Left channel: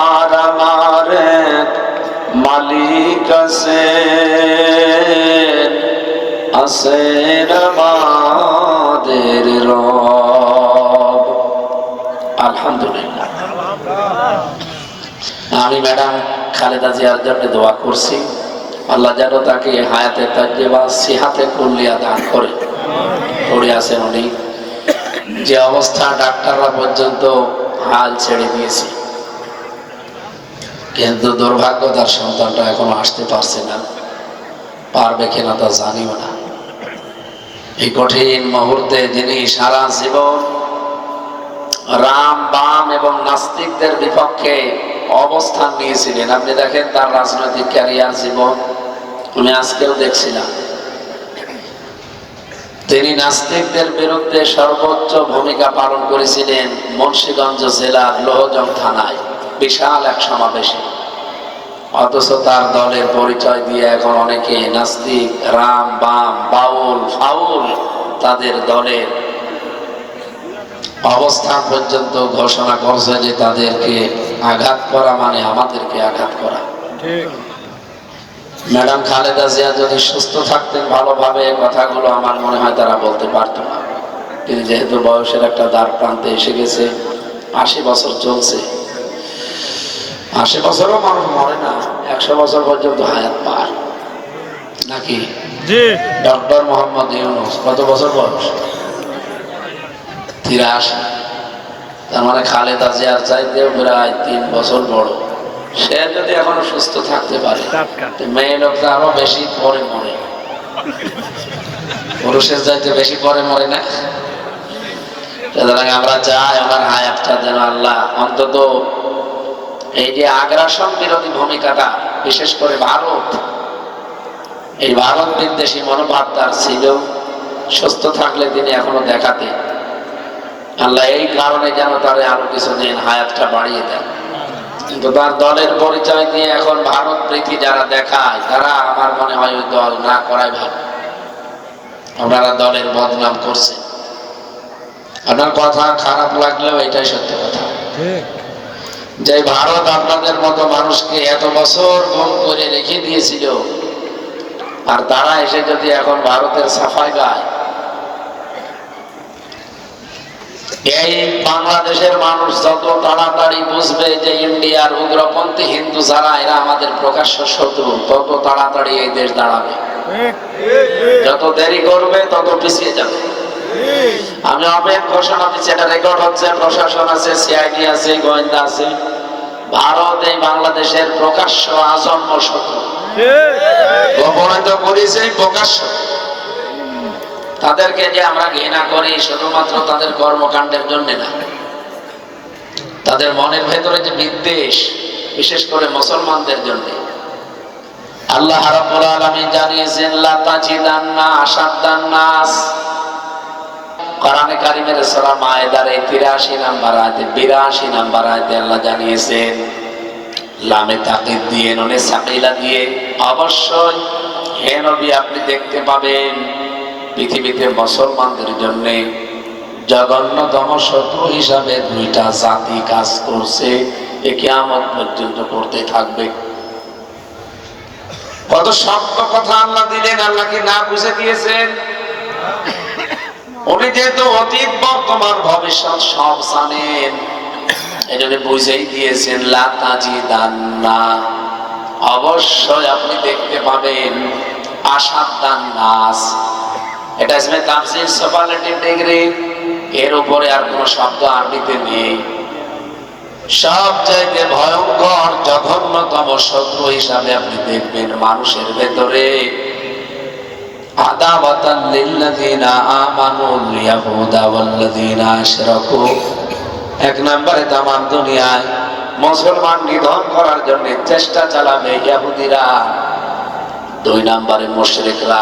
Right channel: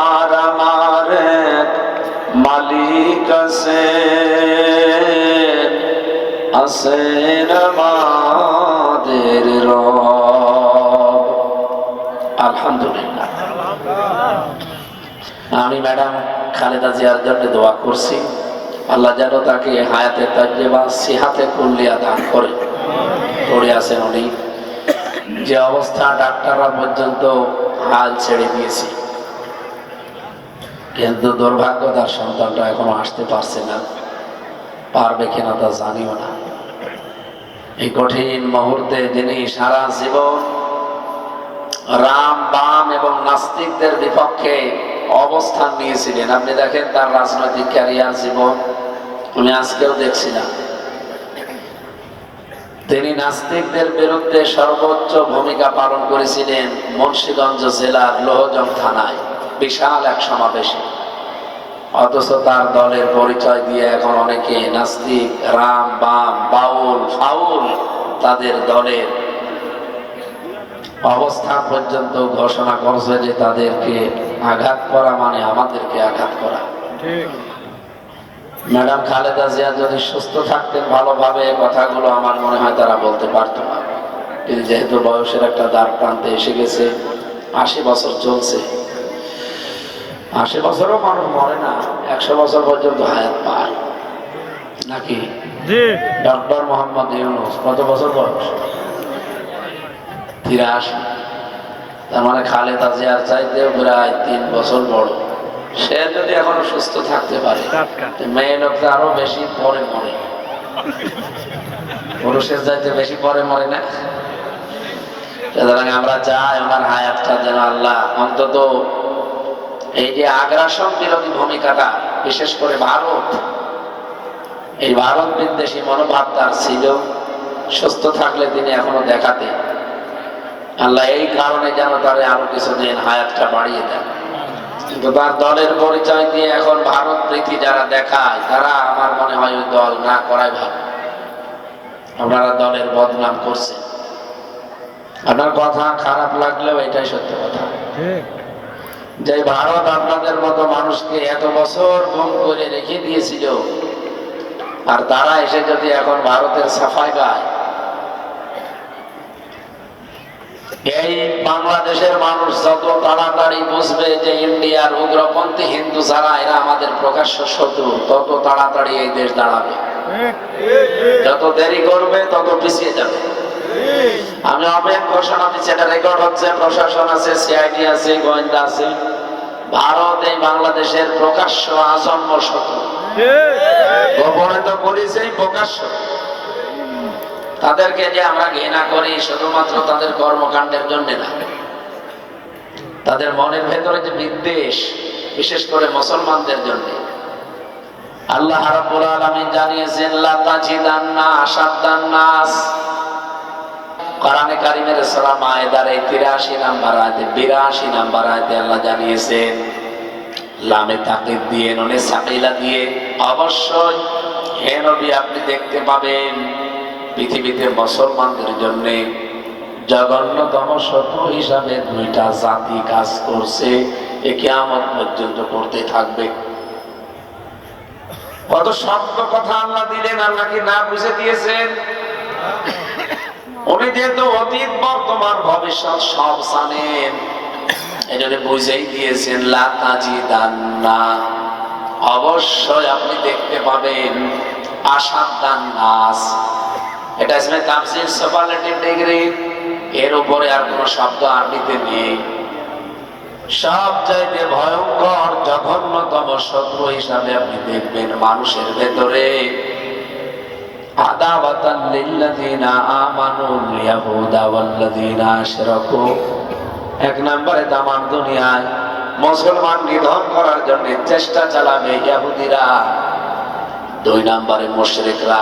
তোমার আমার মালিক আছে, আছেন আমাদের রব। আলহামদুলিল্লাহ। আমি ম্যাডাম খালেদা জিয়ার জন্য দোয়া করছি, আল্লাহ যেন তাকে হায়াতে তাজ্জেবা সিহাতে কুল্লিয়া দান করে। পড়ে আছেন উনি, যে অবস্থা ডাক্তাররা পর্যন্ত হাল ছেড়ে দিয়েছে, কিন্তু দুর্ভাগ্য তার সন্তানটা এখনো আসতে পারছে না, পারবে কিনা তা জানিও না। এই কঠিন মুহূর্তে যিনি সারা জীবন রাম বাম এবং নাস্তিকদের বিপক্ষে অবস্থান নিয়েছিলেন, আপনি দেখেন তার রাজনৈতিক ক্যারিয়ার জীবন, আমি আজকেও দেখছিলাম তিনি নাস্তিকদের বিরুদ্ধে সর্বোচ্চ ভূমিকা পালন করেছিলেন মুন্সিগঞ্জ জেলার লোহজং থানায় বিশাল এক সমাবেশে। অথচ তার দলের পরিচয় দিয়ে এখন অনেকে নাস্তিক, রাম বাম, বাউল ফাউল তাদের দলের অবস্থান পর্যন্ত ঘোষণা করছে যে তাদেরকে আঘাত করা মানে আমাদেরকে আঘাত করা। ম্যাডাম খালেদা জিয়া যদি সুস্থ থাকতেন ভালোভাবে, কথাগুলো আমার মনে হয় তারা বলতে পারত না। কিন্তু যেহেতু বয়সের একটা দ্বার প্রান্তে এসে গেছে, 80 বছর চলছে, 80 বছরও মানুষ মরে না, 100 বছর পর্যন্ত হায়াত পায় নাকি? ডক্টর মোহাম্মদ ইউনূস কত বছর বয়স? 83। তার মানে খালেদা জিয়ার চাইতেও প্রায় 3 বছর বড়। সে যদি এখনো সুস্থ থাকতে পারে, মেয়ে লোকটা আরো বেশি পরে মরে, পুরুষের চাইতে বেশি পরে মরে না? সুতরাং আমরা চাই আমার হায়াতটা যেন আল্লাহ অন্তত এই যে আগ্রাসন বিরোধী ভূমিকাটা, বিশেষ করে ভারত, এই ভারত বিদ্বেষী মনোভাব তার ছিল, সুস্থ থাকলে তিনি এখনো দেখাতেন। আল্লাহ এই কারণে যেন তারা আরো কিছুদিন হায়াতটা বাড়িয়ে দেন। কিন্তু তার দলের পরিচয় দিয়ে এখন ভারত প্রীতি যারা দেখায়, তারা আমার মনে হয় ওই দল না করাই ভালো। আপনারা দলের বদনাম করছেন, আপনার কথা খারাপ লাগলেও এটাই সত্য কথা, যে ভারত আপনাদের মতো মানুষকে এত বছর গুম করে রেখে দিয়েছিল, আর তারা এসে যদি এখন ভারতের সাফাই গায়, এই বাংলাদেশের মানুষ যত তাড়াতাড়ি বুঝবে যে ইন্ডিয়ার উগ্রপন্থী হিন্দু যারা, এরা আমাদের প্রকাশ্য শত্রু, তত তাড়াতাড়ি এই দেশ দাঁড়াবে। যত দেরি করবে তত পিছিয়ে যাবে। আমি অনেক ঘোষণা দিচ্ছি, এটা রেকর্ড হচ্ছে, প্রশাসন আছে, সিআইডি আছে, গোয়েন্দা আছে। ভারত এই বাংলাদেশের প্রকাশ্য আজন্ম শত্রু, গোপনে তো পরিচয় প্রকাশ্য। তাদেরকে যে আমরা ঘৃণা করি শুধুমাত্র তাদের কর্মকাণ্ডের জন্য না, তাদের মনের ভেতরে যে বিদ্বেষ, বিশেষ করে মুসলমানদের জন্য। আল্লাহ রাব্বুল আলামিন জানিয়েছেন, লা তাজিদান্না আশাদ্দান নাস, কোরআনে কারীমের সূরা মায়েদার 83 নম্বর আয়াতে, 82 নম্বর আয়াতে আল্লাহ জানিয়েছেন, লামে তাকিদ দিয়ে, নুনে সাকিলা দিয়ে, অবশ্যই হে নবী আপনি দেখতে পাবেন পৃথিবীতে মুসলমানদের জন্য জঘন্যতম শত্রু হিসাবে 2টা জাতি কাজ করছে, এ কিয়ামত পর্যন্ত করতে থাকবে। কত শক্ত কথা আল্লাহ দিলেন, আল্লাহ কি না বুঝে দিয়েছেন? উনি যেহেতু অতীত বর্তমান ভবিষ্যৎ সব জানেন, এটাকে বুঝেই দিয়েছেন, লা তাজিদান্না, অবশ্যই আপনি দেখতে পাবেন আশাদ্দান নাস। এটা ইসমে তাফসীর সুপারলেটিভ ডিগ্রি, এর উপরে আর কোন শব্দ আরবিতে নেই। সবচাইতে ভয়ঙ্কর জঘন্যতম শত্রু হিসাবে আপনি দেখবেন মানুষের ভেতরে আদাওয়াতান লিল্লাযিনা আমানুল ইয়াহুদা ওয়াল্লাযিনা আশরাকু। 1 নম্বরে তামাম দুনিয়ায় মুসলমান নিধন করার জন্য চেষ্টা চালাবে ইহুদিরা, 2 নম্বরে মুশরিকরা।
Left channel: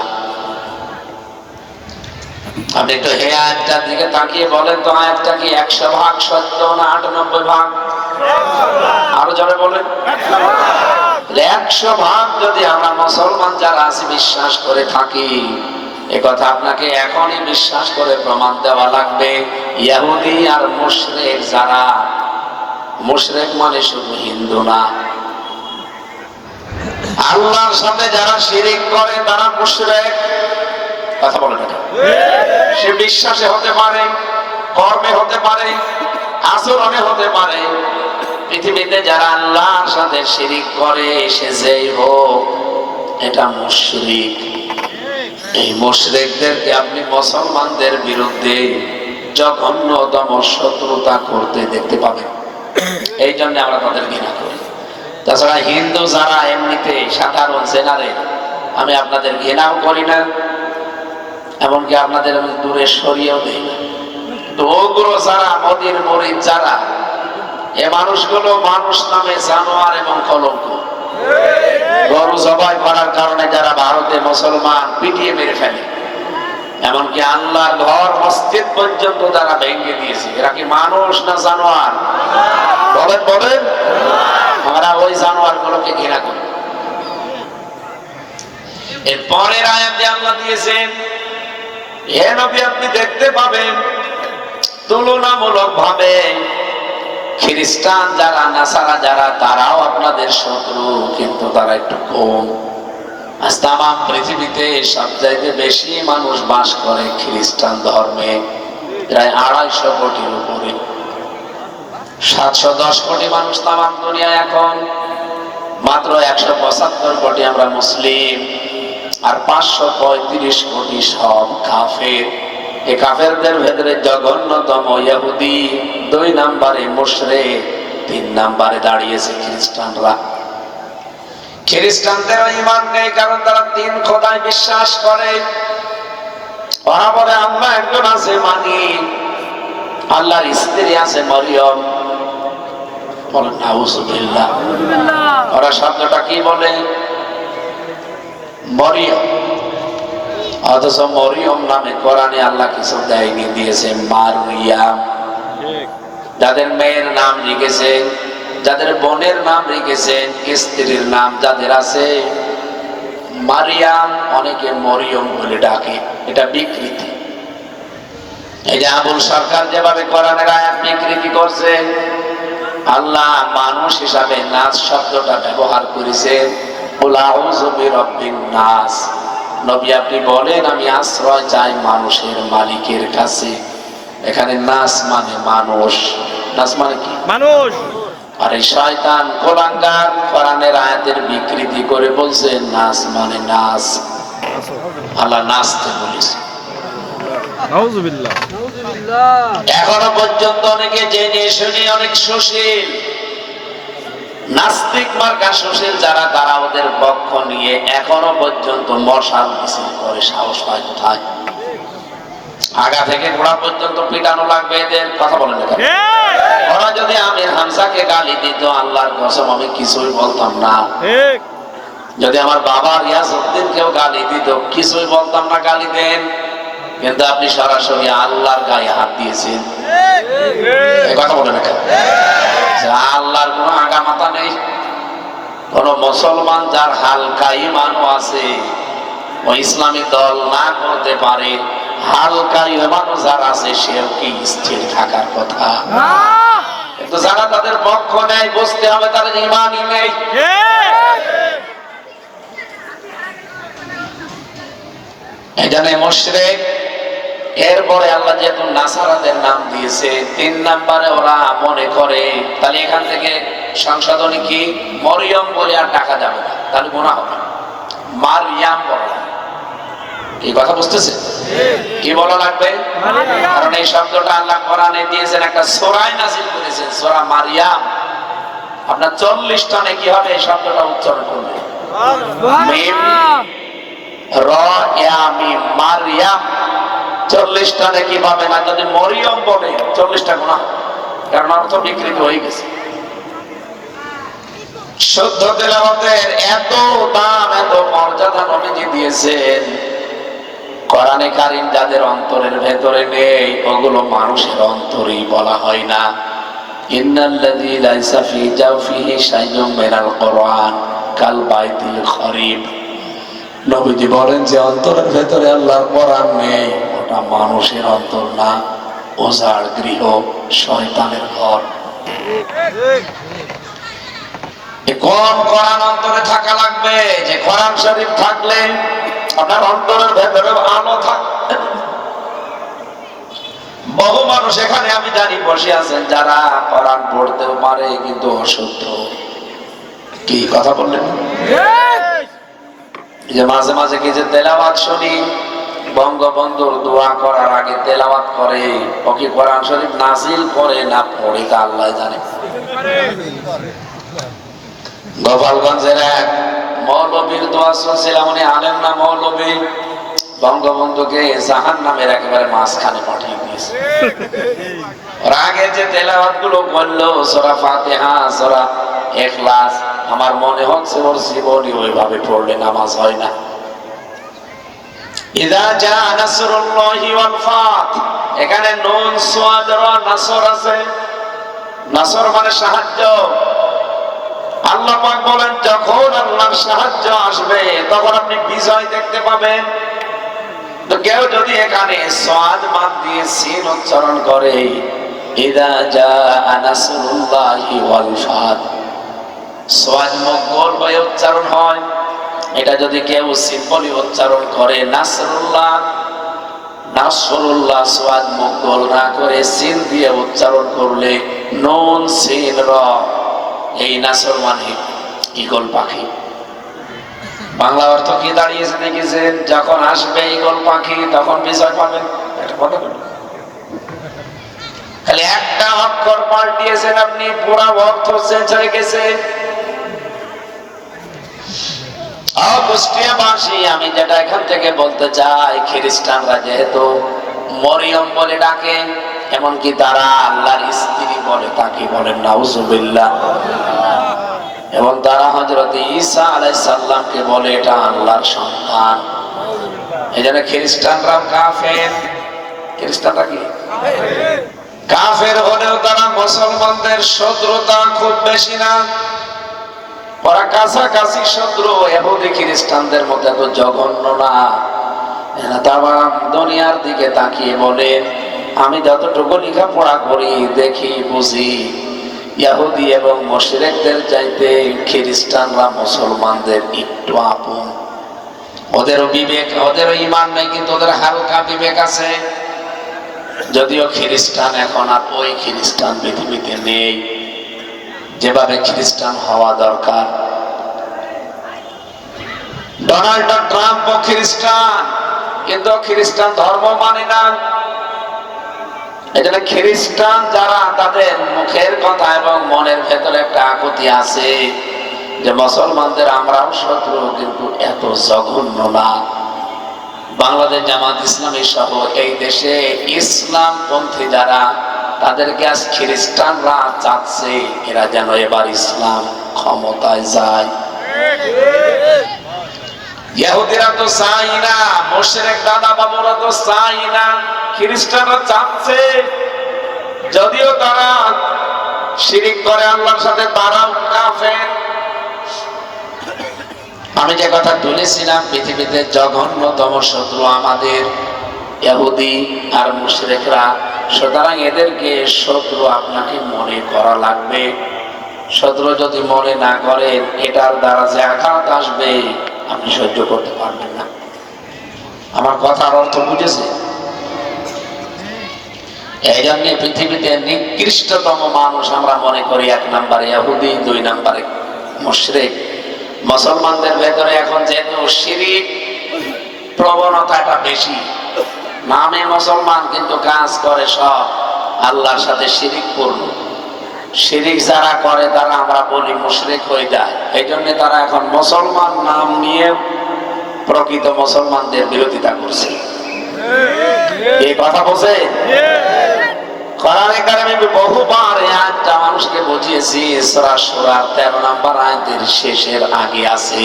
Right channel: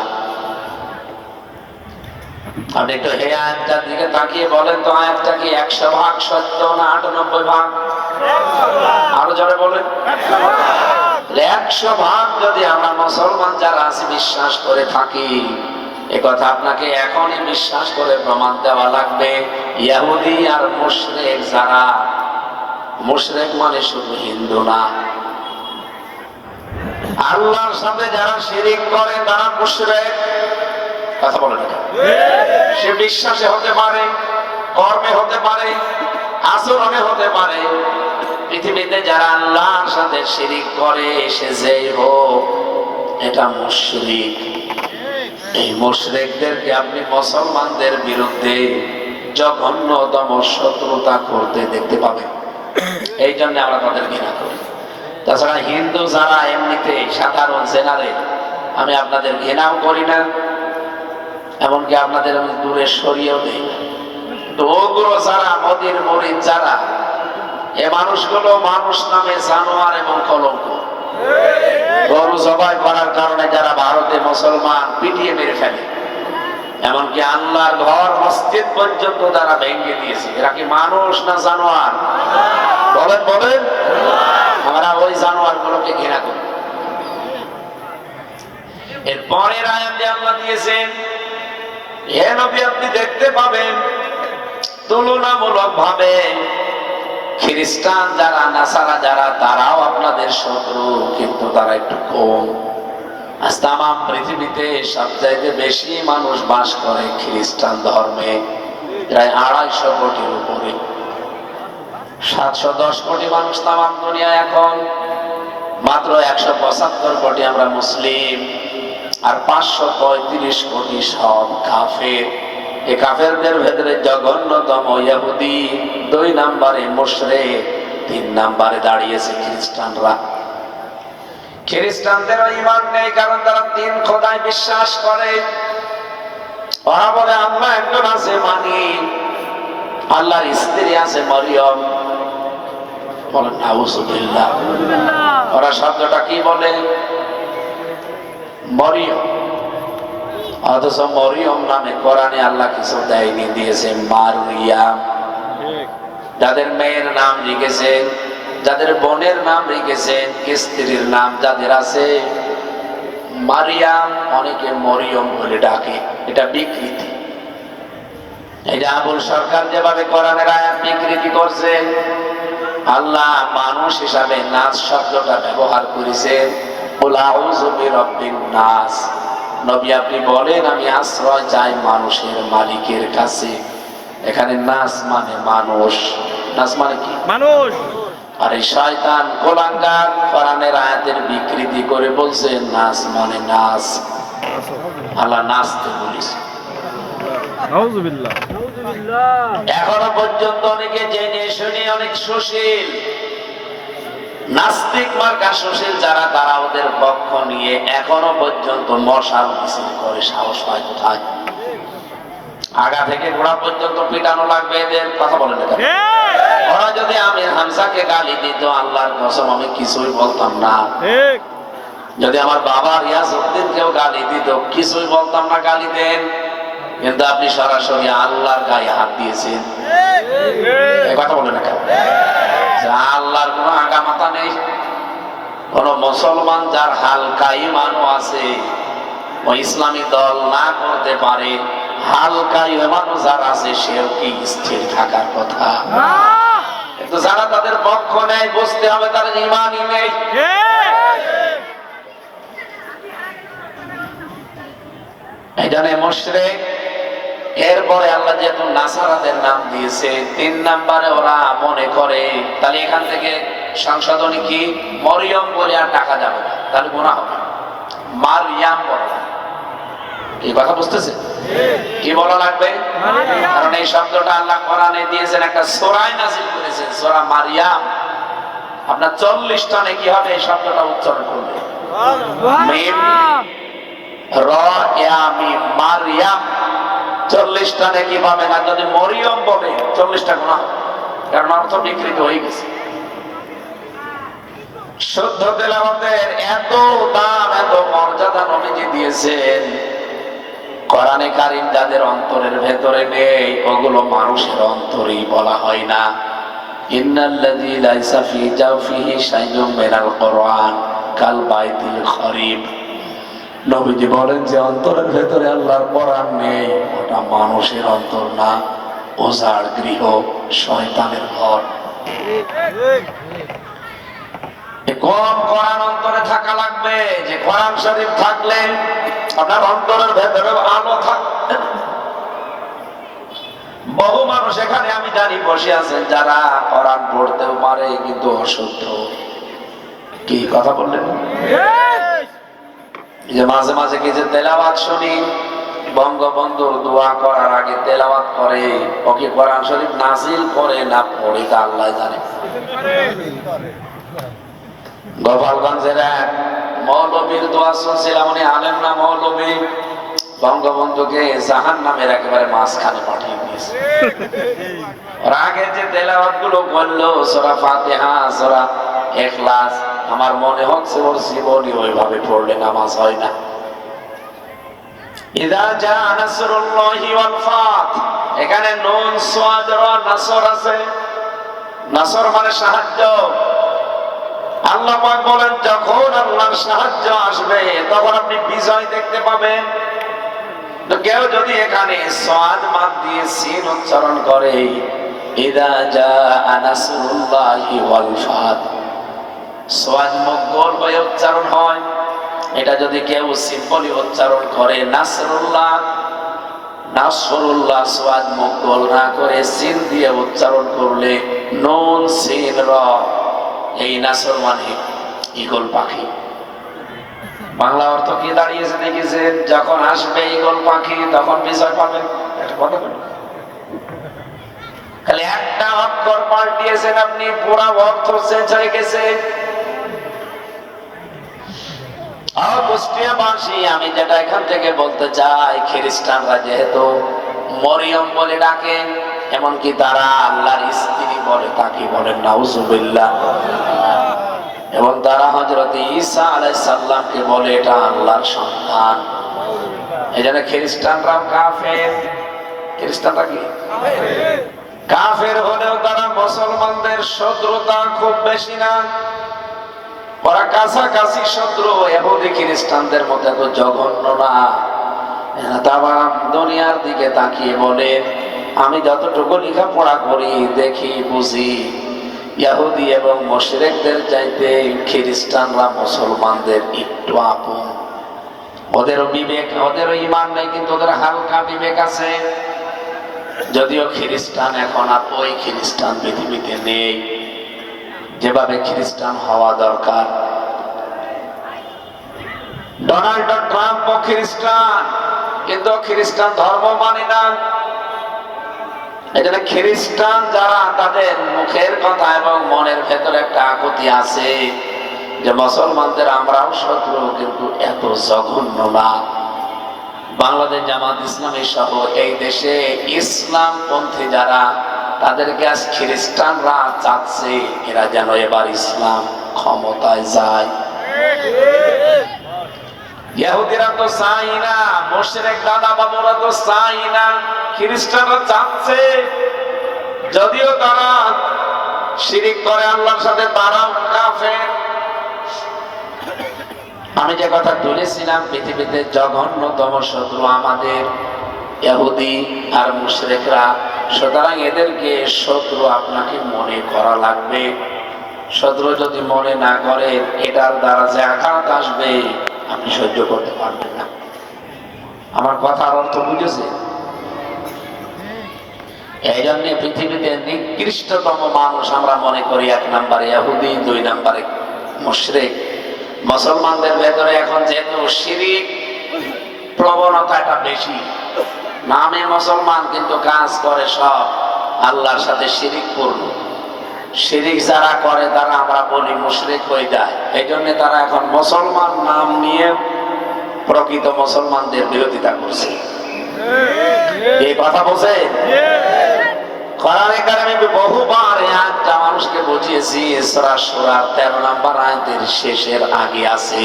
আপনি একটু হে আয়াতটার দিকে তাকিয়ে বলেন তো, আয়াতটা কি 100% সত্য না 98%? আরো জোরে বলেন। 100% যদি আমরা মুসলমান যারা আছি বিশ্বাস করে থাকি, একথা আপনাকে এখনই বিশ্বাস করে প্রমাণ দেওয়া লাগবে, ইহুদি আর মুশরিক যারা মুশরিক মানে শুধু হিন্দু না, আল্লাহর সাথে যারা শিরিক করে তারা মুশরিক। কথা বলে না? সে বিশ্বাসে হতে পারে, কর্মে হতে পারে, আচরণে হতে পারে। পৃথিবীতে যারা আল্লাহর সাথে শিরিক করে সে যেই হোক, এটা মুশরিক। এই মুশরিকদেরকে আপনি মুসলমানদের বিরুদ্ধে জঘন্যতম শত্রুতা করতে দেখতে পাবেন। এই জন্য আমরা তাদের ঘৃণা করি। তাছাড়া হিন্দু যারা এমনিতে সাধারণ জেনারেল, আমি আপনাদের ঘৃণাও করি না, এমনকি আপনাদের দূরে সরিয়েও দেই না। তো ওগুলো যারা মোদির মরিদ যারা, এ মানুষগুলো মানুষ নামে জানোয়ার এবং কলঙ্ক। গরু জবাই করার কারণে যারা ভারতে মুসলমান পিটিয়ে মেরে ফেলে, এমনকি আল্লাহর ঘর মসজিদ পর্যন্ত তারা ভেঙে দিয়েছে, এরা কি মানুষ না জানোয়ার? বলেন বলেন। আমরা ওই জানোয়ার গুলোকে ঘৃণা করি। এর পরের আয়াতে আল্লাহ দিয়েছেন, হে নবী আপনি দেখতে পাবেন তুলনামূলক ভাবে খ্রিস্টান যারা, নাসারা যারা, তারাও আপনাদের শত্রু, কিন্তু তারা একটু কম। আজ তাম পৃথিবীতে সবচাইতে বেশি মানুষ বাস করে খ্রিস্টান ধর্মে, প্রায় 250 কোটির উপরে। 710 কোটি মানুষ তাম দুনিয়ায় এখন, মাত্র 175 কোটি আমরা মুসলিম, আর 535 কোটি সব কাফের। এই কাফেরদের ভেতরে জঘন্যতম ইহুদি, 2 নম্বরে মুশরিক, 3 নম্বরে দাঁড়িয়েছে খ্রিস্টানরা। খ্রিস্টানদের ঈমান নেই, কারণ তারা 3 খোদায় বিশ্বাস করে। ওরা বলে আল্লাহ একজন আছে, মানি আল্লাহর স্ত্রী আছে মরিয়ম। বলেন নাউযুবিল্লাহ। ওরা শব্দটা কি বলে? মরিয়ম। অথচ মরিয়ম নামে কোরআনে আল্লাহ কিছু দেয়নি, দিয়েছে মারিয়াম। যাদের মেয়ের নাম লিখেছেন, যাদের বোনের নাম লিখেছেন, স্ত্রীর নাম যাদের আছে মারিয়াম, অনেকে মরিয়ম বলে ডাকে। এটা বিকৃতি। এই যে আবুল সরকার যেভাবে কোরআনের আয়াত বিকৃতি করছে, আল্লাহ মানুষ হিসাবে নাস শব্দটা ব্যবহার করেছেন। কুল আউযু বিরাব্বিন নাস। নবী আপনি বলেন আমি আশ্রয় চাই মানুষের মালিকের কাছে। এখানে নাস মানে মানুষ। নাস মানে কি? মানুষ। আর এই শয়তান কোলাঙ্গার কোরআনের আয়াতের বিকৃতি করে বলছে নাস মানে নাস। আল্লাহ নাচতে বলেছে। নাউযুবিল্লাহ। এখনো পর্যন্ত অনেকে জেনে শুনে অনেক সুশীল, নাস্তিক মার্কা সুশীল যারা, তারা ওদের পক্ষ নিয়ে এখনো পর্যন্ত মশাল মিছিল করে। সাহস পায় কোথায়? আগা থেকে গোড়া পর্যন্ত পিটানো লাগবে এদের। কথা বলেন না? ওরা যদি আমির হামজাকে গালি দিত, আল্লাহর কসম আমি কিছুই বলতাম না। যদি আমার বাবা রিয়াজউদ্দিনকেও গালি দিত, কিছুই বলতাম না, গালি দেন। কিন্তু আপনি সরাসরি আল্লাহর গায়ে হাত দিয়েছেন। এই কথা বলেন না? আল্লাহর কোন আগা মাথা নেই। কোন মুসলমান যার হালকা ঈমানও আছে, ও ইসলামী দল না করতে পারে, হালকা ঈমানও যার আছে, সেও কি স্থির থাকার কথা? কিন্তু যারা তাদের পক্ষ নেয়, বুঝতে হবে তাদের ঈমানই নেই। এই জন্য মুশরিক। এরপরে আল্লাহ যেহেতু নাসারাদের নাম দিয়েছে, 3 নম্বরে ওরা মনে করে তাহলে এখান থেকে সংশোধনী কি, মরিয়ম বলে আর টাকা যাবে না, তাহলে গুনাহ হবে। মারিয়াম বলা, কি কথা বুঝতেছে? কি বলা লাগবে? কারণ এই শব্দটা আল্লাহ কোরআনে দিয়েছেন, একটা সূরায় নাযিল করেছেন, সূরা মারিয়াম। আপনার 40টা নাকি হবে এই শব্দটা উচ্চারণ করবে। মিম র ইয়া মিম, মারিয়াম। 40টা নাকি পাবে না। যদি মরিয়ম বলে 40টা গুনাহ, কারণ অর্থ বিকৃত হয়ে গেছে। শুদ্ধ তেলাওয়াতের এত দাম, এত মর্যাদা নবীজি দিয়েছেন। কোরআনে কারীম যাদের অন্তরের ভেতরে নেই, ওগুলো মানুষের অন্তরেই বলা হয় না। ইন্নাল্লাযী লাইসা ফী জাওফিহি শাইউম মিনাল কুরআন কাল বাইতিল খরিব। নবীজি বলেন যে অন্তরের ভেতরে আল্লাহর কোরআন নেই, ওটা মানুষের অন্তর না, ওঝার গৃহ, শয়তানের ঘর। কোন কোরআন অন্তরে থাকা লাগবে? যে কোরআন শরীফ থাকলে আপনার অন্তরের ভেতরে আলো থাকবে। বহু মানুষ এখানে আমি জানি বসে আছেন যারা কোরআন পড়তেও পারে কিন্তু অশুদ্ধ। কি কথা বললেন? যে মাঝে মাঝে কি যে তেলাওয়াত শুনি, বঙ্গবন্ধুর দোয়া করার আগে তেলাওয়াত করে, ও কি কোরআন শরীফ নাজিল করে না পড়ে তা আল্লাহ জানে। গোপালগঞ্জের এক মৌলবীর দোয়া শুনছিলাম, উনি আলেম না মৌলবী, বঙ্গবন্ধুকে জাহান্নামের একেবারে মাঝখানে পাঠিয়ে দিয়েছে। আগে যে তেলাওয়াত গুলো বললো সূরা ফাতিহা, সূরা ইখলাস, আমার মনে হচ্ছে ওর জীবনী ওইভাবে পড়লে নামাজ হয় না। ইযা জা নাসরুল্লাহি ওয়াল ফাত, এখানে নুন সাদ রা নাসর আছে। নাসর মানে সাহায্য। আল্লাহ পাক বলেন যখন আল্লাহর সাহায্য আসবে তখন আপনি বিজয় দেখতে পাবেন। তো কেউ যদি এখানে সাদ বাদ দিয়ে সিন উচ্চারণ করে, ইযা জা নাসরুল্লাহি ওয়াল ফাত, সাদ মুখর হয়ে উচ্চারণ হয়। এটা যদি কেউ সিম্পলি উচ্চারণ করে নাসরুল্লাহ, নাসরুল্লাহ সাদ মুখর না করে সিন দিয়ে উচ্চারণ করলে নুন সিন র, এই নাসর মানে ঈগল পাখি। বাংলা অর্থ কি দাঁড়িয়েছে দেখেছেন? যখন আসবে ঈগল পাখি তখন বিজয় পাবেন। খালি একটা অক্ষর পাল্টিয়েছেন আপনি, পুরা অর্থ চেঞ্জ হয়ে গেছে। কুষ্টিয়াবাসী, আমি যেটা এখান থেকে বলতে চাই, খ্রিস্টানরা যেহেতু মরিয়ম বলে ডাকে, এমনকি তারা আল্লাহর স্ত্রী বলে, তাকে বলেন নাউজুবিল্লাহ, এবং তারা হযরত ঈসা আলাইহিস সালামকে বলে এটা আল্লাহর সন্তান। এজন্য খ্রিস্টানরা কাফের। খ্রিস্টানরা কি কাফের হলেও তারা মুসলমানদের শত্রুতা খুব বেশি না, ওরা কাছাকাছি শত্রু। ইহুদি খ্রিস্টানদের মধ্যে তো জঘন্য না। তারা দুনিয়ার দিকে তাকিয়ে বলে, আমি যতটুকু লেখাপড়া করি দেখি বুঝি, ইহুদি এবং মুশরিকদের চাইতে খ্রিস্টানরা মুসলমানদের একটু আপন। ওদেরও বিবেক, ওদেরও ঈমান নাই, কিন্তু ওদের হালকা বিবেক আছে। যদিও খ্রিস্টান এখন আর ওই খ্রিস্টান পৃথিবীতে নেই যেভাবে খ্রিস্টান হওয়া দরকার। ডোনাল্ড ট্রাম্প খ্রিস্টান, কিন্তু খ্রিস্টান ধর্ম মানে না। এজন্য খ্রিস্টান যারা, তাদের মুখের কথা এবং মনের ভেতরে একটা আকুতি আছে যে মুসলমানদের আমরাও শত্রু, কিন্তু এত জঘন্য না। বাংলাদেশ জামাত ইসলামী সহ এই দেশে ইসলাম পন্থী যারা, তাদেরকে আজ খ্রিস্টানরা চাচ্ছে এরা যেন এবার ইসলাম ক্ষমতায় যায়। ইহুদিরা তো চাই না, মুশরিক দাদা বাবুরা তো চাই না, খ্রিস্টানরা চাচ্ছে। যদিও তারা শিরিক করে আল্লাহর সাথে, তারাও কাফের। আমি যে কথা বলেছিলাম, পৃথিবীতে জঘন্যতম শত্রু আমাদের ইহুদি আর মুশরিকরা। সুতরাং এদেরকে শত্রু আপনাকে মনে করা লাগবে। শত্রু যদি মনে না করেন, এটার দ্বারা যে আঘাত আসবে আপনি সহ্য করতে পারবেন না। আমার কথার অর্থ বুঝেছে? এই জন্য পৃথিবীতে নিকৃষ্টতম মানুষ আমরা মনে করি এক নম্বরে ইহুদি, দুই নম্বরে মুশরিক। মুসলমানদের ভেতরে এখন যেহেতু শিরিক প্রবণতাটা বেশি, নামে মুসলমান কিন্তু কাজ করে সব আল্লাহর সাথে শিরিক পূর্ণ। শিরিক যারা করে তারা আমরা বলি মুশরিক হয়ে যায়। এই জন্য তারা এখন মুসলমান নাম নিয়ে প্রকৃত মুসলমানদের বিরোধিতা করছে। এই কথা বলছে কোরআনে কারিমে বহুবার এই আয়াতটা মানুষকে বুঝিয়েছি। সূরা সূরার 13 নম্বর আয়াতের শেষের আগে আছে,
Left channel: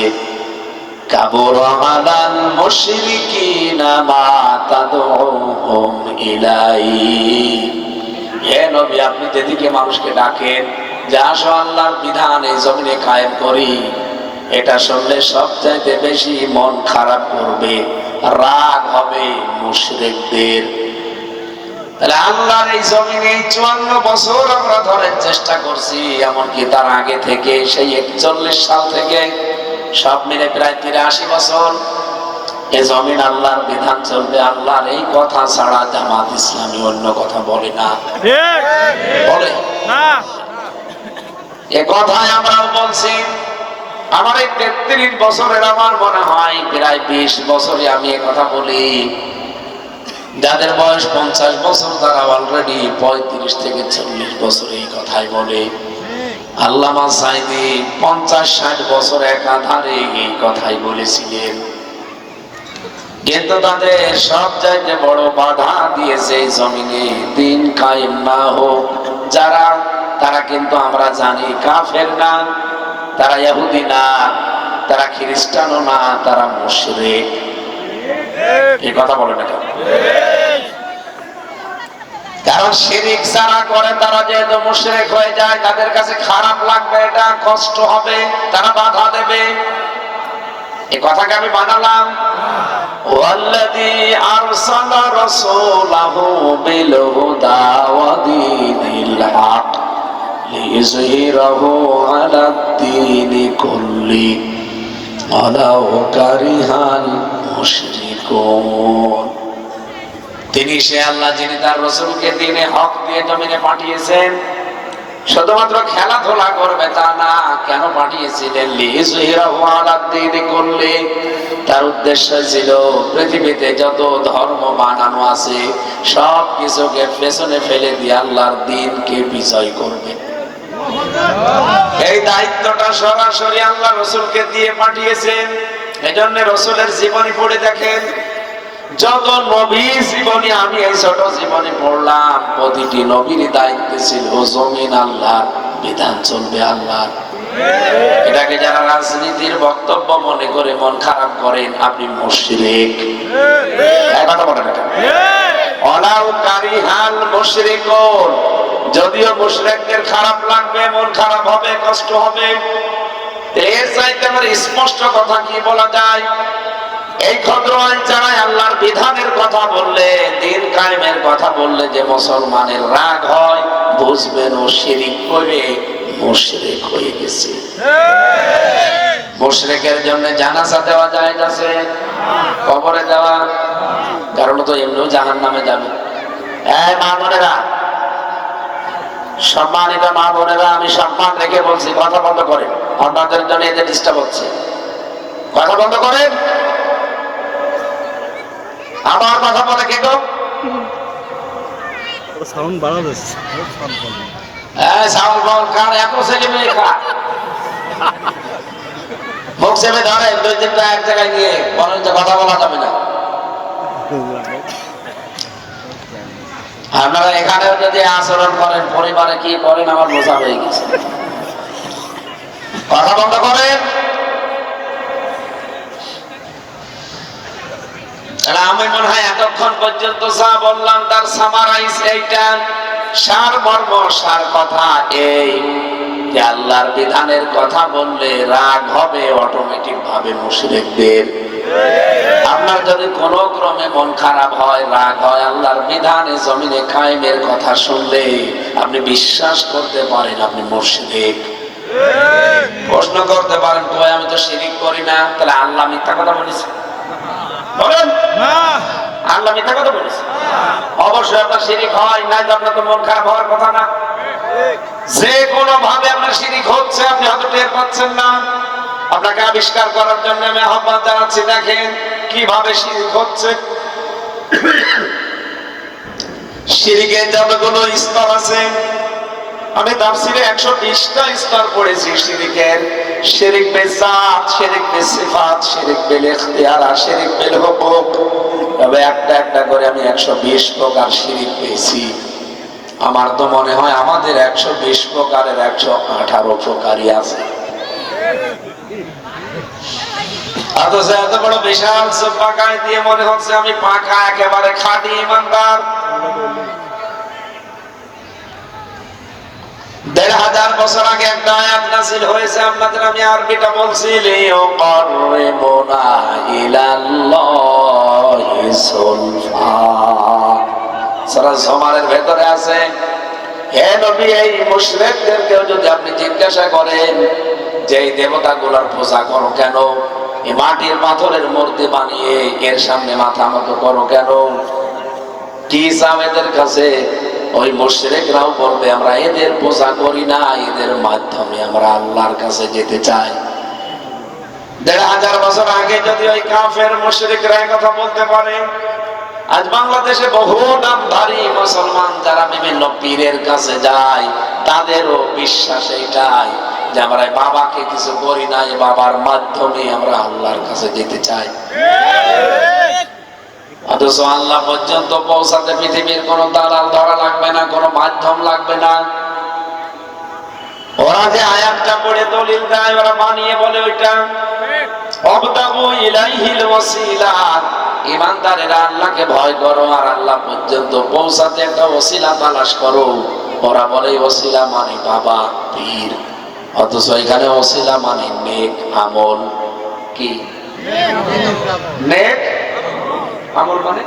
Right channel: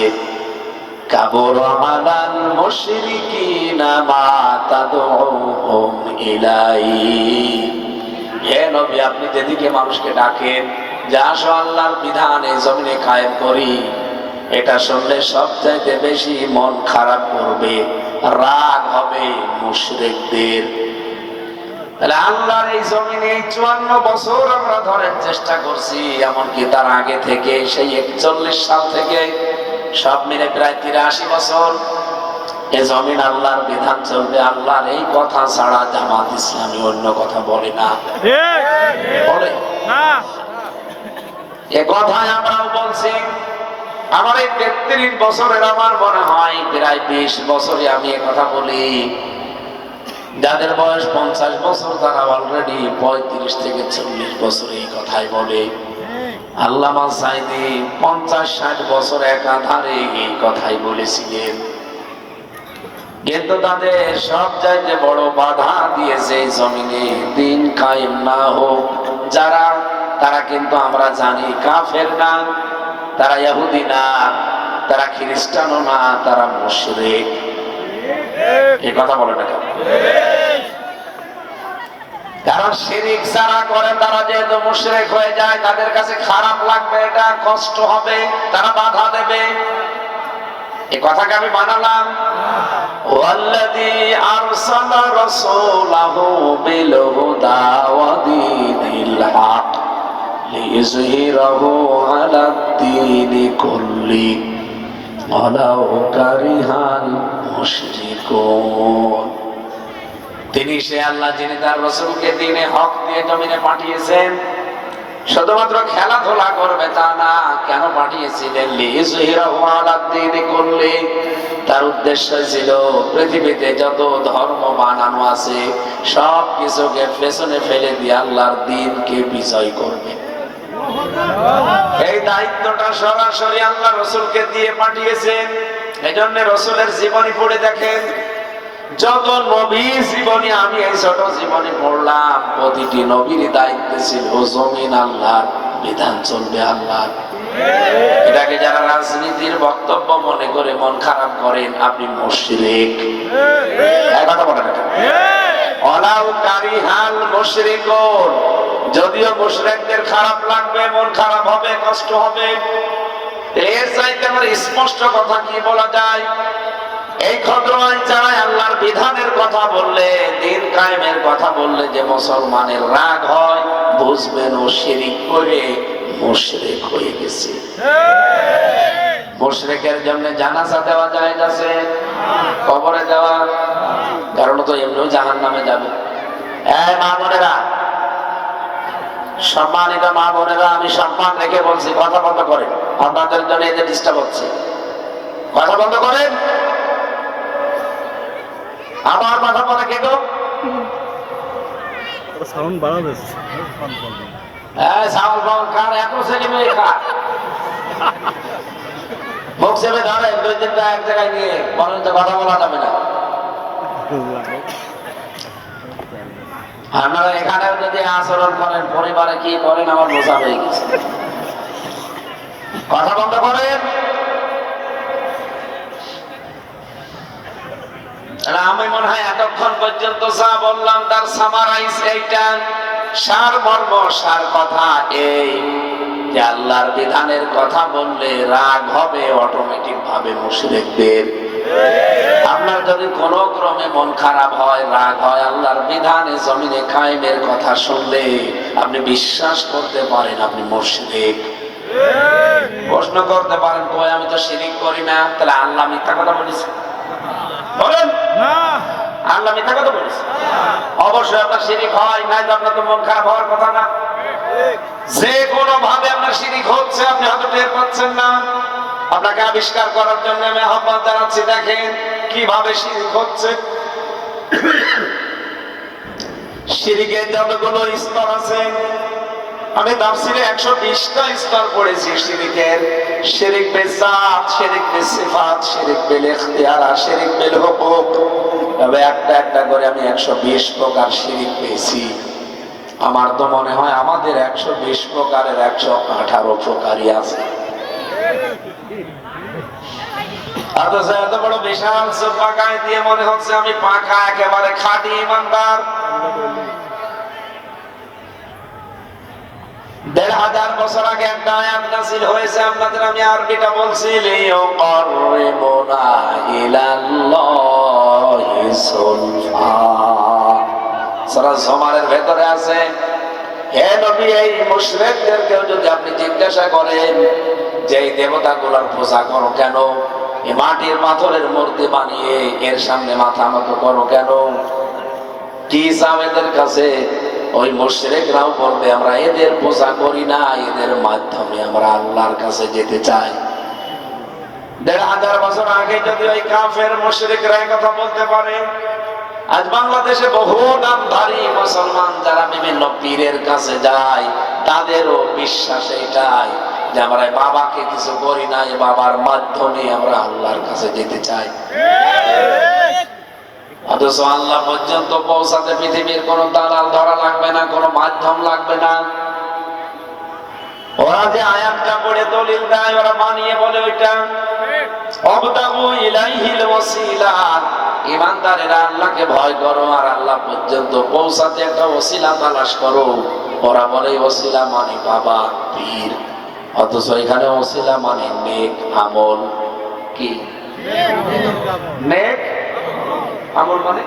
কাবুরা আলাল মুশরিকিনা মা তাদউহুম ইলাইহি। হে নবী, আপনি যেদিকে মানুষকে ডাকেন যে আসো আল্লাহর বিধান এই জমিনে কায়েম করি, এটা শুনলে সবচাইতে বেশি মন খারাপ করবে, রাগ হবে মুশরিকদের। আল্লাহর এই জমিনে 54 বছর আমরা ধরার চেষ্টা করছি, এমনকি তার আগে থেকে সেই 41 সাল থেকে সব মিলে প্রায় 83 বছর এ জমিন আল্লাহর বিধান চলবে। আল্লাহর এই কথা ছাড়া জামাত ইসলামী অন্য কথা বলে না, বলে না। এ কথাই আমরাও বলছি। আমার এই 33 বছরের আমার মনে হয় প্রায় 20 বছরে আমি এ কথা বলি। যাদের বয়স 50 বছর তারা অলরেডি 35 থেকে 40 বছর এই কথাই বলে। আল্লামা সাইদি 50-60 বছর একাধারে এই কথাই বলেছিলেন। কিন্তু তাদের সব জায়গায় বড় বাধা দিয়েছে জমিনে দিন কায়েম না হোক যারা, তারা কিন্তু আমরা জানি কাফের না, তারা ইহুদি না, তারা খ্রিস্টানও না, তারা মুশরিক। এই কথা বলে না কেন? কারণ শিরিক যারা করে তারা যেহেতু মুশরিক হয়ে যায়, তাদের কাছে খারাপ লাগবে, এটা কষ্ট হবে, তারা বাধা দেবে। এই কথাকে আমি বানালাম। ওয়াল্লাযী আরসালা রাসূলাহু বিল হুদা ওয়া দীনিল হক লিইয়ুযহিরাহু আলাদ দীনি কুল্লি ওয়ালাউ কারিহাল মুশরিকুন। তিনি সে আল্লাহ যিনি তার রাসূলকে দ্বীনে হক দিয়ে জমিনে পাঠিয়েছেন। শুধুমাত্র খেলাধুলা করবে তা না, কেন পাঠিয়েছিলেন? লিইয়ুযহিরাহু আলাদ দীনি কুল্লি, তার উদ্দেশ্য ছিল পৃথিবীতে যত ধর্ম বানানো আছে সব কিছুকে পেছনে ফেলে দিয়ে আল্লাহর দ্বীনকে বিজয় করবে। এই দায়িত্বটা সরাসরি আল্লাহ রাসূলকে দিয়ে পাঠিয়েছেন। এজন্য রাসূলের জীবনী পড়ে দেখেন, যত নবীর জীবনী আমি এই ছোট জীবনে পড়লাম, প্রতিটি নবীর দায়িত্ব ছিল জমিন আল্লাহর, বিধান চলবে আল্লাহর। এটাকে যারা রাজনীতির বক্তব্য মনে করে মন খারাপ করেন, আপনি মুশরিক। এই কথা বলেন না? ওয়ালাউ কারিহাল মুশরিকুন, যদিও মুশরিকদের খারাপ লাগবে, মন খারাপ হবে, কষ্ট হবে, এর চাইতে আমার স্পষ্ট কথা কি বলা যায়? এই ক্ষুদ্র আইন ছাড়াই আল্লাহর বিধানের কথা বললে, দিন কায়েমের কথা বললে যে মুসলমানের রাগ হয়, বুঝবেন ও শিরিক করে মুশরিক হয়ে গেছে। মুশরিকের জন্য জানাজা দেওয়া যায় আছে, কবরে দেওয়া, কারণ তো এমনিও জাহান্নামে যাবে। এই মা বোনেরা, সম্মানিত মা বোনেরা, আমি সম্মান রেখে বলছি, কথা বন্ধ করেন। আপনাদের জন্য এদের ডিস্টার্ব হচ্ছে, কথা বন্ধ করেন। আমার কথা বলে কে গো? সাউন্ড বাড়াবে। এই সাউন্ড বল কার? 1 সেকেন্ড খা মুখ চেপে ধরে, 2-3টা এক জায়গায় নিয়ে বলেন তো, কথা বলা যাবে না। আপনারা এখানেও যদি আচরণ করেন, পরিবারে কি করেন আমার বোঝা হয়ে গেছে। কথা বন্ধ করেন। আমি মনে হয় এতক্ষণ পর্যন্ত যা বললাম তার সামারাইজ এইটা, সার মর্ম, সার কথা এই যে আল্লাহর বিধানের কথা বললে রাগ হবে অটোমেটিক ভাবে মুশরিকদের। আপনার যদি কোনো ক্রমে মন খারাপ হয়, রাগ হয়, আল্লাহর বিধানে জমিনে কায়েমের কথা শুনলে আপনি বিশ্বাস করতে পারেন আপনি মুশরিক। প্রশ্ন করতে পারেন, তো আমি তো শিরিক করি না, তাহলে আল্লাহ মিথ্যা কথা বলেছে? বলেন না, আল্লাহ মিথ্যা কথা বলেছে? অবশ্যই আপনার শিরিক হয়, নাই তো আপনার তো মন খারাপ হওয়ার কথা না। যে কোনো ভাবে আপনার শিরিক হচ্ছে, আপনি হয়তো টের পাচ্ছেন না। আপনাকে আবিষ্কার করার জন্য আমি আহ্বান জানাচ্ছি, দেখেন কিভাবে শিরিক হচ্ছে। শিরিকের যতগুলো স্তর আছে, আমি তাফসীরে 120টা স্তর পড়েছি শিরিকের। শিরিক বে জাত, শিরিক বে সিফাত, শিরিক বিল ইখতিয়ার, শিরিক বিল হুকুক। তবে একটা একটা করে আমি 120 প্রকার শিরিক পেয়েছি। আমার তো মনে হয় আমাদের 120 প্রকারের 118 প্রকারই আছে। অথচ এত বড় বিশাল পাকায় দিয়ে মনে হচ্ছে আমি পাকা, একেবারে খাঁটি ইমানদার। 1500 বছর আগে একটা আয়াত নাযিল হয়েছে, আপনাদের আমি আরবিটা বলছি, লিয়ুকাররিবুনা ইলাল্লাহি সুলফা। সূরা জুমারের ভেতরে আছে, হে নবী এই মুশরিকদেরকে যদি আপনি জিজ্ঞাসা করেন যে এই দেবতাগুলোর পূজা করো কেন, এই মাটির পাথরের মূর্তি বানিয়ে এর সামনে মাথা আমাকে করো কেন, কি চাও এদের কাছে, ওই মুশরিকরাও বলবে আমরা এদের পূজা করি না, এদের মাধ্যমে আমরা আল্লাহর কাছে যেতে চাই। ১৫০০ বছর আগে যদি ওই কাফের মুশরিকরা কথা বলতে পারে, আজ বাংলাদেশে বহু নামধারী মুসলমান যারা বিভিন্ন পীরের কাছে যায়, তাদেরও বিশ্বাস এটাই যে আমরা বাবাকে কিছু করি না, এই বাবার মাধ্যমে আমরা আল্লাহর কাছে যেতে চাই। অথচ আল্লাহ পর্যন্ত পৌঁছাতে পৃথিবীর কোনো দালাল ধরা লাগবে না, কোনো মাধ্যম লাগবে না। ওরা যে আয়াতটা পড়ে দলিল দেয়, ওরা বানিয়ে বলে ওইটা অবতাগু ইলাইহিল ওয়াসিলা, ঈমানদারেরা আল্লাহকে ভয় করো আর আল্লাহ পর্যন্ত পৌঁছাতে একটা ওসিলা তালাশ করো। ওরা বলে ওসিলা মানে বাবা, পীর, অথচ এখানে ওসিলা মানে নেক আমল। কি নেক আমল মানে?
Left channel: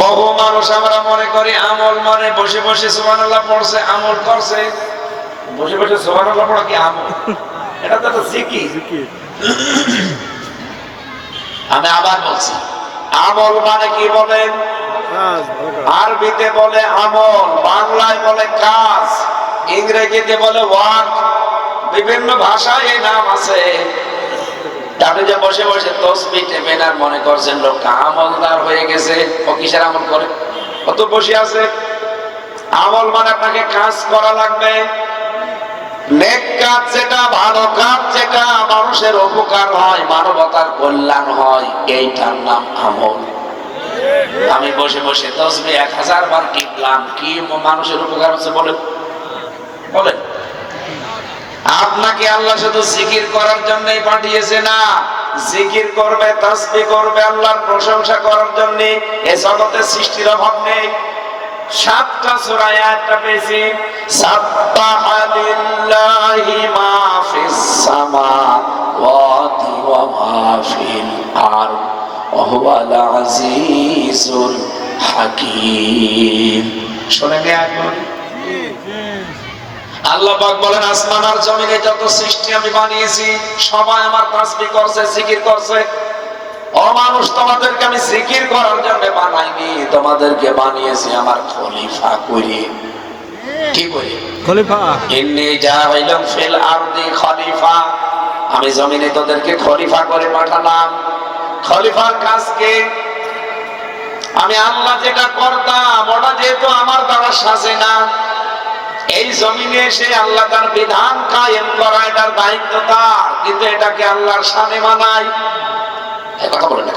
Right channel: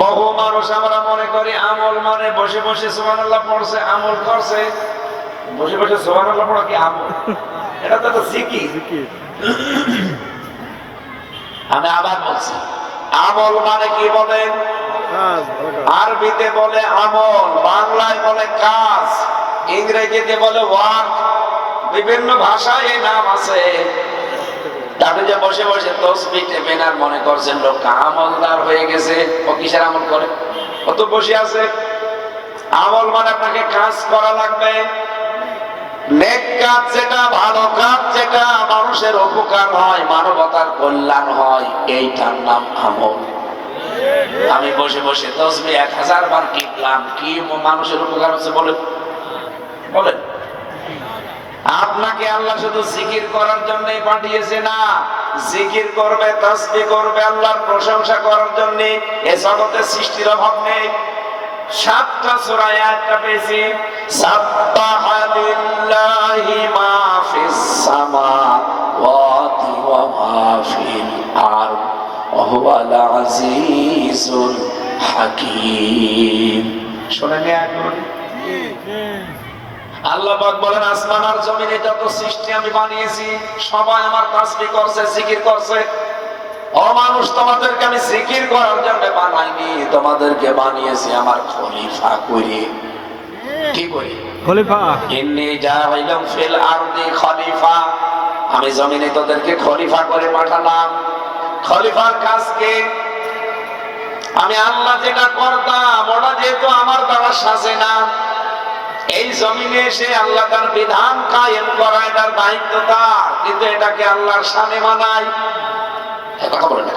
বহু মানুষ আমরা মনে করি আমল মানে বসে বসে সুবহানাল্লাহ পড়ছে, আমল করছে। বসে বসে সুবহানাল্লাহ পড়া কি আমল? এটা তো জিকির। আমি আবার বলছি, আমল মানে কি বলেন? আরবিতে বলে আমল, বাংলায় বলে কাজ, ইংরেজিতে বলে ওয়ার্ক, বিভিন্ন ভাষায় এই নাম আছে। তাহলে যে বসে বসে তসবিহ টেপেন আর মনে করছেন লোকটা আমলদার হয়ে গেছে, ও কিসের আমল করে? ও তো বসে আছে। আমল মানে আপনাকে কাজ করা লাগবে, নেক কাজ যেটা, ভালো কাজ যেটা, মানুষের উপকার হয়, মানবতার কল্যাণ হয়, এইটার নাম আমল। আমি বসে বসে তসবিহ 1000 বার টিপলাম, কি মানুষের উপকার হচ্ছে বলেন? বলেন। আপনাকে আল্লাহ শুধু জিকির করার জন্যই পাঠিয়েছে না, জিকির করবে, তাসবিহ করবে, আল্লাহর প্রশংসা করার জন্য। এই জগতে সৃষ্টির অভাব নেই। 7টা সূরা আয়াতটা পেয়েছি, সাব্বাহা লিল্লাহি মা ফিস সামাওয়াতি ওয়া মা ফিল আরদ ওয়া হুয়াল আজিজুল হাকীম। শুনেন একবার আল্লাহ পাক বলেন, আসমান আর জমিনে যত সৃষ্টি আমি বানিয়েছি সবাই আমার তাসবিহ করছে, জিকির করছে। ও মানুষ, তোমাদেরকে আমি জিকির করার জন্য বানাইনি, তোমাদেরকে বানিয়েছি আমার খলিফা করে। কি করে? খলিফা। ইন্নী জাইলুম ফিল আরদি খলিফা, আমি জমিনে তোদেরকে খলিফা করে পাঠালাম। খলিফার কাজ কি? আমি আল্লাহ যেটা করতাম ওটা যেহেতু আমার দ্বারা সাজে না, এই জমিনে এসে আল্লাহ তার বিধান কায়েম করা এটার দায়িত্ব তার, কিন্তু এটাকে আল্লাহর শানে মানায়। কথা বলেন না,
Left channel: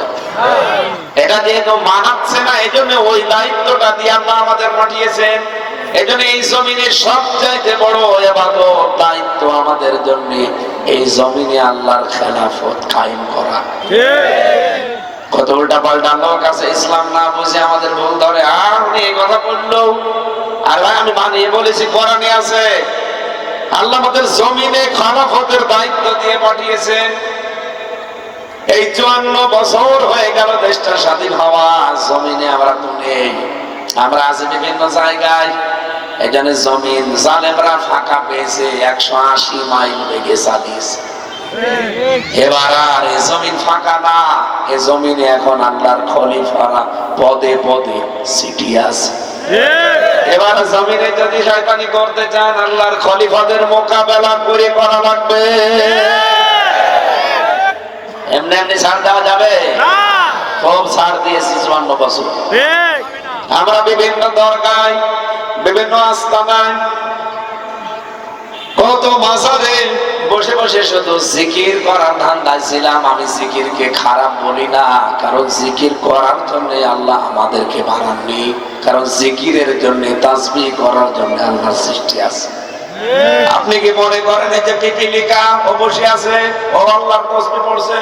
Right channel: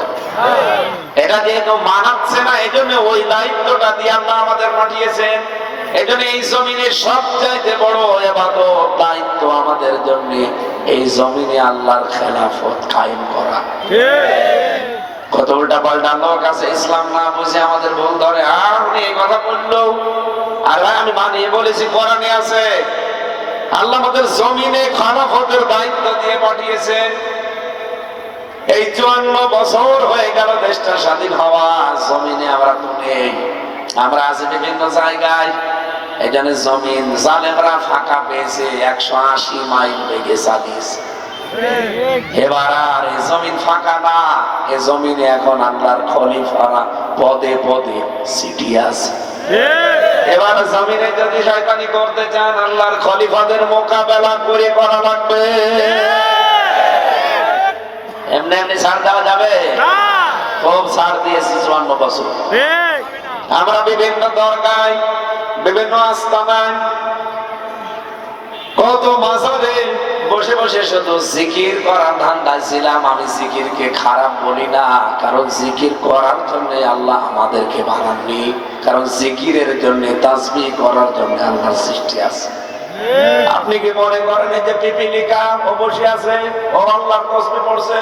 এটা যেহেতু মানাচ্ছে না, এই জন্য ওই দায়িত্বটা দিয়ে আল্লাহ আমাদের পাঠিয়েছেন। এই জন্য এই জমিনের সবচাইতে বড় ইবাদত, দায়িত্ব আমাদের জন্য এই জমিনে আল্লাহর খেলাফত কায়েম করা। কত উল্টা পাল্টা লোক আছে, ইসলাম না বুঝে আমাদের ভুল ধরে, আর উনি এই কথা বললো। আর ভাই আমি বানিয়ে বলেছি, কোরআনে আছে আল্লাহ আমাদের জমিনে খেলাফতের দায়িত্ব দিয়ে পাঠিয়েছেন। এই 54 বছর হয়ে গেল দেশটা স্বাধীন হওয়া, জমিনে আমরা তো নেই, আমরা আছি বিভিন্ন জায়গায়। এই জন্য জমিন জালেমরা ফাঁকা পেয়েছে, 180 মাইল বেগে চালিয়েছে। এবার আর এই জমিন ফাঁকা না, এই জমিনে এখন আল্লাহর খলিফারা পদে পদে সিটি আছে। এবার জমিনে যদি শয়তানি করতে চান, আল্লাহর খলিফাদের মোকাবেলা করে করা লাগবে। এমনি এমনি ছাড় দেওয়া যাবে না। খুব ছাড় দিয়েছি 54 বছর। আমরা বিভিন্ন দরগায়, বিভিন্ন আস্তানায়, কত মাজারে বসে বসে শুধু জিকির করার ধান্দায় ছিলাম। আমি জিকিরকে খারাপ বলি না, কারণ জিকির করার জন্য আল্লাহ আমাদেরকে বানাননি, কারণ জিকিরের জন্য, তাসবিহ করার জন্য আল্লাহর সৃষ্টি আছে। আপনি কি মনে করেন এই যে পিপিলিকা ও বসে আছে, ও আল্লাহর তাসবিহ পড়ছে?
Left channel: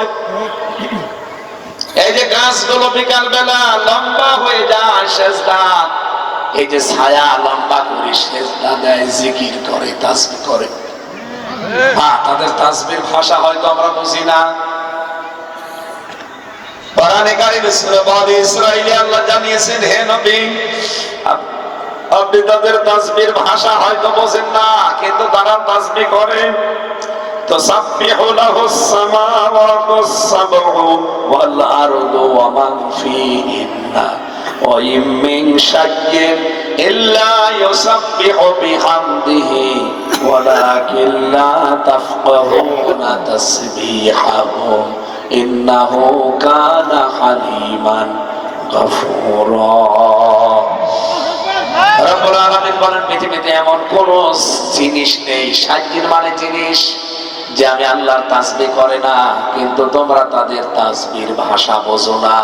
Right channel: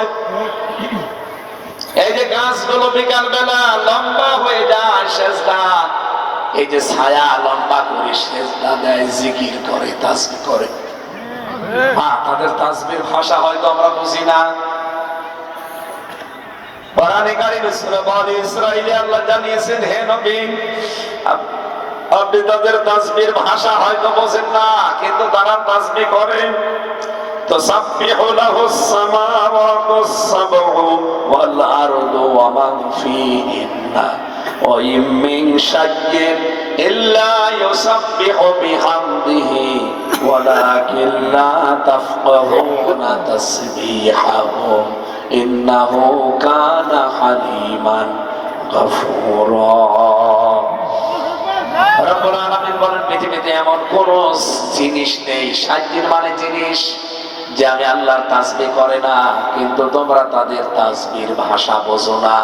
এই যে গাছগুলো বিকাল বেলা লম্বা হয়ে যায় সেজদা, এই যে ছায়া লম্বা করে সেজদা দেয়, জিকির করে, তাসবিহ করে। হ্যাঁ, তাদের তাসবিহর ভাষা হয়তো আমরা বুঝি না, কোরআনে কারিমে সূরা বনী ইসরাঈলে আল্লাহ জানিয়েছেন, হে নবী, আপনি তাদের তাসবিহর ভাষা হয়তো বোঝেন না, কিন্তু তারা তাসবিহ করে। তুসাব্বিহু লাহুস সামাওয়াতুস সাবউ ওয়াল আরদু ওয়া মান ফীহিন্না ওয়া ইন মিন শাইইন ইল্লা ইউসাব্বিহু বিহামদিহি ওয়ালাকিন লা তাফকাহুনা তাসবিহাহুম ইন্নাহু কানা হালিমান গফুরা। রব্বুল আলামিন বলেন, পৃথিবীতে এমন কোন জিনিস নেই, সাজ্জিন মানে জিনিস, যে আমি আল্লাহর তাসবিহ করে না, কিন্তু তোমরা তাদের তাসবিহর ভাষা বোঝো না।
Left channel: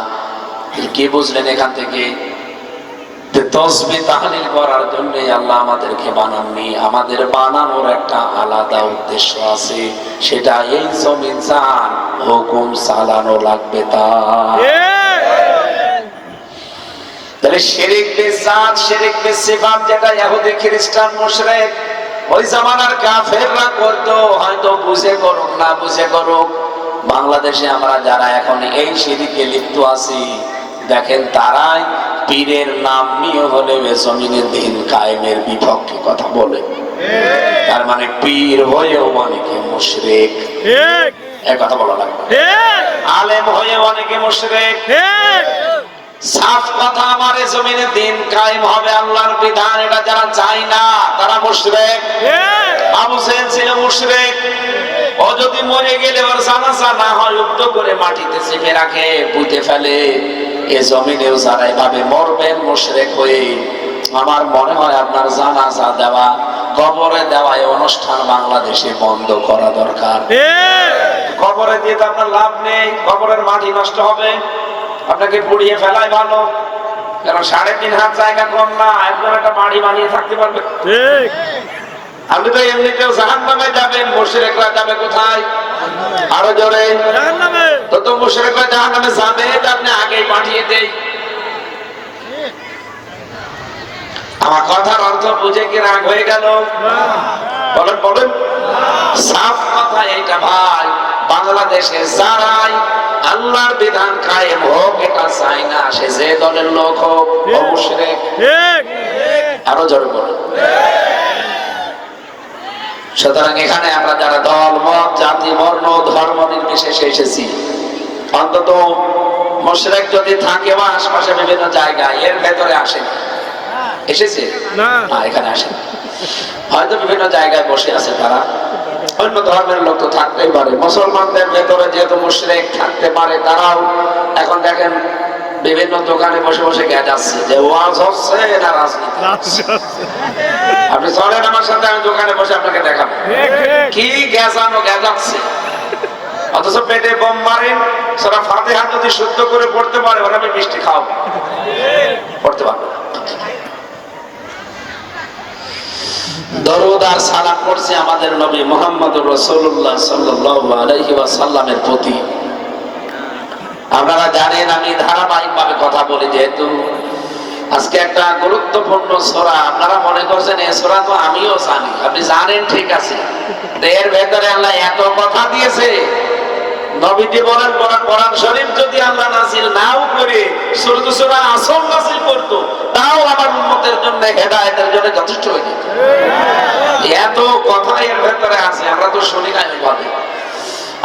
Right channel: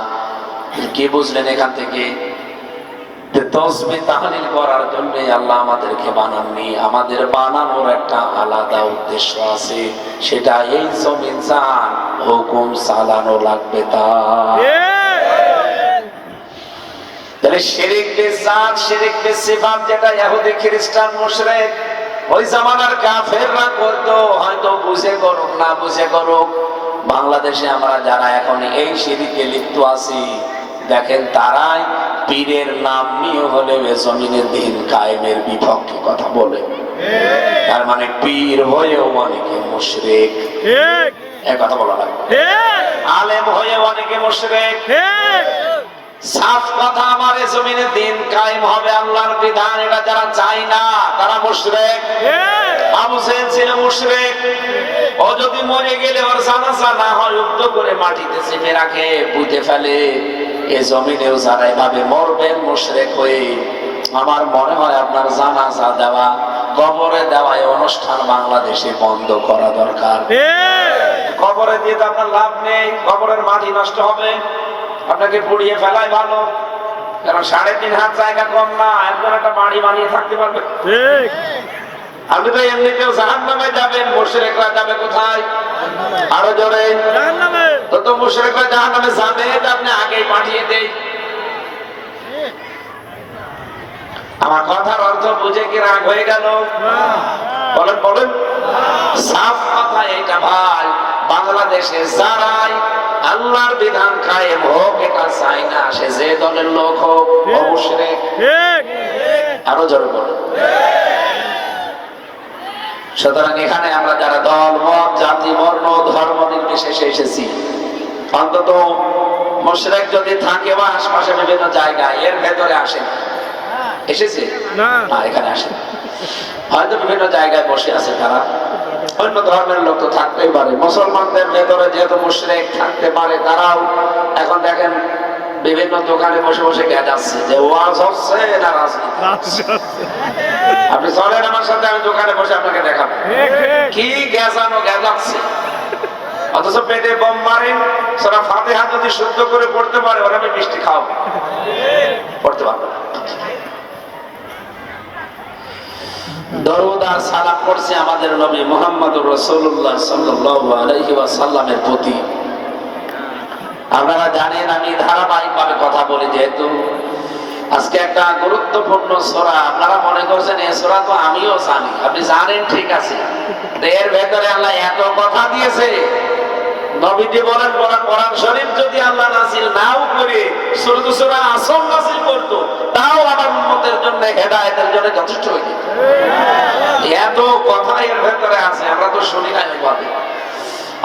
কি বুঝলেন এখান থেকে? তাসবিহ তাহলিল করার জন্য আল্লাহ আমাদেরকে বানাননি, আমাদের বানানোর একটা আলাদা উদ্দেশ্য আছে, সেটা এই জমিন জান হুকুম চালানো লাগবে। তাহলে শিরক বিজাত, শিরক বিসিফাত, যেটা ইহুদি খ্রিস্টান মুশরিক ওই জামানার কাফেররা করতো, হয়তো বুঝে করুক না বুঝে করুক, বাংলাদেশে আমরা যারা এখন এই শিরকে লিপ্ত আছি, দেখেন তারাই পীরের নাম নিয়ে হলে জমিনের দিন কায়েমের বিপক্ষে কথা বলে। তার মানে পীর হয়েও অনেকে মুশরিক, এই কথা বলা লাগবে। আলেম হয়ে অনেকে মুশরিক। সাফ কথা, আমার জমিনে দিন কায়েম হবে, আল্লাহর বিধান, এটা যারা চায় না তারা মুশরিক। আবু জাহেল ছিল মুশরিক। ও যদি মরে গেলে ওর জানাজা না হয়, উদ্ধ করে মাটিতে চেপে রাখে, পুঁতে ফেলে। এ জমিনেও যারা এভাবে মরবেন মুশরিক হয়ে, আমার মনে হয় আপনার জানাজা দেওয়া, কবরে দেওয়া এই অনুষ্ঠান বাংলাদেশে বন্ধ করা দরকার। কবরে দিয়ে তো আপনার লাভ নেই, কবরের মাটি নষ্ট হবে, আপনাকে পুড়িয়ে ফেলাই ভালো। কারণ 3.5 হাত জায়গা কম না, একজন একটা বাড়ি বানিয়ে থাকতে পারবে। ঠিক, আপনি তো এমনিতেও জাহান্নামে যাবেন, মুশরিকরা যাবে কোথায়? আরো জোরে, জাহান্নামে। তো মুশরিকরা জাহান্নামে যাবে, তো আপনি আগেই পাঠিয়ে দেই। আমার কথার অর্থ বুঝে কি রাগ হয়ে গেল? বলেন বলেন। সাফ কথা এটা ভাই, বাংলাদেশে যারাই আল্লাহর বিধান কায়েম হোক এটা চাই না, সে যে দলের লোক হোক, মুশরিক। আরো জোরে বলেন। সুতরাং এখানে আমরা যারা দল মত জাতি বর্ণ ধর্ম নির্বিশেষে এসেছি, অন্তত মুশরিক যদি থাকে বা আশপাশে বিভিন্ন জায়গায়, এর ভেতরে আসে এসেছে না, এখানে আসে, হয়তো বিভিন্ন জায়গায় বসে আছে তারা, অন্য ধর্মের লোক তো থাকতেই পারে। মুসলমানদের ভেতরে যেহেতু মুশরিক থাকতে পারে, তারাও এখন দেখেন বিভিন্ন দোকানে বসে বসে গেজাচ্ছে যে ওয়াজ হচ্ছে না রাজনীতি। আপনি চলেন আমার সাথে, আমি দোকানে বসে আপনাকে দেখাবো কি গেজানো গেজাচ্ছে। অথচ পেটে বোম মারেন, সারা ফাতিহা যদি শুদ্ধ করে পড়তে পারে, ওরা আমি মিষ্টি খাওয়াবো, পড়তে পারবে না। দরুদ আর সালাম করছে আমাদের নবী মুহাম্মদুর রাসূলুল্লাহ সাল্লাল্লাহু আলাইহি ওয়াসাল্লামের প্রতি। আপনারা জানেন আমি ধারাবাহিকভাবে কথা বলি, যেহেতু আজকে একটা গুরুত্বপূর্ণ সূরা, আপনারা মনে করছেন এই সূরা তো আমিও জানি, আপনি জানেন ঠিক আছে, এর ভেতরে আল্লাহ এত কথা দিয়েছে। নবীজি বলেন, কোরআন শরীফ যদি আল্লাহ নাযিল নাও করে সূরা আসর নাযিল করতো, তাও আমার উম্মতের জন্য হেদায়েতের জন্য যথেষ্ট হয়ে যেত। এত কথা এর ভেতরে আছে, আমরা তো শুনি না এইভাবে।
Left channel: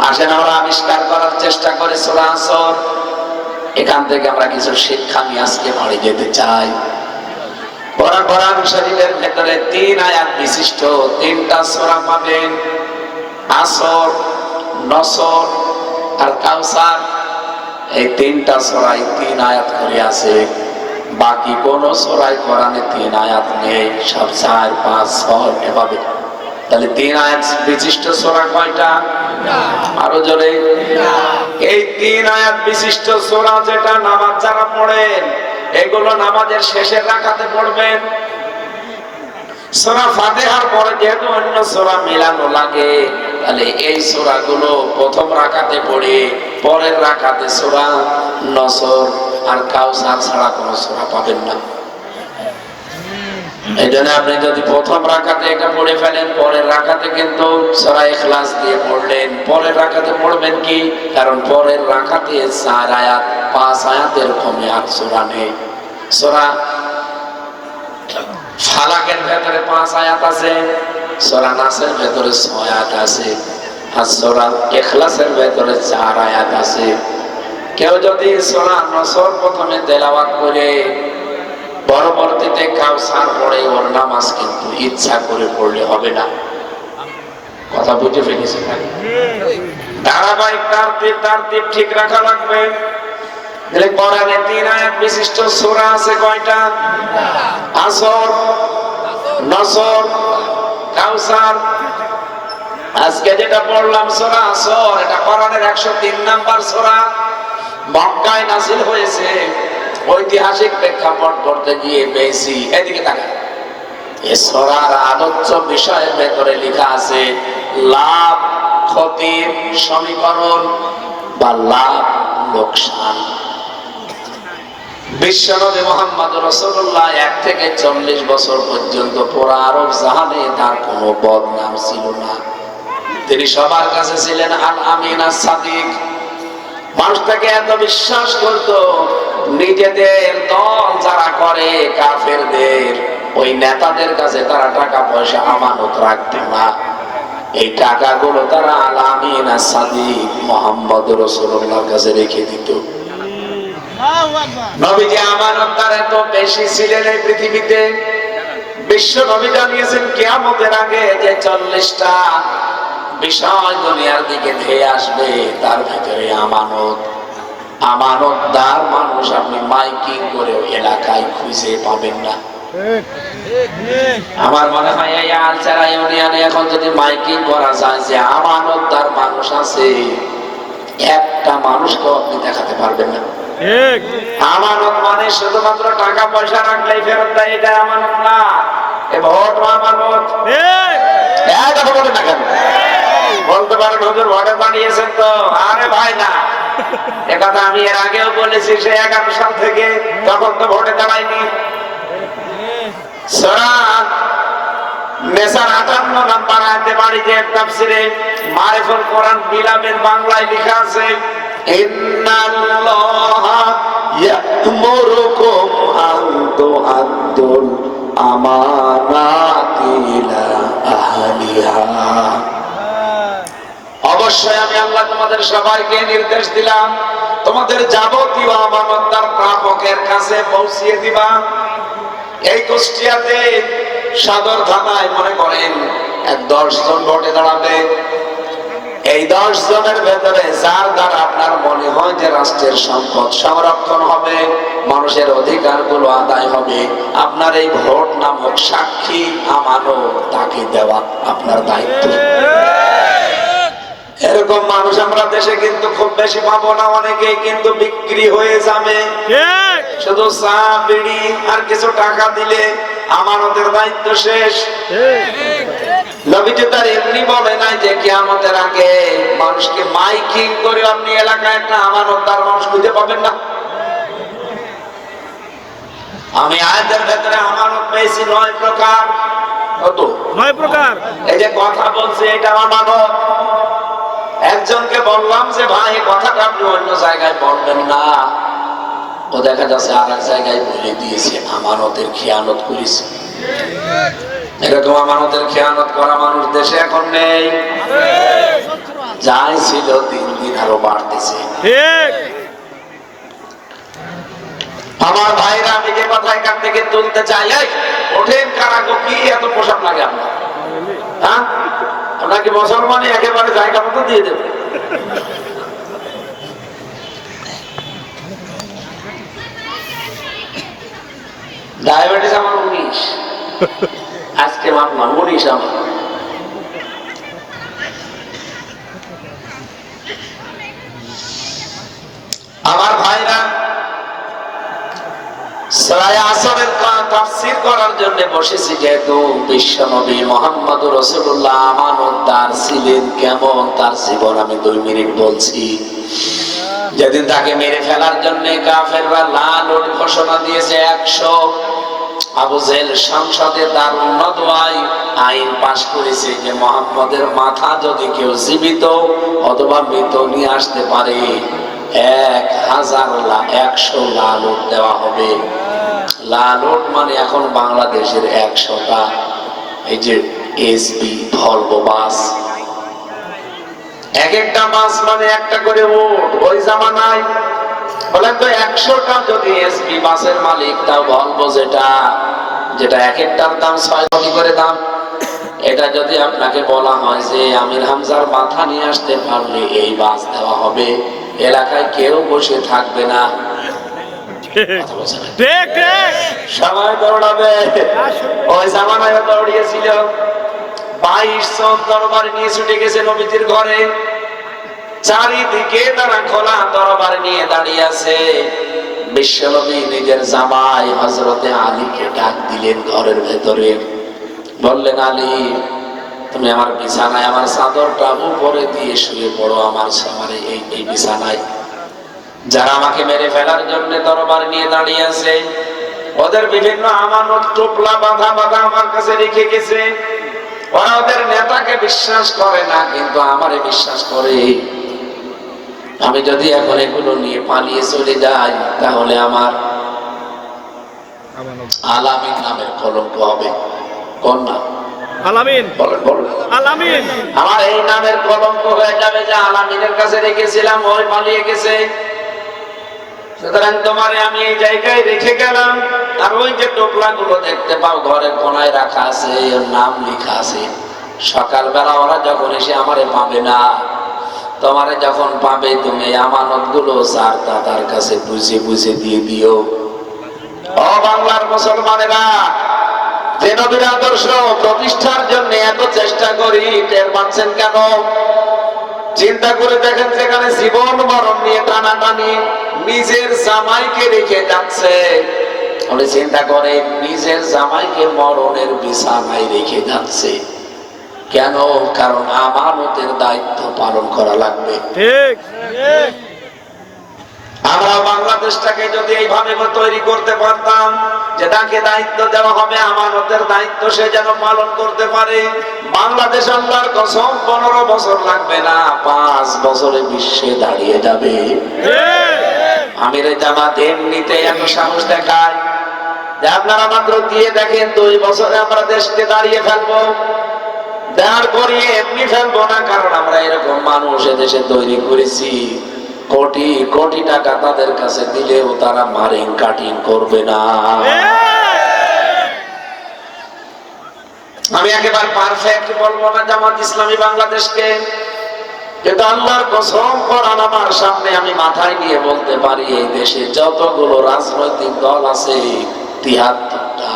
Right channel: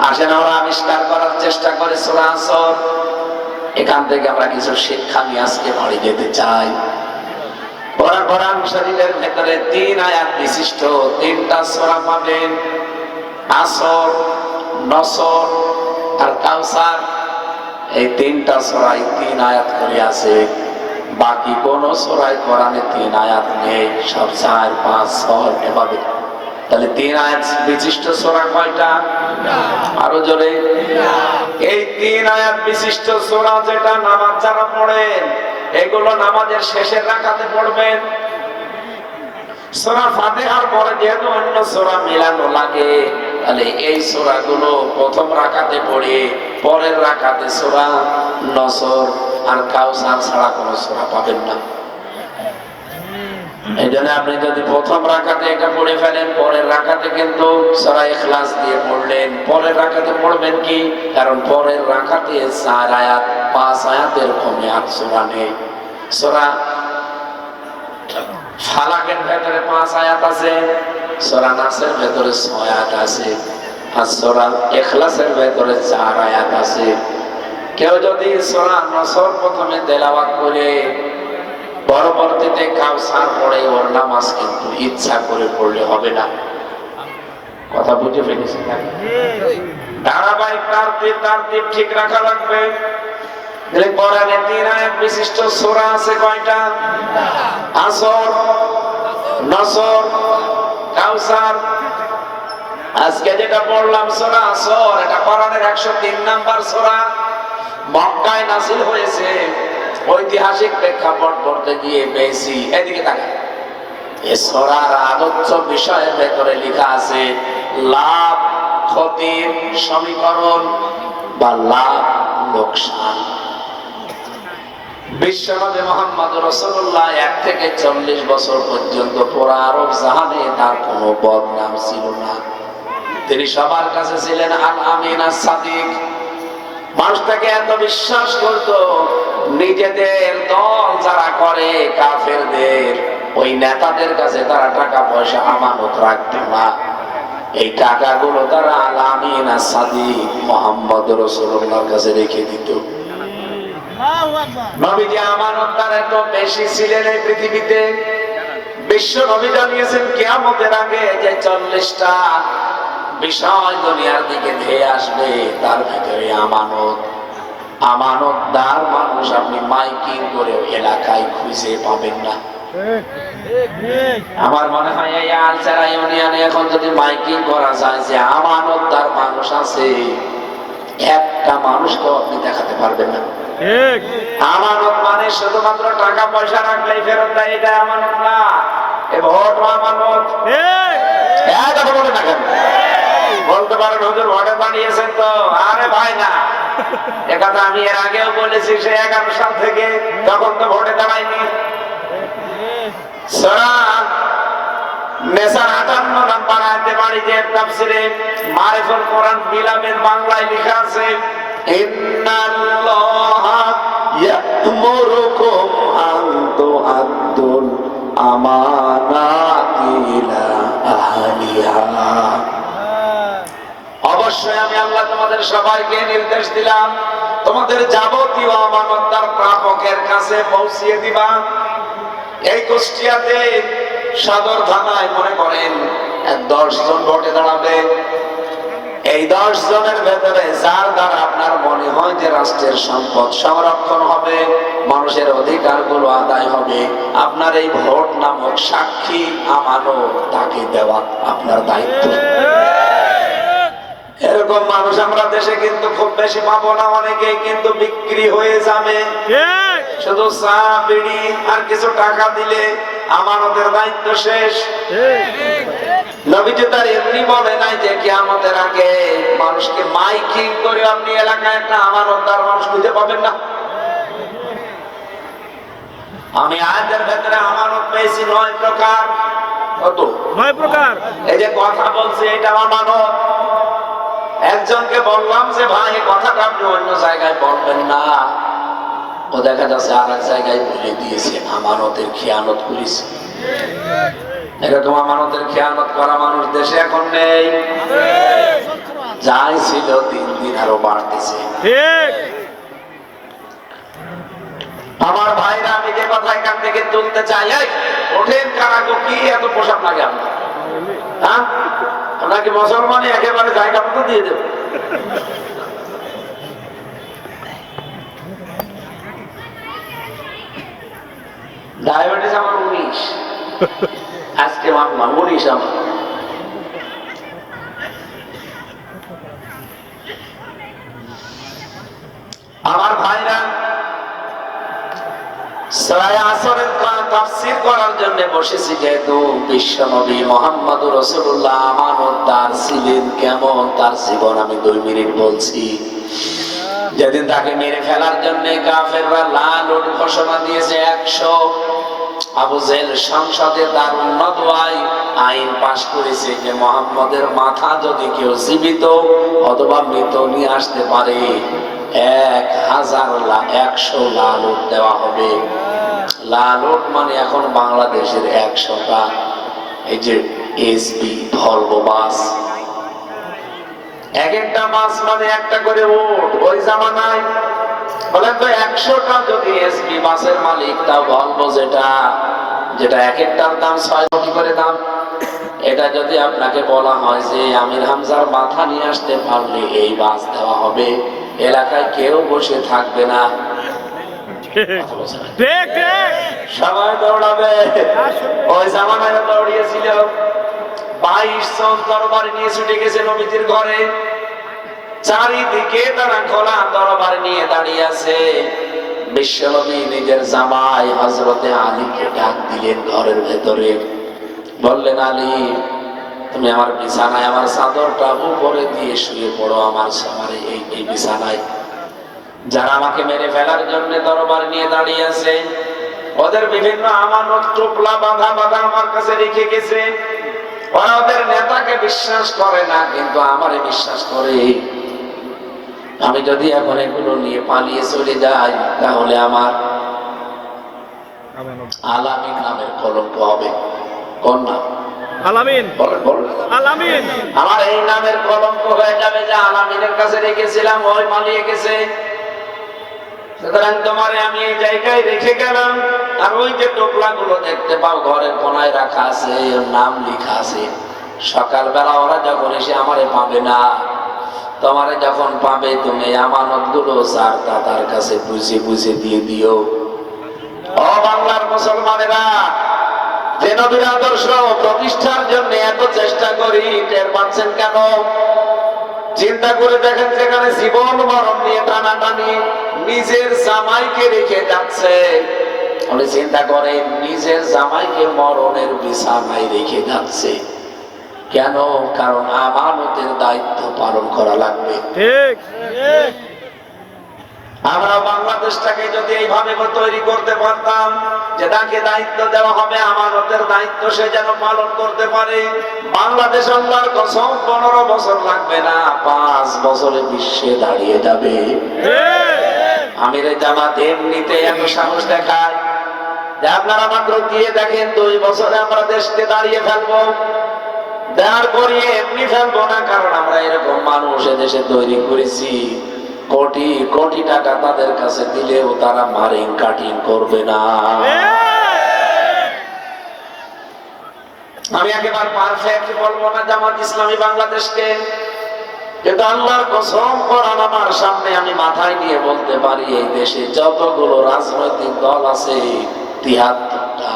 আসেন আমরা আবিষ্কার করার চেষ্টা করি সূরা আসর, এখান থেকে আমরা কিছু শিক্ষা নিয়ে আজকে বাড়ি যেতে চাই। কোরআন শরীফের ভেতরে 3 আয়াত বিশিষ্ট 3টা সূরা পাবেন, আসর, নসর আর কাউসার। এই 3টা সূরায় 3 আয়াত করে আছে, বাকি কোন সূরায় কোরআনে 3 আয়াত নেই, সব 4, 5, 6 এভাবে। তাহলে 3 আয়াত বিশিষ্ট সূরা কয়টা? আরো জোরে। এই 3 আয়াত বিশিষ্ট সূরা যেটা নামাজ যারা পড়েন, এগুলো নামাজের শেষের রাকাতে পড়বেন। সূরা ফাতিহার পরে যেহেতু অন্য সূরা মিলানো লাগে, তাহলে এই সূরাগুলো প্রথম রাকাতে পড়ে, পরের রাকাতে সূরা নসর আর কাউসার ছাড়া কোনো সূরা পাবেন না। এই জন্য আপনি যদি প্রথম রাকাতে এটা পড়ে ফেলেন, পরের রাকাতে কিন্তু সূরা ইখলাস দিয়ে পড়লেন, পরের রাকাতে পড়বেন কি? কারণ পরের রাকাতে 4 আয়াত 5 আয়াতের কমে আর সূরা নেই। সূরা ফালাকের ভেতরে 5 আয়াত আছে, সূরা নাসের ভেতরে 6 আয়াত আছে, আর সূরা ইখলাসের ভেতরে 4 আয়াত আছে। কেউ যদি সূরা নসর প্রথমে তেলাওয়াত করে পরবর্তীতে কাউসার পড়ে, ওর নামাজ কিন্তু ইচ্ছা করে পড়লে হবে না। কথা বুঝে ফেলেছেন নাকি? ধারাবাহিক তারতিব ঠিক রাখা লাগবে। কোরআনে 3 আয়াত বিশিষ্ট সূরা আছে কয়টা? আসর, নসর, কাউসার। আজকে যেটা পড়লাম সূরা আসর, এটা কোরআনের 103 নাম্বার সূরা, মক্কায় নাযিল হয়েছে। ঐতিহাসিক প্রেক্ষাপট করতে গিয়ে পেয়েছি, এদিকে তাকান, এই সূরার আলোচ্য বিষয়ের ভেতরে লেখা আছে লাভ ক্ষতির সমীকরণ বা লাভ লোকসান। বিশ্বনবী মুহাম্মদ রাসূলুল্লাহ 1 থেকে 40 বছর পর্যন্ত পুরো আরব জাহানে তার কোনো বদনাম ছিল না। তিনি সবার কাছে ছিলেন আল আমিন আস সাদিক। মানুষ তাকে এত বিশ্বাস করতো, নিজেদের দল যারা করে কাফেরদের ওই নেতাদের কাছে তারা টাকা পয়সা আমানত রাখতো না। এই টাকাগুলো তারা আল আমিন আস সাদিক মুহাম্মদ রাসূলুল্লাহর কাছে রেখে দিত। নবীজি আমানতদার এত বেশি ছিলেন এই পৃথিবীতে। বিশ্ব নবী জানিয়েছেন কিয়ামতের আগে যে 40টা বিষয় দুনিয়ার দিকে ধেয়ে আসবে, তার ভিতরে আমানতদার মানুষ আপনি মাইকিং করে এলাকায় খুঁজে পাবেন না। আমার মনে হয় এই আলচারা ইউনিয়নে এখন যদি মাইকিং করা যায় যে আমানতদার মানুষ আছে, একটা মানুষকেও আপনি দেখাতে পারবেন না। আমানত মানে শুধুমাত্র টাকা পয়সা রাখলেই ফেরত দেয়, এটা আমানত না। এ ভোট আমানত। কথা বলে না কেন? বলতে পারেন হুজুর ভোটে বানিয়েছেন তো। আরে ভাই না, একথা আমি এর আগেও বলেছি, সে 11 সাল থেকে, তখন তো ভোটে দাঁড়ায়নি। সূরা নেসার 58 নাম্বার আয়াতে বাড়িতে তাফসিরে মারিফুল কোরআন বিলামের বাংলায় লেখা আছে ইন্নাল্লাহা ইয়া'মুরুকুম আন তু'আদ্দুল আমানাতি ইলা আহলিহা। অবশ্যই আমি আল্লাহ তোমাদের সবাইকে নির্দেশ দিলাম, তোমাদের যাবতীয় আমানত তার প্রাপকের কাছে পৌঁছিয়ে দিবা। এই কুষ্টিয়াতে সদর থানায় মনে করেন 10 জন ভোটে দাঁড়াবে। এই 10 জনের ভেতরে যার দ্বারা আপনার মনে হয় যে রাষ্ট্রের সম্পদ সংরক্ষণ হবে, মানুষের অধিকারগুলো আদায় হবে, আপনার এই ভোট নামক সাক্ষী আমানত তাকে দেওয়া আপনার দায়িত্ব। এরকম মানুষ আমরা দেশে কিন্তু খুব বেশি পাবো না। অনেকেই কিন্তু বিক্রি হয়ে যাবে, শুধু চা বিড়ি আর কিছু টাকা দিলে আমানতের দায়িত্ব শেষ। নবীজি তার এমনি বলে নাই যে কিয়ামতের আগে মানুষকে মাইকিং করে আপনি এলাকায় একটা আমানতদার মানুষ খুঁজে পাবেন না। আমি আয়াতের ভেতরে আমানত পেয়েছি 9 প্রকার। কত? 9 প্রকার। এই যে কথা বলছে এটা আমানত। একজনকে বললাম যে ভাই এই কথাটা আপনি অন্য জায়গায় বলবেন না, ও দেখা যাচ্ছে আর এক জায়গায় বলে দিয়েছে, আমানতের খেয়ানত করেছে। এরকম আমানতের খেয়ানত করা মানুষ দেশে এখন নেই। যাই ছিল দিন দিন আরো বাড়তেছে। ঠিক আমার ভাইরা, আমি যে কথা এখান থেকে তুলতে চাই, ওঠেন কারাগো, কি এত পোশাক লাগে আপনার? হ্যাঁ, আপনাকে মুসলমানে একেবারে জায়গা মতো দিয়ে দেবে। ডায়াবেটিস আমার 19, আজকে মাপলাম 19 আমার। আমার ভাইরা, সূরা আসরের তাফসীর করার জন্য বসেছি, যেহেতু বিশ্বনবী মুহাম্মদুর রাসূলুল্লাহ আমানতদার ছিলেন। কেমন তার জীবন আমি 2 মিনিট বলছি। যেদিন তাকে মেরে ফেলার জন্য কাফেররা লাল ওট ঘোষণা দিয়েছে 100, আবু জেহেল সংসদে দারুন নদওয়ায় আইন পাশ করেছে যে মুহাম্মদের মাথা যদি কেউ জীবিত অথবা মৃত নিয়ে আসতে পারে 1,100 লাল উট দেওয়া হবে। লাল উট মানে এখন বাংলাদেশের 100টা এই যে এসপি ভলভো বাস, এক একটা বাস মানে একটা করে উট। ওই জামানায় বলেন তো 100টা যদি এসপি বাসের মালিক, তাও ভলভো যেটা যেটা এক একটার দাম 6 কোটি করে দাম, এটা যদি আপনাকে বলা হয় যে আমির হামজার মাথা নিয়ে আসতে পারলে এই বাস দেওয়া হবে, এলাকায় কেউ বসে থাকবে না, সবাই দৌড়াবে। ওই জামানায় দৌড়িয়েছিল 22 জন তরবারি নিয়ে ছুটে গেছে নবীজির ঘরে, চারিদিকে তারা খোলা তরবারি নিয়ে দাঁড়িয়ে আছে। বিশ্বনবী নিজের জামাই হযরতে আলীকে ডাক দিলেন ঘরের ভেতরে, বললেন আলী তুমি আমার বিছানায় আমার চাদরটা উপরে দিয়ে শুয়ে পড়ো, আমার এই বিছানায় যারা আমাকে মেরে ফেলার জন্য তরবারি নিয়ে দাঁড়িয়ে আছে ওদের বিভিন্ন আমানত টোপলা বাঁধা বাঁধা আমার কাছে রেখে গেছে। ওরা ওদের নেতাকে বিশ্বাস করে না, কিন্তু আমারে বিশ্বাস করে। আমি যদি এখন এগুলো নিয়ে পালিয়ে চলে যাই তাহলে আমার আলামিন নামের কলঙ্ক হবে। কোন নাম? আলামিন। বলেন বলেন। আলামিন। আমার এই নামের কলঙ্ক হয়ে যাবে যে আলামিনের কাছে রেখেছিলাম, ওই পালিয়ে গেছে। সুতরাং তোমারে আমি এই জায়গায় রেখে গেলাম। আর ওই যে টোপলা গুলো দেখতে পাও ঘরের কোনায় রাখা আছে, ওর নাম লেখা আছে। সকালবেলা ওরা যখন এসে আমারে পাবে না, তোমারে যখন পাবে তুমি আমানত গুলো তার কাছে বুঝে বুঝে দিয়ে দিও। ও বাংলার মুসলমানেরা, যে নবীর আদর্শ প্রতিষ্ঠার জন্য এত চেষ্টা করি, টের পাচ্ছেন কেন? চিন্তা করে দেখেন, সেখানে জীবন মরণ নিয়ে টানাটানি, নিজের জামাইকে রেখে যাচ্ছে। চিন্তা করে নিজের জামাইকে মরণের বিছানায় রেখে যাচ্ছে কেন? কারণ আমানতের দায়িত্ব পালন করা লাগবে। ঠিক। আমরা বাংলাদেশটাকে যদি এইভাবে তৈরি করতে পারতাম যে তাকে দায়িত্ব দেওয়া হবে, আমানতের দায়িত্ব সে যেন পালন করতে পারে, বাংলাদেশ আল্লাহর কসম 15 বছর লাগবে না, 5 বছরে বিশ্বে দাঁড়িয়ে যাবে। আমিরে জামাত এমনিতে এত সাহস দেখায় যে আপনারা মাত্র দিয়ে দেখেন 2 বছরে আমরা দেশকে দাঁড়িয়ে ফেলবো। দাঁড় করিয়ে এমনি ফেলবো না, কারণ আমরা এরকম মানুষ এদেশে তৈরি করেছি, কোটি কোটি টাকা তাদের কাছে দিলেও তারা মারিং কাটিং করবে না। আমি একেবারে পারফেক্ট বলবো না জামাত ইসলামী বাংলাদেশকে, কিন্তু আল্লাহর কসম কোরআন আমার সামনে আমি মাথায় নিয়ে বলতে পারি, এই দেশে যতগুলো রাজনৈতিক দল আছে 73টা,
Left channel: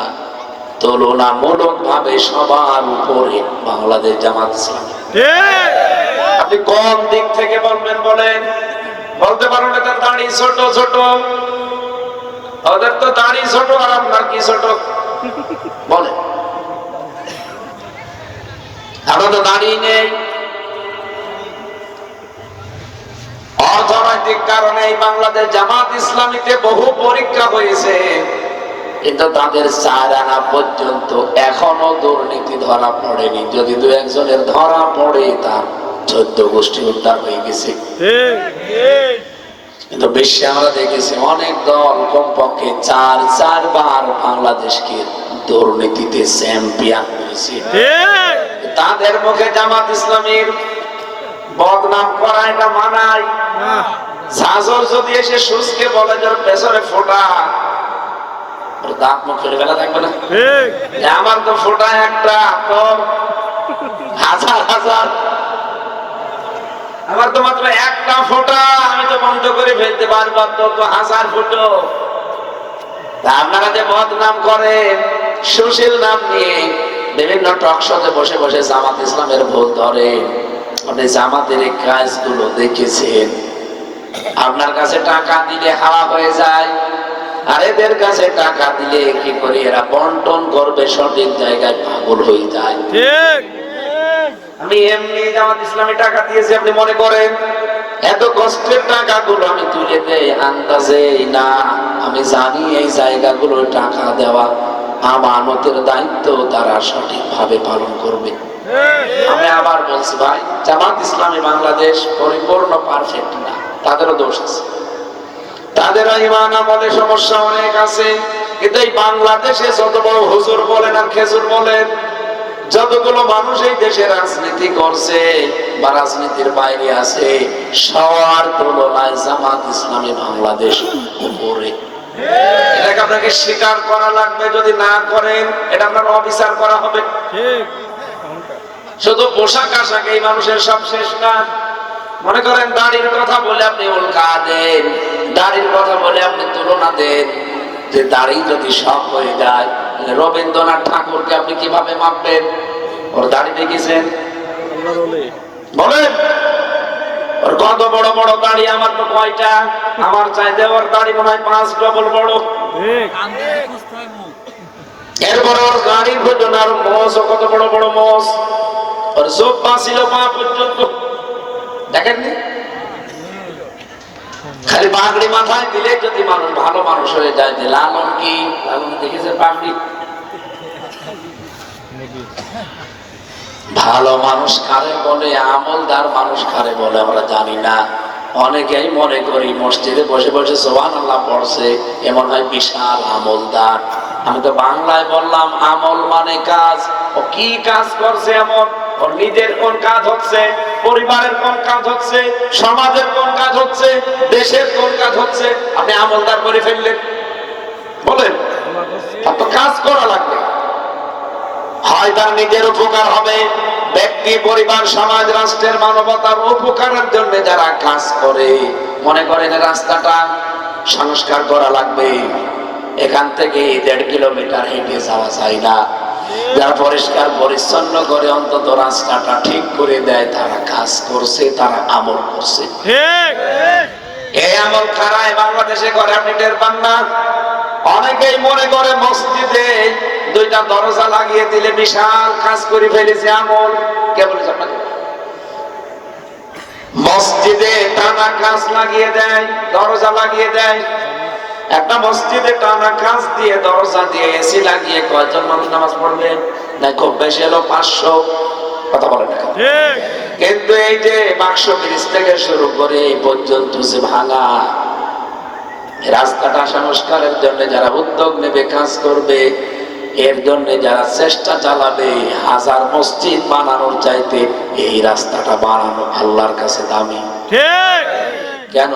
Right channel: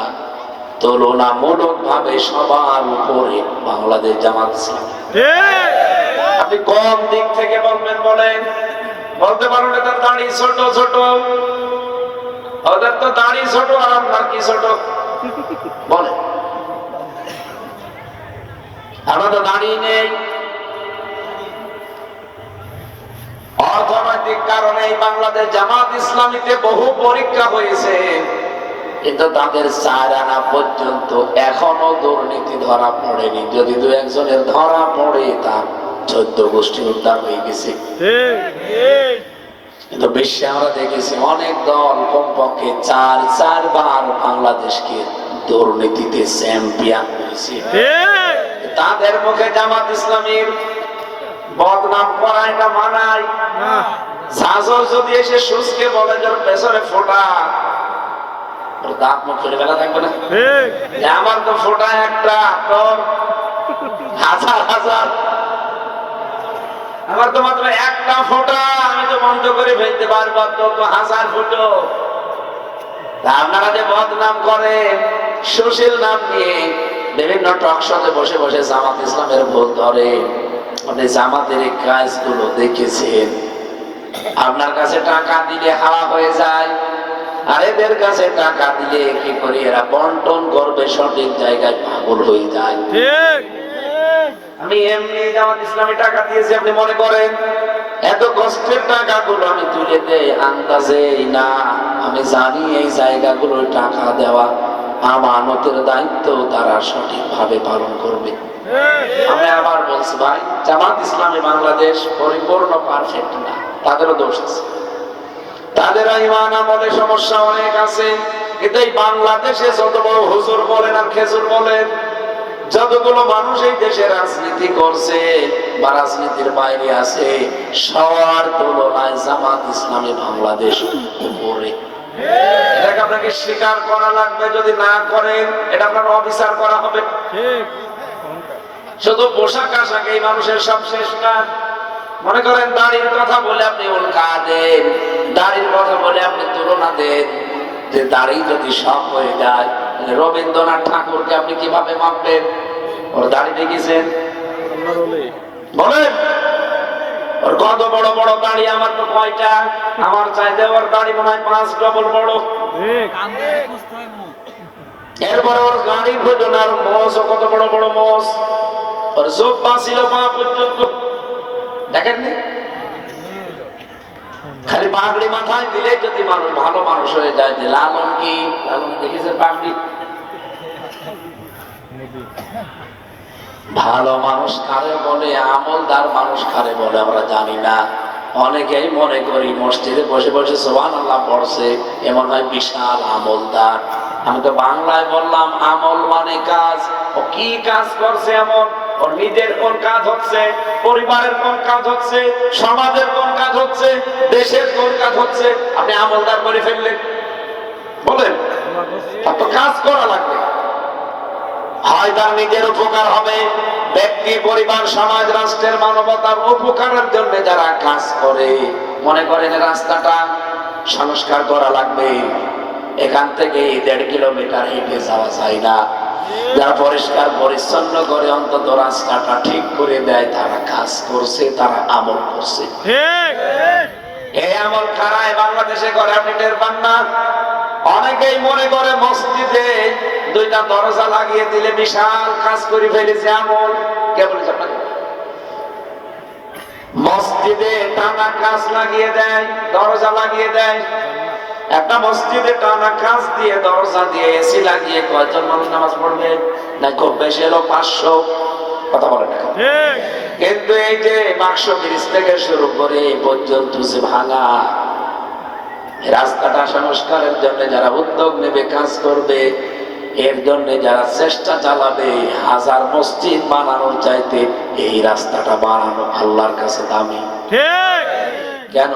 তুলনামূলক ভাবে সবার উপরে বাংলাদেশ জামাত ইসলামী। আপনি কোন দিক থেকে বলবেন বলেন? বলতে পারেন তার দাড়ি ছোট ছোট, ওদের তো দাড়ি ছোট, আর আপনার কি ছোট? বলে আমরা তো দাড়ি নেই। অর্থনৈতিক কারণে এই বাংলাদেশ জামাত ইসলামীতে বহু পরীক্ষা হয়েছে, কিন্তু তাদের 4 আনা পর্যন্ত এখনো দুর্নীতি ধরা পড়েনি। যদি 2-1 ধরা পড়ে, তার 14 গোষ্ঠী উদ্ধার হয়ে গেছে। কিন্তু বিশ্বে আমরা দেখেছি অনেক দল কমপক্ষে 4 বার বাংলাদেশকে দুর্নীতিতে চ্যাম্পিয়ন হয়েছে। তাদের মুখে জামাত ইসলামীর বদনাম করা এটা মানায়। সাজর যদি এসে সুসকে বলে যার পেছনে ফোটা, দাঁত মুখ ফেলে ফেলা থাকবে না? আমার তো ফোটা একটা, তোর হাজার হাজার। আমার তো মাত্র একটা ফোটা, আমি তো বন্ধ করে ফেলতে পারবো, তো 1000 ফুটো। আপনারা যে বদনাম করেন সুশীল নাম নিয়ে বিভিন্ন টক শোতে বসে বসে জামাত ইসলামের ভুল ধরেন, আপনি জামাতের এই কাজগুলো দেখেছেন? আপনার কাছে টাকা দিলে হাওয়া হয়ে যায়, আর এদের কাছে টাকা দিলে কি করে এরা বন্টন করবে সঠিক জায়গায় পাগল হয়ে যায়। আমি এমনি জামাত ইসলামে টাকা দিয়েছি, আপনি মনে করেন এত কষ্টের টাকাগুলো আমি তুলে দেই আন্দাজে? না, আমি জানি এই জায়গাগুলো টাকা দেওয়া আমানতের দায়িত্ব তারা সঠিকভাবে পালন করবে। আমি আবার বলছি ভাই, জামাত ইসলামী বাংলাদেশ পরিপূর্ণ পারফেক্ট না, তাদেরও দোষ আছে, তাদেরও ঈমান আমলে সমস্যা অনেক আছে। কিন্তু এই বাংলাদেশে যত বড় হুজুর বলেন আর খেজুর বলেন, যতগুলো মানুষ এই দেশে রাজনীতি করছে বা রাজনীতির বাইরে আছে, সবার তুলনায় জামাত ইসলামী বাংলাদেশ উপরে। এটাকে আপনাকে স্বীকার করা লাগবে, যদি না করেন এটা আপনার অবিচার করা হবে। শুধু পোশাক আশাক এই মানুষের সব শেষ না। মনে করেন দাড়ির কথা বলে আপনি উল্কা দেন, দাড়ির কথা বলে আপনি তুলনা দেন, যে দাড়ি যদি সব হয়ে যায়, রবীন্দ্রনাথ ঠাকুরকে আপনি কিভাবে মাপবেন? ওর দাড়ি দেখেছেন? বলেন, ওর কত বড় বড় দাড়ি, আমার তো কয়টা, আমার চাইতে ওর দাড়ি মনে হয় 5 ডবল বড়। এরপরে ওর গাড়ির ভোজন আর মোষ, কত বড় বড় মোষ, ওর চোখ বাঁচিল পা পর্যন্ত, দেখেননি? খালি পাগড়ি মাথায় দিলে যদি মানুষ ভালো মানুষ হয়ে যায়, যে লালন কি দেখেছে পাগড়ি? ভালো মানুষ কারে বলে, আমলদার মানুষ কারে বলে আমরা জানি না। অনেকেই মনে করি মসজিদে বসে বসে সুবহানাল্লাহ পড়ছে, এমন হয় বিশাল আমলদার। আমি তো বাংলায় বললাম, আমল মানে কাজ। ও কি কাজ করছে এমন? ওর নিজের কোন কাজ হচ্ছে, পরিবারের কোন কাজ হচ্ছে, সমাজের কোন কাজ হচ্ছে, দেশের কোন কাজ হচ্ছে, আপনি আমলদার করে ফেললেন। বলেন, এত কাজ করা লাগবে। হয় তার নিজের উপকার হবে, ব্যক্তি, পরিবার, সমাজ, রাষ্ট্রের, মানবতার উপকারের জন্য যারা কাজ করে, মনে করেন রাস্তাটা সংস্কার করা লাগবে, এখান থেকে 1.5 কিলোমিটার হেঁটে যাওয়া যায় না, যারা পরিষ্কার পরিচ্ছন্ন করে অন্তত রাস্তাটা ঠিক করে দেয়, তারা কাজ করছে, তারা আমল করছে। এই আমল কারা বাংলাদেশে করে আপনি টের পান না। অনেকেই মনে করে মসজিদে 2টা দরজা লাগিয়ে দিলে বিশাল কাজ করে ফেলেছে আমল। কে বলেছে আপনাকে? মসজিদে টানা কাজ লাগিয়ে দেয়, দরজা লাগিয়ে দেয়। একটা মসজিদে টানা কাজ দিয়ে, দরজা দিয়ে, এসি লাগিয়ে কয়জন মানুষ নামাজ পড়বে? না, খুব বেশি হলো 500। কথা বলে না। কিন্তু এই যে বাক্স ব্রিজ থেকে শুরু করে এই পর্যন্ত যে ভাঙা রাস্তাটা সংস্কারের জন্য যারা উদ্যোগ নেবে, কাজ করবে, এর জন্য যারা চেষ্টা চালাবে, 1000 মসজিদ বানানোর চাইতে এই রাস্তাটা বানানো আল্লাহর কাছে দামি। কেন?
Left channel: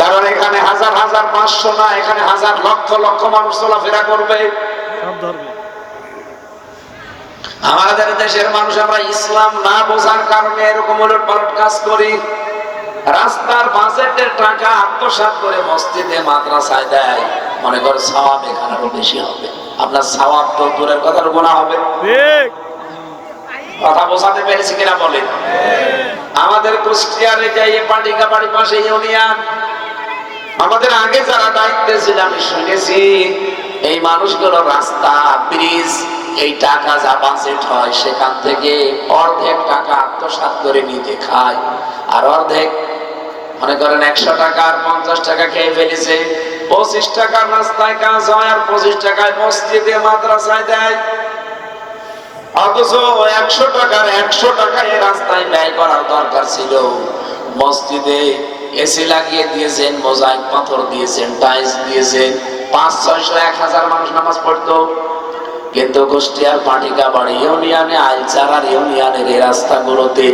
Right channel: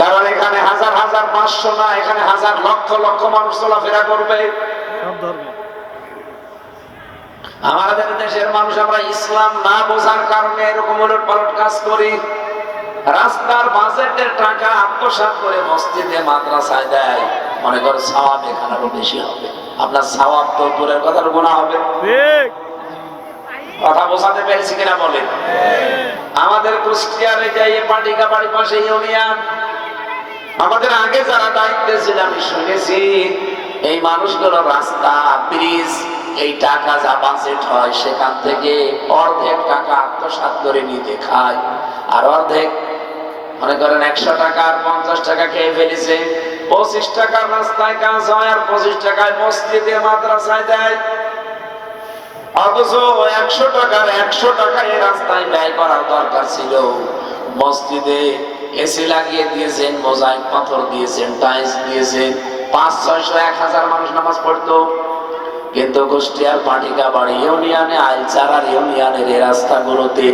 কারণ এখানে 1000 500 না, এখানে 1000 লক্ষ লক্ষ মানুষ চলাফেরা করবে। আমাদের দেশের মানুষ আমরা ইসলাম না বোঝার কারণে এরকম উলট পালট কাজ করি। রাস্তার বাজেটের টাকা আত্মসাৎ করে মসজিদে, মাদ্রাসায় দেয়, মনে করে সওয়াব এখানে আরো বেশি হবে। আপনার সওয়াব তো দূরের কথা, গুনাহ হবে। কথা বোঝাতে পেরেছি কিনা বলেন? আমাদের কুষ্টিয়ারে যাই, পাটিকা বাড়ি পাশে ইউনিয়ন, আমাদের আগে যারা দায়িত্বে ছিল আমি শুনেছি, এই মানুষগুলো রাস্তা, ব্রিজ, এই টাকা যা বাজেট হয় সেখান থেকে অর্ধেক টাকা আত্মসাৎ করে নিতে খায়, আর অর্ধেক মনে করেন 100 টাকা আর 50 টাকা খেয়ে ফেলেছে। 25 টাকার রাস্তায় কাজ হয় আর 25 টাকায় মসজিদে, মাদ্রাসায় দেয়। অথচ 100 টাকায় রাস্তায় ব্যয় করার দরকার ছিল, মসজিদে এসি লাগিয়ে দিয়েছেন, মোজাইক পাথর দিয়েছেন, টাইলস দিয়েছেন, 500, 600, 1000 মানুষ নামাজ পড়তো। কিন্তু কুষ্টিয়ার পাটিকা বাড়ি ইউনিয়নে, আইলচারার ইউনিয়নের এই রাস্তাগুলোতে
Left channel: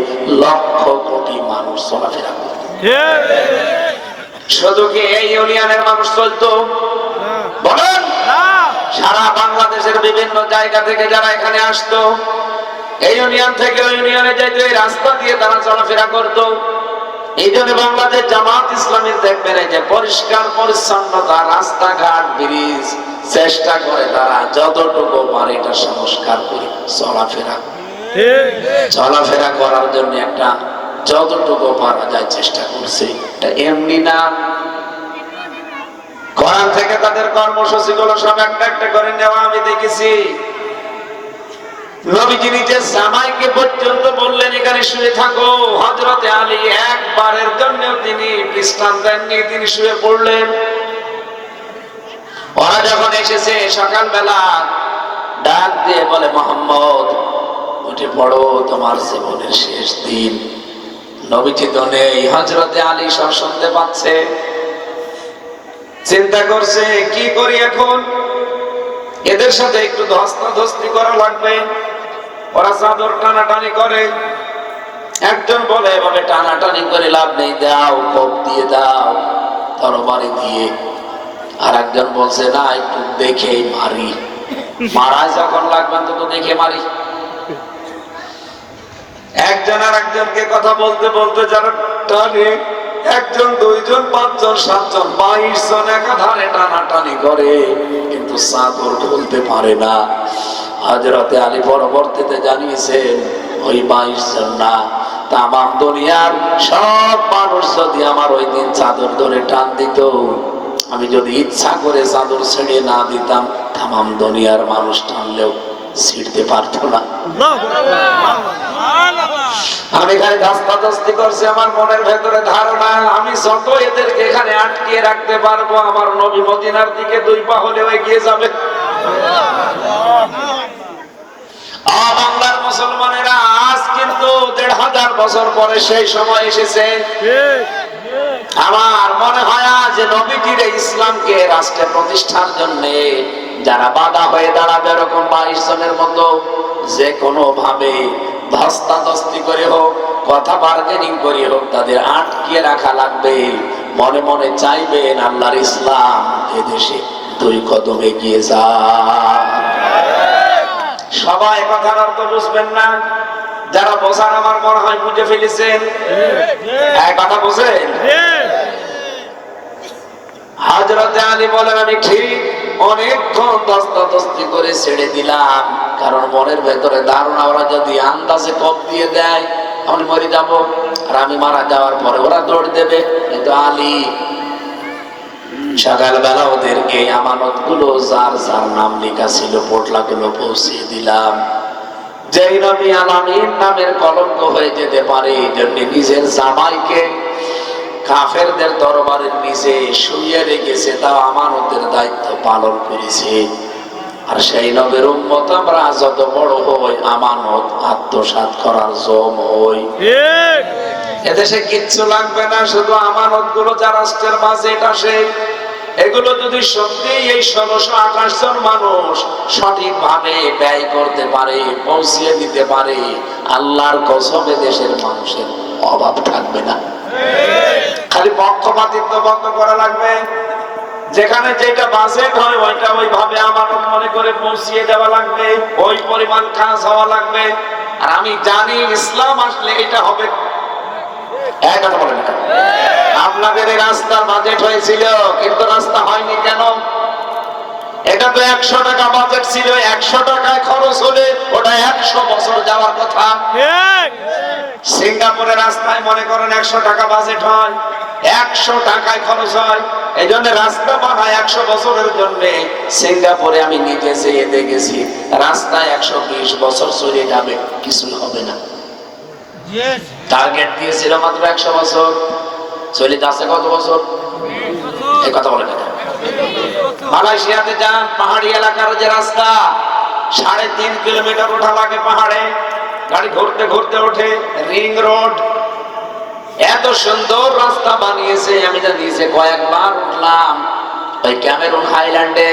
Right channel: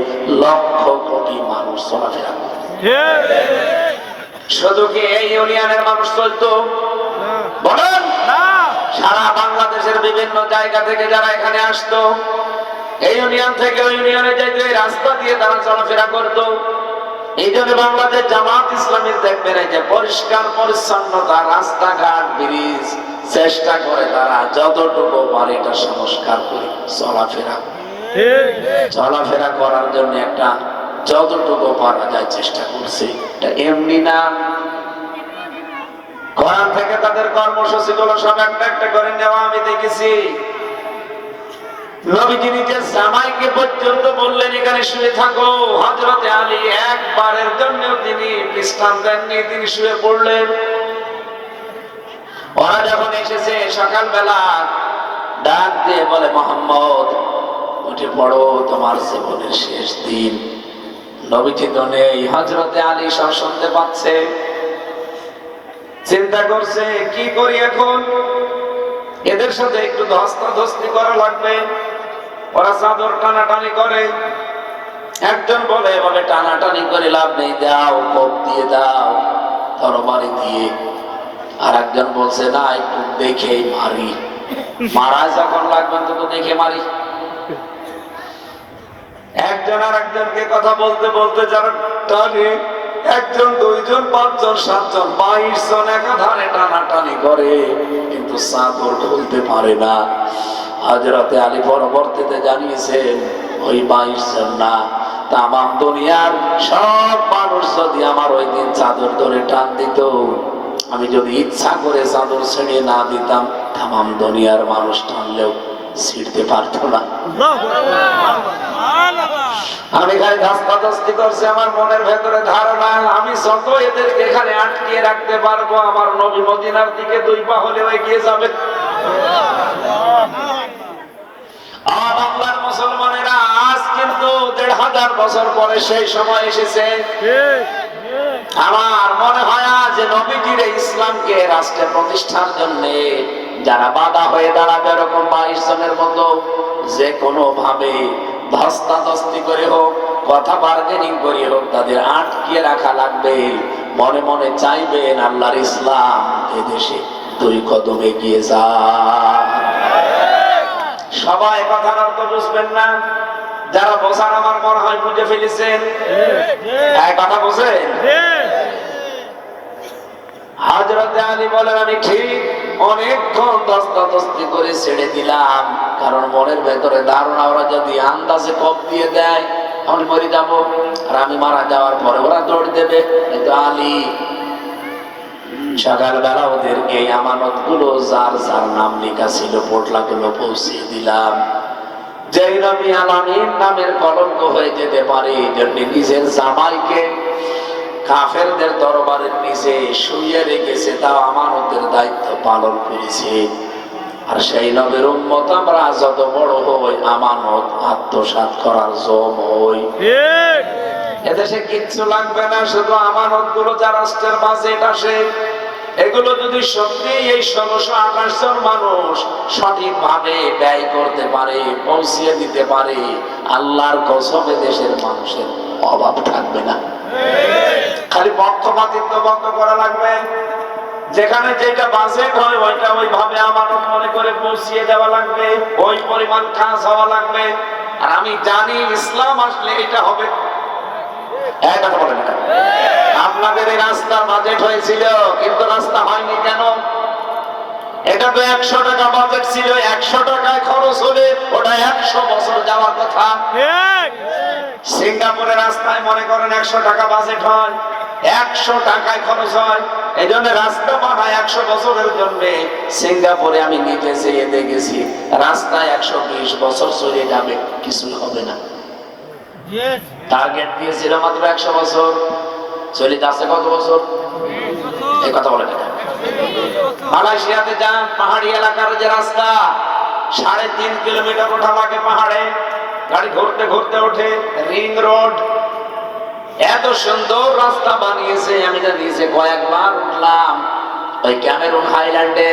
লক্ষ কোটি মানুষ চলাফেরা করত। শুধু কি এই ইউনিয়নের মানুষ চলতো? বলেন, সারা বাংলাদেশের বিভিন্ন জায়গা থেকে যারা এখানে আসতো, এই ইউনিয়ন থেকে ওই ইউনিয়নে যাইতো, এই রাস্তা দিয়ে তারা চলাফেরা করতো। এই জন্য বাংলাদেশ জামাত ইসলামী দেখবেন এই যে পরিষ্কার পরিচ্ছন্নতা, রাস্তাঘাট, ব্রিজ, চেষ্টা করে তারা যতটুকু পারে এটা সংস্কার করে চলাফেরা করার জন্য একটা যতটুকু পারা যায় চেষ্টা করছে। এটা এমনি না। কোরআন থেকে তাদের কর্মসূচি গুলো সব একটা একটা করে নেওয়া আমি দেখেছি। নবীজি নিজে জামাইকে পর্যন্ত বললেন এখানে শুয়ে থাকো। হযরতে আলী একবারের জন্য তিনি বিশ্রাম দেননি, তিনি শুয়ে পড়লেন। ওরা যখন এসেছে সকালবেলা ডাক দিয়ে বলে, মোহাম্মদ উঠে পড়ো, তোমার জীবনের শেষ দিন। নবীজি তো নেই, হযরতে আলী সব শুনতে পাচ্ছে। চিন্তা করছে কি করি এখন, এদের সাথে একটু ধস্তাধস্তি করা লাগবে। ওরা চাদর টানাটানি করে। একজন বলে, এভাবে টানাটানি করে লাভ নেই, দাও, কোপ দিয়ে দাও, তরবারি দিয়ে। আর একজন বলছে, না, একটু দেখেই মারি, মারা যখন লাগবে তো দেখে মারি। একজন আর একজনকে কথা বলতে বলতে যারা টানে, একজন, দুইজন, পাঁচজন, সাতজন, 22 জন একাধারে টানাটানি করে, কিন্তু চাদর খুলতে পারে না। হযরতে আলী পরবর্তীতে জানিয়েছেন, ওই 22 জন না, তামাম দুনিয়ার সব মানুষ যদি আমার ওই দিন চাদর ধরে টান দিত, আমি যদি ইচ্ছা করে চাদর ছেড়ে না দিতাম, তামাম দুনিয়ার মানুষ টানলেও ছিঁড়তে পারতো না। আমি খালি ধস্তাধস্তি করছি। আমার মনের ভেতরে ধারণা, আমি যত এদেরকে এখানে আটকিয়ে রাখতে পারবো, আমার নবী মদিনার দিকে 2 পা হলেও এগিয়ে যাবে। বাংলার মুসলমানেরা আজ কিন্তু 1500 বছর পরে সেই সময় এসেছে। আমার মনে হয় যে নবীজির ইসলামকে রাষ্ট্রে প্রতিষ্ঠার জন্য যারা বাধা হয়ে দাঁড়াবে, এরকম 22 জনের মতো, যে কোনো ভাবে ধস্তাধস্তি করে হোক, কথা বার্গেনিং করে হোক, তাদের আটকিয়ে রাখা লাগবে। মনে মনে চাইবেন আল্লাহর ইসলাম এদেশে 2 কদম এগিয়ে যায়। সবাই কথার অর্থ বুঝবেন না, যারা বোঝার আমার মনে হয় বুঝে ফেলেছেন। এক কথা বুঝেন? হযরতে আলী বলেন, আমি ঠিক অনেকক্ষণ ধস্তাধস্তি করে ছেড়ে দিলাম, কারণ মনের ভেতরে ধারণা, ওরা যদি আন্দাজে কোপ দিয়ে দেয় আমি মরে যাবো, আর আমি মারা যাওয়ার পরে ওরা দৌড় দেবে। কিন্তু আলী সকালবেলা ওদেরকে আমানত গুলো যার যার নাম লেখা ছিল পোটলা গুলো পৌঁছিয়ে দিলাম। যেই নবী আলামিন নামের কলঙ্ক হয়ে যেতে পারে, এই জন্য নিজের জামাইকে কাফেরদের দরবারের নিচে শুইয়ে রেখেছে, তাও আমানতের দায়িত্ব পালন করেছে। আর সেই নবীর উম্মত আমরা যত বড় হই, আমানত আত্মসাৎ করার জম হই। এদেশে কিচ্ছু লাগবে না, শুধু আমানত গুলো যা রাষ্ট্রের বাজেট আসে, এগুলো যদি সত্যি এই 1628 জন মানুষ সঠিক ভাবে ব্যয় করতে পারে, পৌঁছিয়ে দিতে পারে, আল্লাহর কসমে দেশের মানুষের অভাব থাকবে না। খালি পক্ষপাতিত্ব বন্ধ করা লাগবে। যেখানে যেটা বাজেট হয় ওইটা ওইভাবে আমানত মনে করে পৌঁছিয়ে দেওয়া লাগবে, ওই পরিমাণ কাজ হওয়া লাগবে। আর আমি জানি ইসলাম আসলে এটা হবে। এক কথা বলেন, আপনাদের এই রাস্তার বাজেট হয়েছিল, কিন্তু রাস্তা হয়নি কেন? এটা তো 100 টাকা বাজেট ছিল, 100 টাকায় খরচ হলে ওটা 100 বছর যাওয়ার কথা। সিঙ্গাপুরের রাস্তায় মনে করেন 100 টাকা বাজেট হয়, 100 টাকায় খরচ হয়। এই জন্য রাস্তা বানায় 100 বছরের জন্য। সিঙ্গাপুরে আমি নিজে যেয়ে দেখেছি, রাস্তায় 120 বছর চলে যাবে, কিছু হবে না। টার্গেট দিয়েছিল মাত্র 100 বছর, চলে যাচ্ছে কত বছর? এই কথা বলে না। মালয়েশিয়াতে যান, পাহাড়ি এলাকার যে রাস্তা, 3.5 কিলোমিটার ওঠা লাগে পাহাড়ে, গাড়ি ঘুরতে ঘুরতে ওঠে। রিং রোড, এত সুন্দর রাস্তা বানিয়েছে। আমি তো নিজে কয়েকবার উঠলাম ওই ক্যামেরুন হাইল্যান্ডে।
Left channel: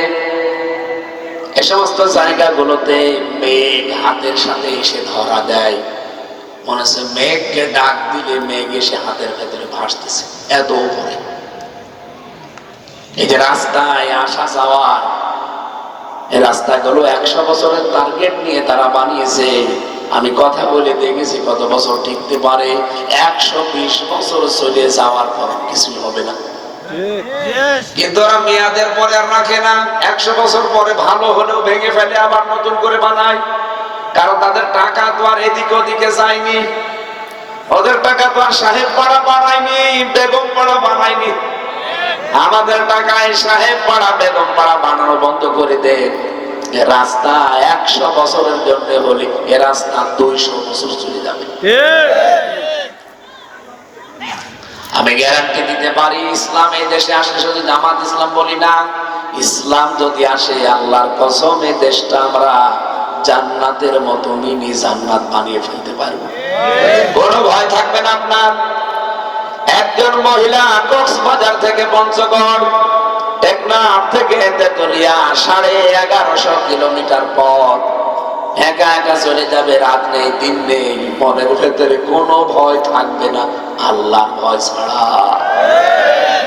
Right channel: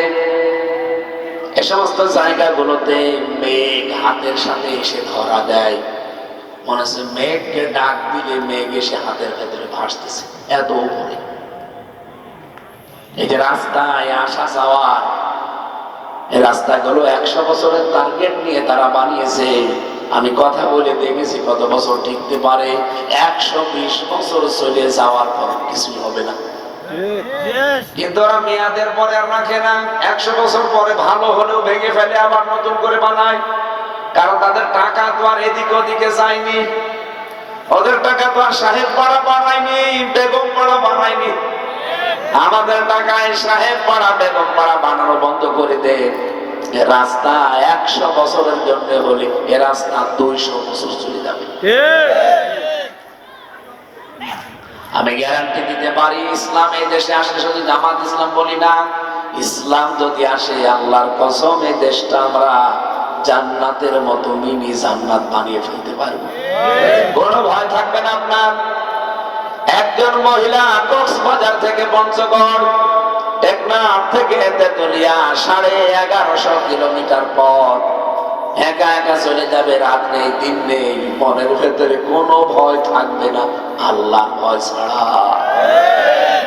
এ সমস্ত জায়গাগুলোতে মেঘ হাতের সাথে এসে ধরা দেয়, মনে হচ্ছে মেঘকে ডাক দিলে মেঘ এসে হাতের ভেতরে ভাসতেছে, এত উপরে। এই যে রাস্তায় আসা যাওয়া, এই রাস্তাগুলো 100 বছরের টার্গেট নিয়ে তারা বানিয়েছে। আমি কথা বলে দেখেছি কত বছর টিকতে পারে। 120 বছর চলে যাওয়ার পর কিছু হবে না। কিন্তু ওরা মেয়াদের পরে আর রাখে না, 100 বছর পরে ভালো হলেও ভেঙে ফেলে, আবার নতুন করে বানায়। কারণ তাদের টাকা তো আর এদিকে ওদিকে যায়নি, ওদের টাকা তো আর সাহেব পাড়া বানায়নি, বেগম পাড়া বানায়নি। আমাদের টাকায় সাহেব পাড়া বেগম পাড়া বানানো বন্ধ করে দেন। রাস্তা 100 বছরের জন্য হলে এ রাস্তা 200 বছর চলে যাবে। আমি গ্যারান্টি দিতে পারি, ইসলাম এই দেশে আসলে শুধু জামাত ইসলাম বলি না, ইসলাম যদি আসে, আল্লাহর কসম এই দেশটা আমরা জান্নাতের মতো মিনি জান্নাত বানিয়ে ফেলতে পারবো। কোনো ভয় থাকবে না আপনার। একজন মহিলা কক্সবাজার থেকে পঞ্চগড়, টেকনাফ থেকে তেতুলিয়া 1150 কিলোমিটার পথ একা একা চলে যাবে। রাত নেই, দিন নেই, মনের ভেতরে কোনো ভয় থাকবে না আল্লাহর ভয় ছাড়া।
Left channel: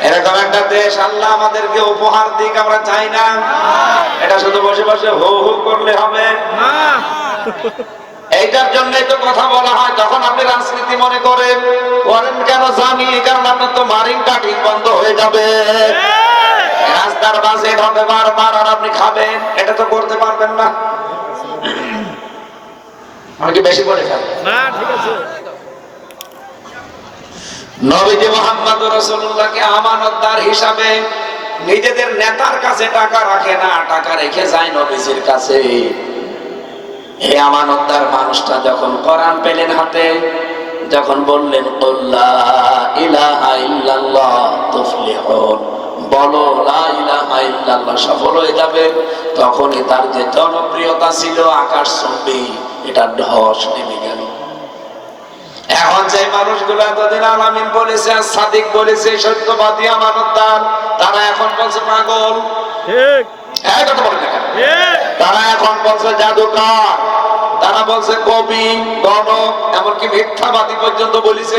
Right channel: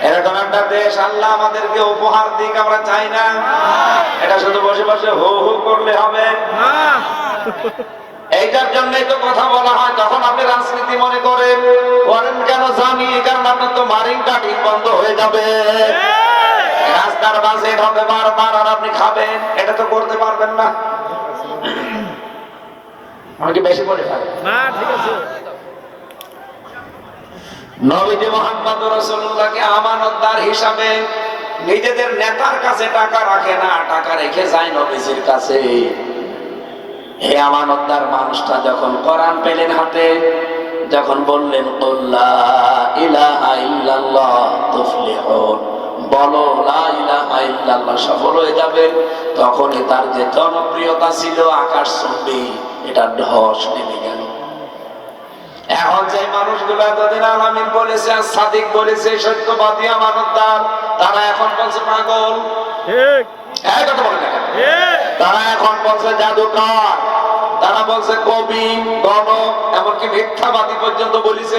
এরকম একটা দেশ আল্লাহ আমাদেরকে উপহার দিক, আমরা চাই না। এটা শুধু বসে বসে হো হো করলে হবে না। এইটার জন্যই তো কথা বলা হয়। তখন আপনি রাজনীতি মনে করেন কেন জানি, কারণ আপনার তো মারিং কাটিং বন্ধ হয়ে যাবে, রাস্তার বাজেট হবে বারবার, আর আপনি খাবেন। এটা তো করতে পারবেন না। আমি কি বেশি বলে ফেলবো? না, ঠিক আছে। নবীজি মুহাম্মদ রাসূলুল্লাহকে আমানতদার হিসাবে নিজেদের নেতার কাছে টাকা রাখে না, টাকা রেখে যায় নবীজির কাছে। এই আমানতদার মানুষটা যখন কোরআন পেলেন হাতে, যখন বললেন লা ইলাহা ইল্লাল্লাহ তুফলিহুন, বলো লা ইলাহা ইল্লাল্লাহ, সফল হয়ে যাবে, তখনই তার যে জনপ্রিয়তা ছিল আকাশচুম্বী, এটা ধস নেমে গেল। এখন যে মানুষগুলো এতদিন আলামিন বলেছে, সাদিক বলেছে, সত্যবাদী আমানতদার, তারা এখন বলছে পাগল। ঠিক, এই কথা বলে দেখেন। ঠিক। তারা এখন বলছে জাদুকর, তারা বলছে কবি, গণক, এমনকি মিথ্যাবাদী পর্যন্ত বলেছে।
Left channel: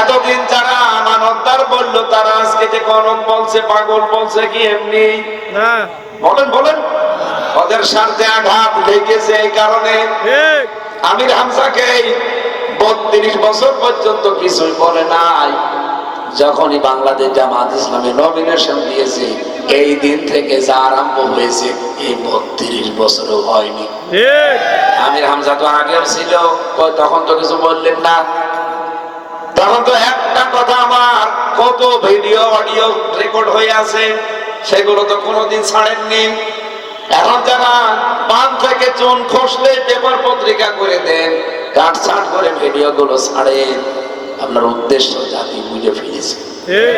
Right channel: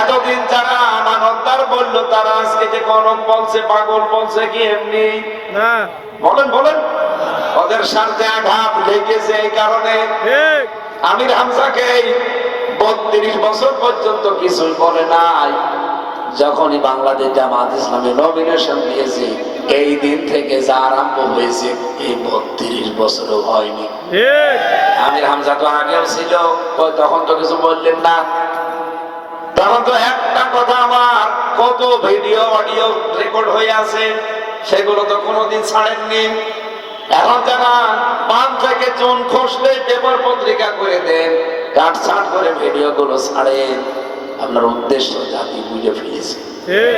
এতদিন যারা আমানতদার বললো, তারা আজকে যে গণক বলছে, পাগল বলছে, কি এমনি? না, বলেন বলেন। ওদের স্বার্থে আঘাত লেগেছে। এই কারণে ঠিক। আমির হামজাকে 32 বছর পর্যন্ত কিছুই বলে নাই। যখনই বাংলাদেশ জামাত ইসলামে নমিনেশন দিয়েছে, এই দিন থেকে যা আরম্ভ হয়েছে, এই 32 বছরও হয়নি। ঠিক। আমির হামজা তো আগের ছিল, তখন তো কিছু বললেন না। তখন তো একটা কথা, আমার কত ভিডিও অডিও রেকর্ড হয়ে আছে, সেগুলো তো কোনোদিন ছাড়েননি। এখন যারা পান থেকে চুন খসলে পেপার পত্রিকা করে দেন, কাটছাট করে ভিডিও গুলো ছাড়েন, আপনার উদ্দেশ্য জাতি বুঝে ফেলেছে। ঠিক।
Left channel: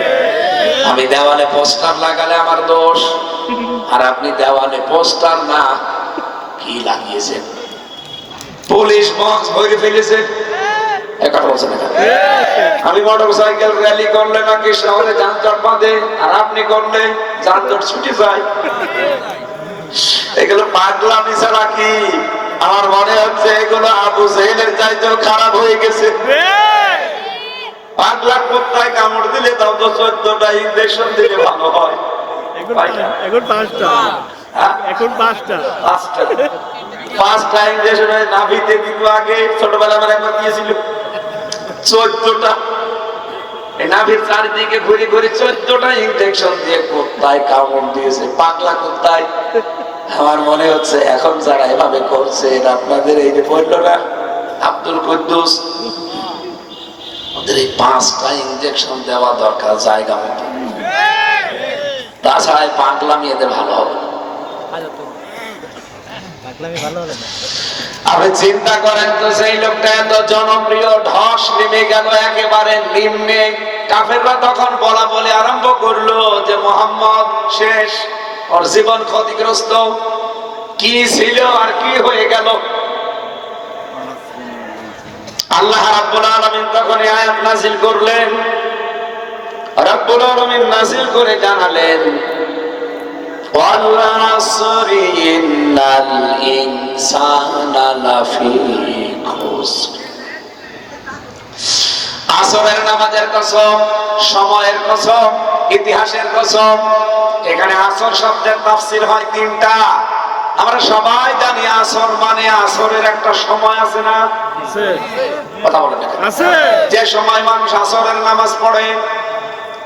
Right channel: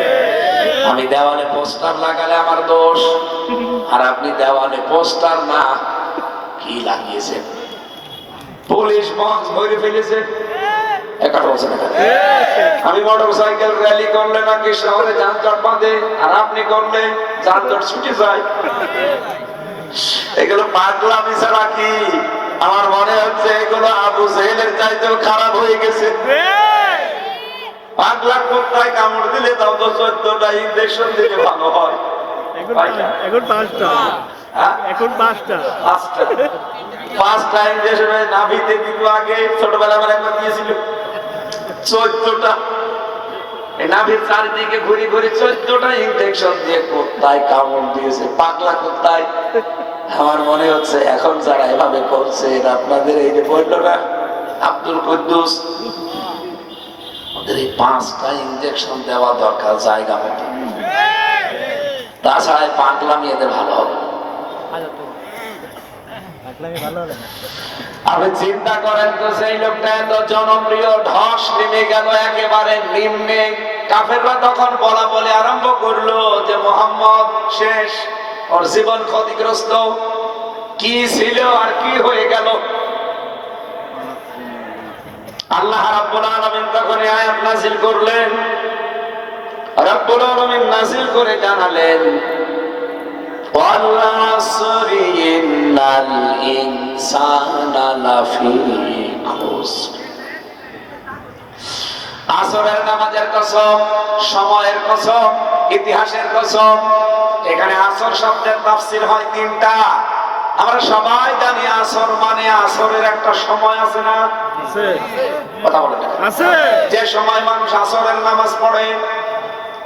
আমি দেওয়ালে পোস্টার লাগালে আমার দোষ, আর আপনি দেওয়ালে পোস্টার না কি লাগিয়েছেন? পুলিশ বক্স ভরে ফেলেছে। একটা বলছেন এখানে। আমি মোটর সাইকেল র্যালি করলে নাকি শহরে যানজট বাঁধে, আর আপনি করলে যানজট ছুটে যায়। এগুলো পাগলামি ছাড়া কি? আমার মনে হচ্ছে এগুলো আবু জেহেলের চাইতেও খারাপ হয়ে গেছে। পাগলা কুত্তায় কামড় দিলে তাও তো 14টা ইনজেকশন দিলে ভালো হয়। এখন 5টা। হ্যাঁ? এখন 5টা। 5টা ইনজেকশন নাভিতে দিত আগে, ছোটবেলা আমার একবার দিয়েছিল 14টা। এই নাভির চারিদিকে ঘুরে ঘুরে 14টা ইনজেকশন দিয়ে কুত্তায় কামড় দিয়েছে, পাগলা কুত্তায়। আমার মনে হচ্ছে এখন যারা এভাবে করছে, আপনাদের এই যে বলল না আব্দুল কুদ্দুস, ওদের এই 5টা ইনজেকশন দেওয়া দরকার জায়গা মতো। তাছাড়া এই পাগলামি এদের ভালো হবে না। আপনি চিন্তা করেন তো, সেই লোকটা এত জনপ্রিয়, ধস নেমে গেল একেবারে নিম্নে। কাফেররা তখন বলা বলে আরম্ভ করলো যে মুহাম্মদ শেষ, ওর জীবন ক্ষতিগ্রস্ত। কি ছিল আর কি হয়ে গেল? আল্লাহ রাব্বুল আলামিন তখন এই আয়াত নাযিল করলেন। রাব্বুল আলামিন নাযিল করে জানালেন, ওয়াল আসরি ইন্নাল ইনসানা লাফি খুসর। আসরের নামাজের কসম, সময়ের কসম, ইতিহাসের কসম। এখানে আসর শব্দের তাফসীর হয় 3টা। আমরা সবাই জানি আসর মানে আসরের একটা সময় আছে না? আছে। কথা বলেন না। আছে। যে সময় মানুষ আসরের নামাজ পড়ে,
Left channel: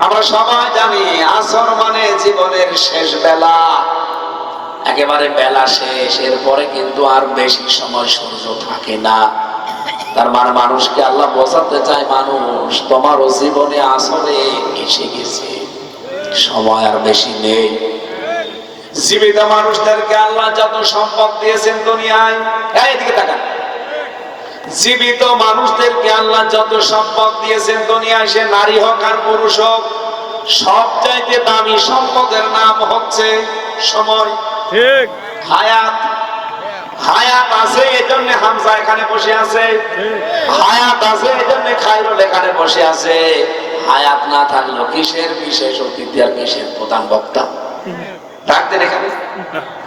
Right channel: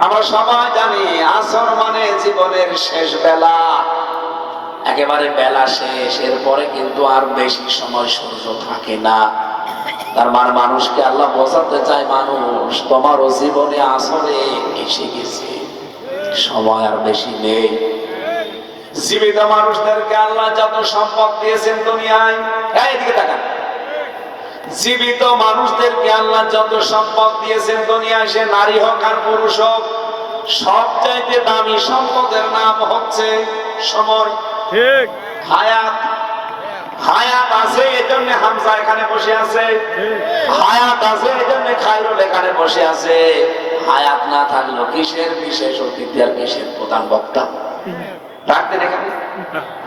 আমরা সবাই জানি আসর মানে জীবনের শেষ বেলা, একেবারে বেলা শেষ। এরপরে কিন্তু আর বেশি সময় সূর্য থাকে না। তার মানে মানুষকে আল্লাহ বোঝাতে চায়, মানুষ তোমারও জীবনে আসরে এসে গেছে, সময় আর বেশি নেই। জীবিত মানুষদেরকে আল্লাহ যত সম্পদ দিয়েছেন দুনিয়ায়, এদিকে তাকান, জীবিত মানুষদেরকে আল্লাহ যত সম্পদ দিয়েছেন দুনিয়ায়, সে নারী হোক আর পুরুষ হোক, সবচাইতে দামি সম্পদের নাম হচ্ছে সময়। ঠিক হায়াত, হায়াত আছে এজন্য হামজা এখানে বসে আছে, ঠিক হায়াত আছে এজন্য খায়রুল এখানে বসে আছে। হায়াত না থাকলেও কিসের বিশেষ অতিথি আর কিসের প্রধান বক্তা রাখতেন এখানে?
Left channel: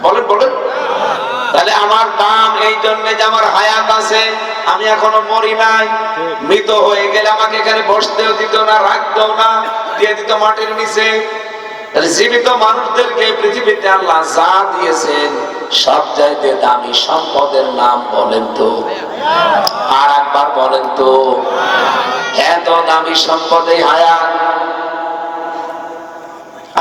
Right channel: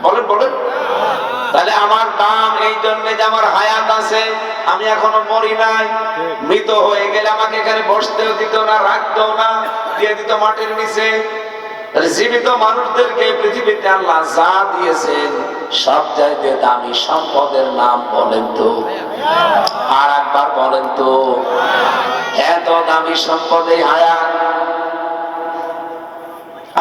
বলেন বলেন। তাহলে আমার দাম এই জন্য যে আমার হায়াত আছে, আমি এখনো মরি নাই। মৃত হয়ে গেলে আমাকে এখানে বসতেও দিত না, রাখতেও না, দিয়ে দিত মাটির নিচে। তাহলে জীবিত মানুষদেরকে পৃথিবীতে আল্লাহ যা দিয়েছেন সবচাইতে দামি সম্পদের নাম বলেন তো, আর একবার বলেন তো। এত দামি সম্পদ এই হায়াত।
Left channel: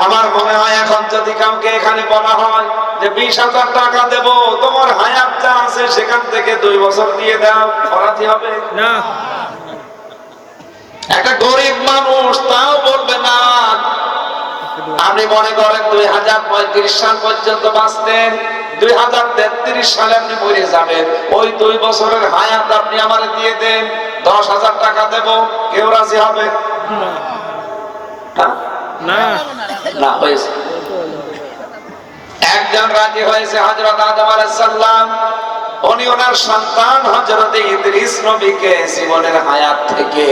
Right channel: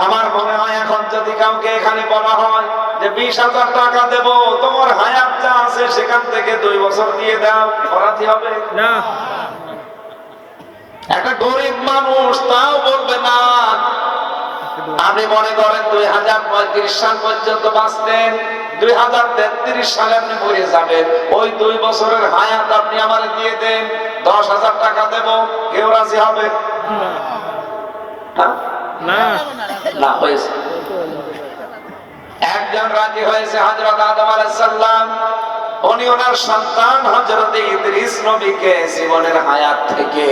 আমার মনে হয় এখন যদি কাউকে এখানে বলা হয় যে 20,000 টাকা দেব, তোমার হায়াত যা আছে সেখান থেকে 2 বছর দিয়ে দাও, অপরাধী হবে না একটা গরিব মানুষ তাও বলবে না। আপনি মনে করেন 2035 সাল পর্যন্ত বাঁচতেন, 2033 সালে আপনি মরে যাবেন, ওই 2 বছরের হায়াত আপনি আমার দিয়ে দেন, 10,000 টাকা দেব, কেউ রাজি হবে না না না? হয়েছে একজন রাজি হয়েছে, হযরত আদম আলাইহিস সালাম। উনি ওনার সন্তান হযরত ইদ্রিস নবীকে জীবনের হায়াত থেকে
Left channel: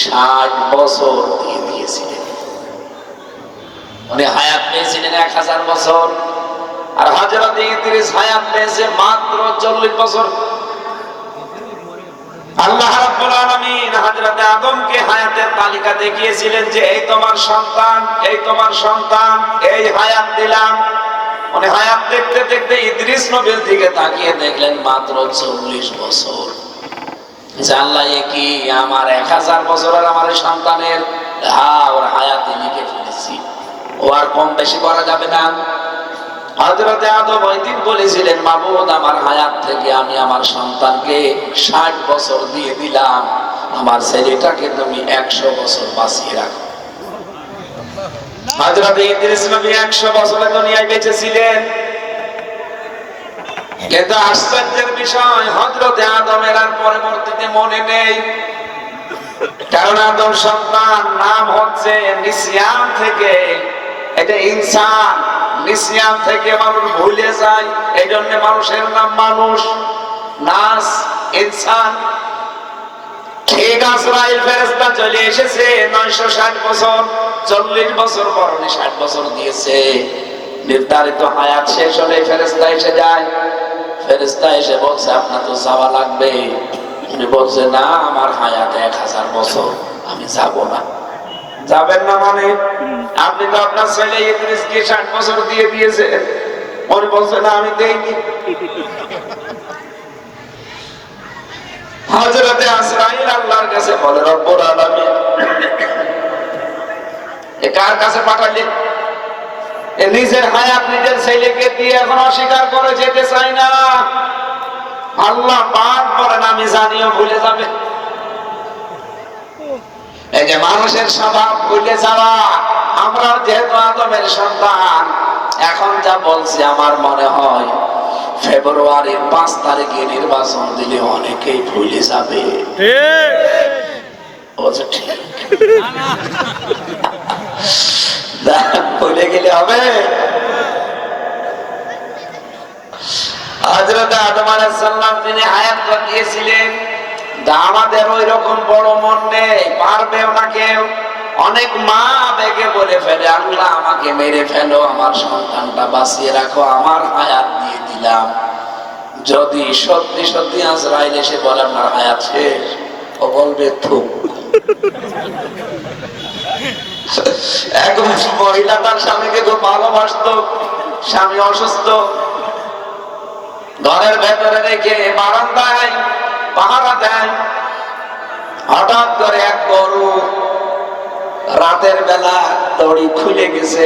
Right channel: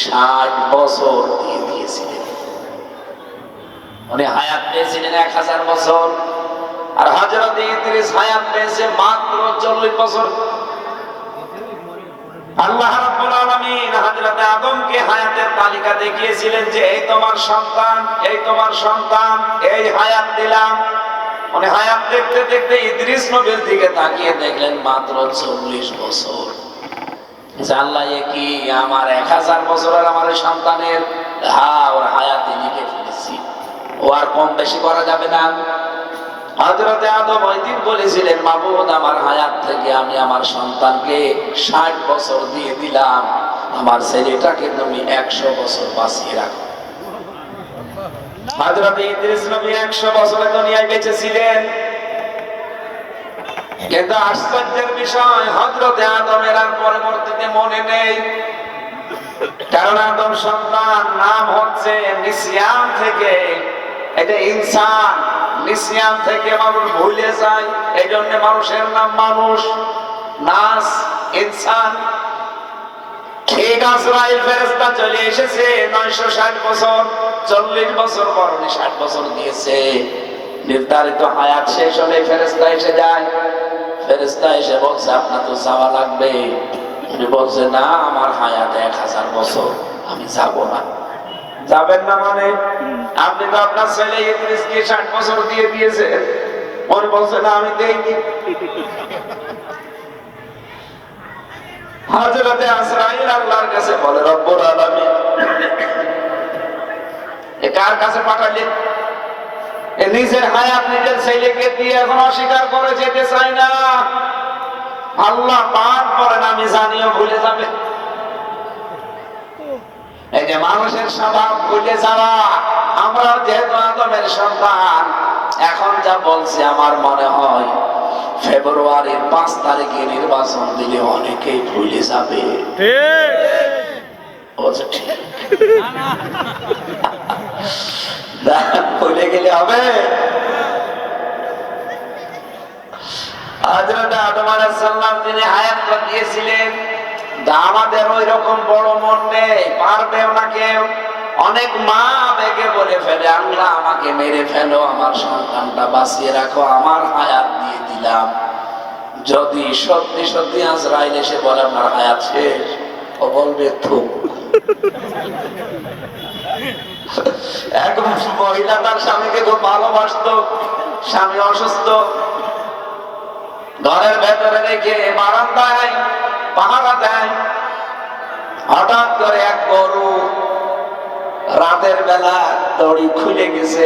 60 বছর দিয়ে দিয়েছিলেন। উনি হায়াত পেয়েছিলেন 1000 বছর, আর হযরত ইদ্রিস হায়াত পেয়েছে মাত্র 40 বছর। আল্লাহ রাব্বুল আলামিন হযরত আদমকে হায়াতের তালিকা দেখিয়েছিলেন যে এই তোমার সন্তান, এই তোমার সন্তান, এই হায়াত দিলাম। উনি হায়াত দেখতে দেখতে ইদ্রিস নবীর দিকে তাকিয়ে দেখলেন মাত্র 40 বছর। আল্লাহ এ কি আমার 1000 বছর আর আমার সন্তানের ওর হায়াত লিখে ফেলেছি, ও আর কম বেশি করা যাবে না। হযরত আদম ওই দিন বলেছিলেন, মাবুদ আমার হায়াত থেকে আমি আমার সন্তানকে 60 বছর দিয়ে দিলাম, আমার ছেলেটাকে তুমি 100 বছর বাঁচিয়ে রাখো। হযরত ইদ্রিস নবী 100 বছরের দুনিয়ায় বেঁচে ছিলেন, কিন্তু আশ্চর্যের বিষয় হযরত আদমের আর পরবর্তীতে মনে নেই। কারণ আদম সন্তান নাম হচ্ছে নিসিয়ান থেকে, এটা ইনসান, নিসিয়ান থেকে মানুষ ভুলে যায়, এই জন্য মানুষের নাম মানুষ, নাস ইনসান। ঠিক আজরাইল ফেরেশতা চলে এসেছে 960 বছর, 40 বছর পর উনি 60 বছর দিয়েছে। নির্ধারিত হায়াত শেষ হলে ফেরেশতা এসে যায়। ফেরেশতা এসে বলছে আপনার তো যাওয়া লাগবে। উনি বলছে না, আমার হায়াত 1000 বছর, আমি যাব না। যাবেন না মানে? আপনি তো আপনার ছেলে ইদ্রিসকে 60 বছর দিয়ে দিয়েছেন। উনি বলছে না, আমি দেইনি। হযরতে আজরাইল আল্লাহর কাছে বলে, রব্বুল আলামিন এ কার কাছে পাঠালেন? এ নিজের হায়াত নিজের ছেলেকে দিয়ে এখন অস্বীকার করে যেতে চাই না। আল্লাহ পাক বলেন আমি জানিও ভুলে যাবে। এই যে মানুষের স্বভাব ভুলে যাওয়া, আমরা যেহেতু আদমের সন্তান, এখন যা বলছি আমার মনে হয় ফেব্রুয়ারির 5 তারিখে নির্বাচন দিলে অনেকেই ভুলে যাবে। ঠিক ভুলে গেলে হবে? হযরত আদম আলাইহিস সালাম তিনি হায়াত দিয়েছিলেন, আমাদের ওই রকম বড় মন নেই, পারবেও না কেউ। অনেক মা বেগে বলে ফেলে, আল্লাহ আমাকে মেরে ফেলো, আমার সন্তানটা বাঁচিয়ে রাখো, আমার হায়াত দিয়ে দিলাম। যদি সত্যি সত্যি আজরাইল এসে বলে আপনার হায়াত শেষ, ও বলবে থুক। একবার মহিলা তার স্বামীকে খুব ভালোবাসতো, স্বামী অসুস্থ, ঘরের ভেতরে রেখে বারান্দায় পাহারা দেয়। হঠাৎ করে এক গরু রাতের বেলা দড়ি খুলে গেছে,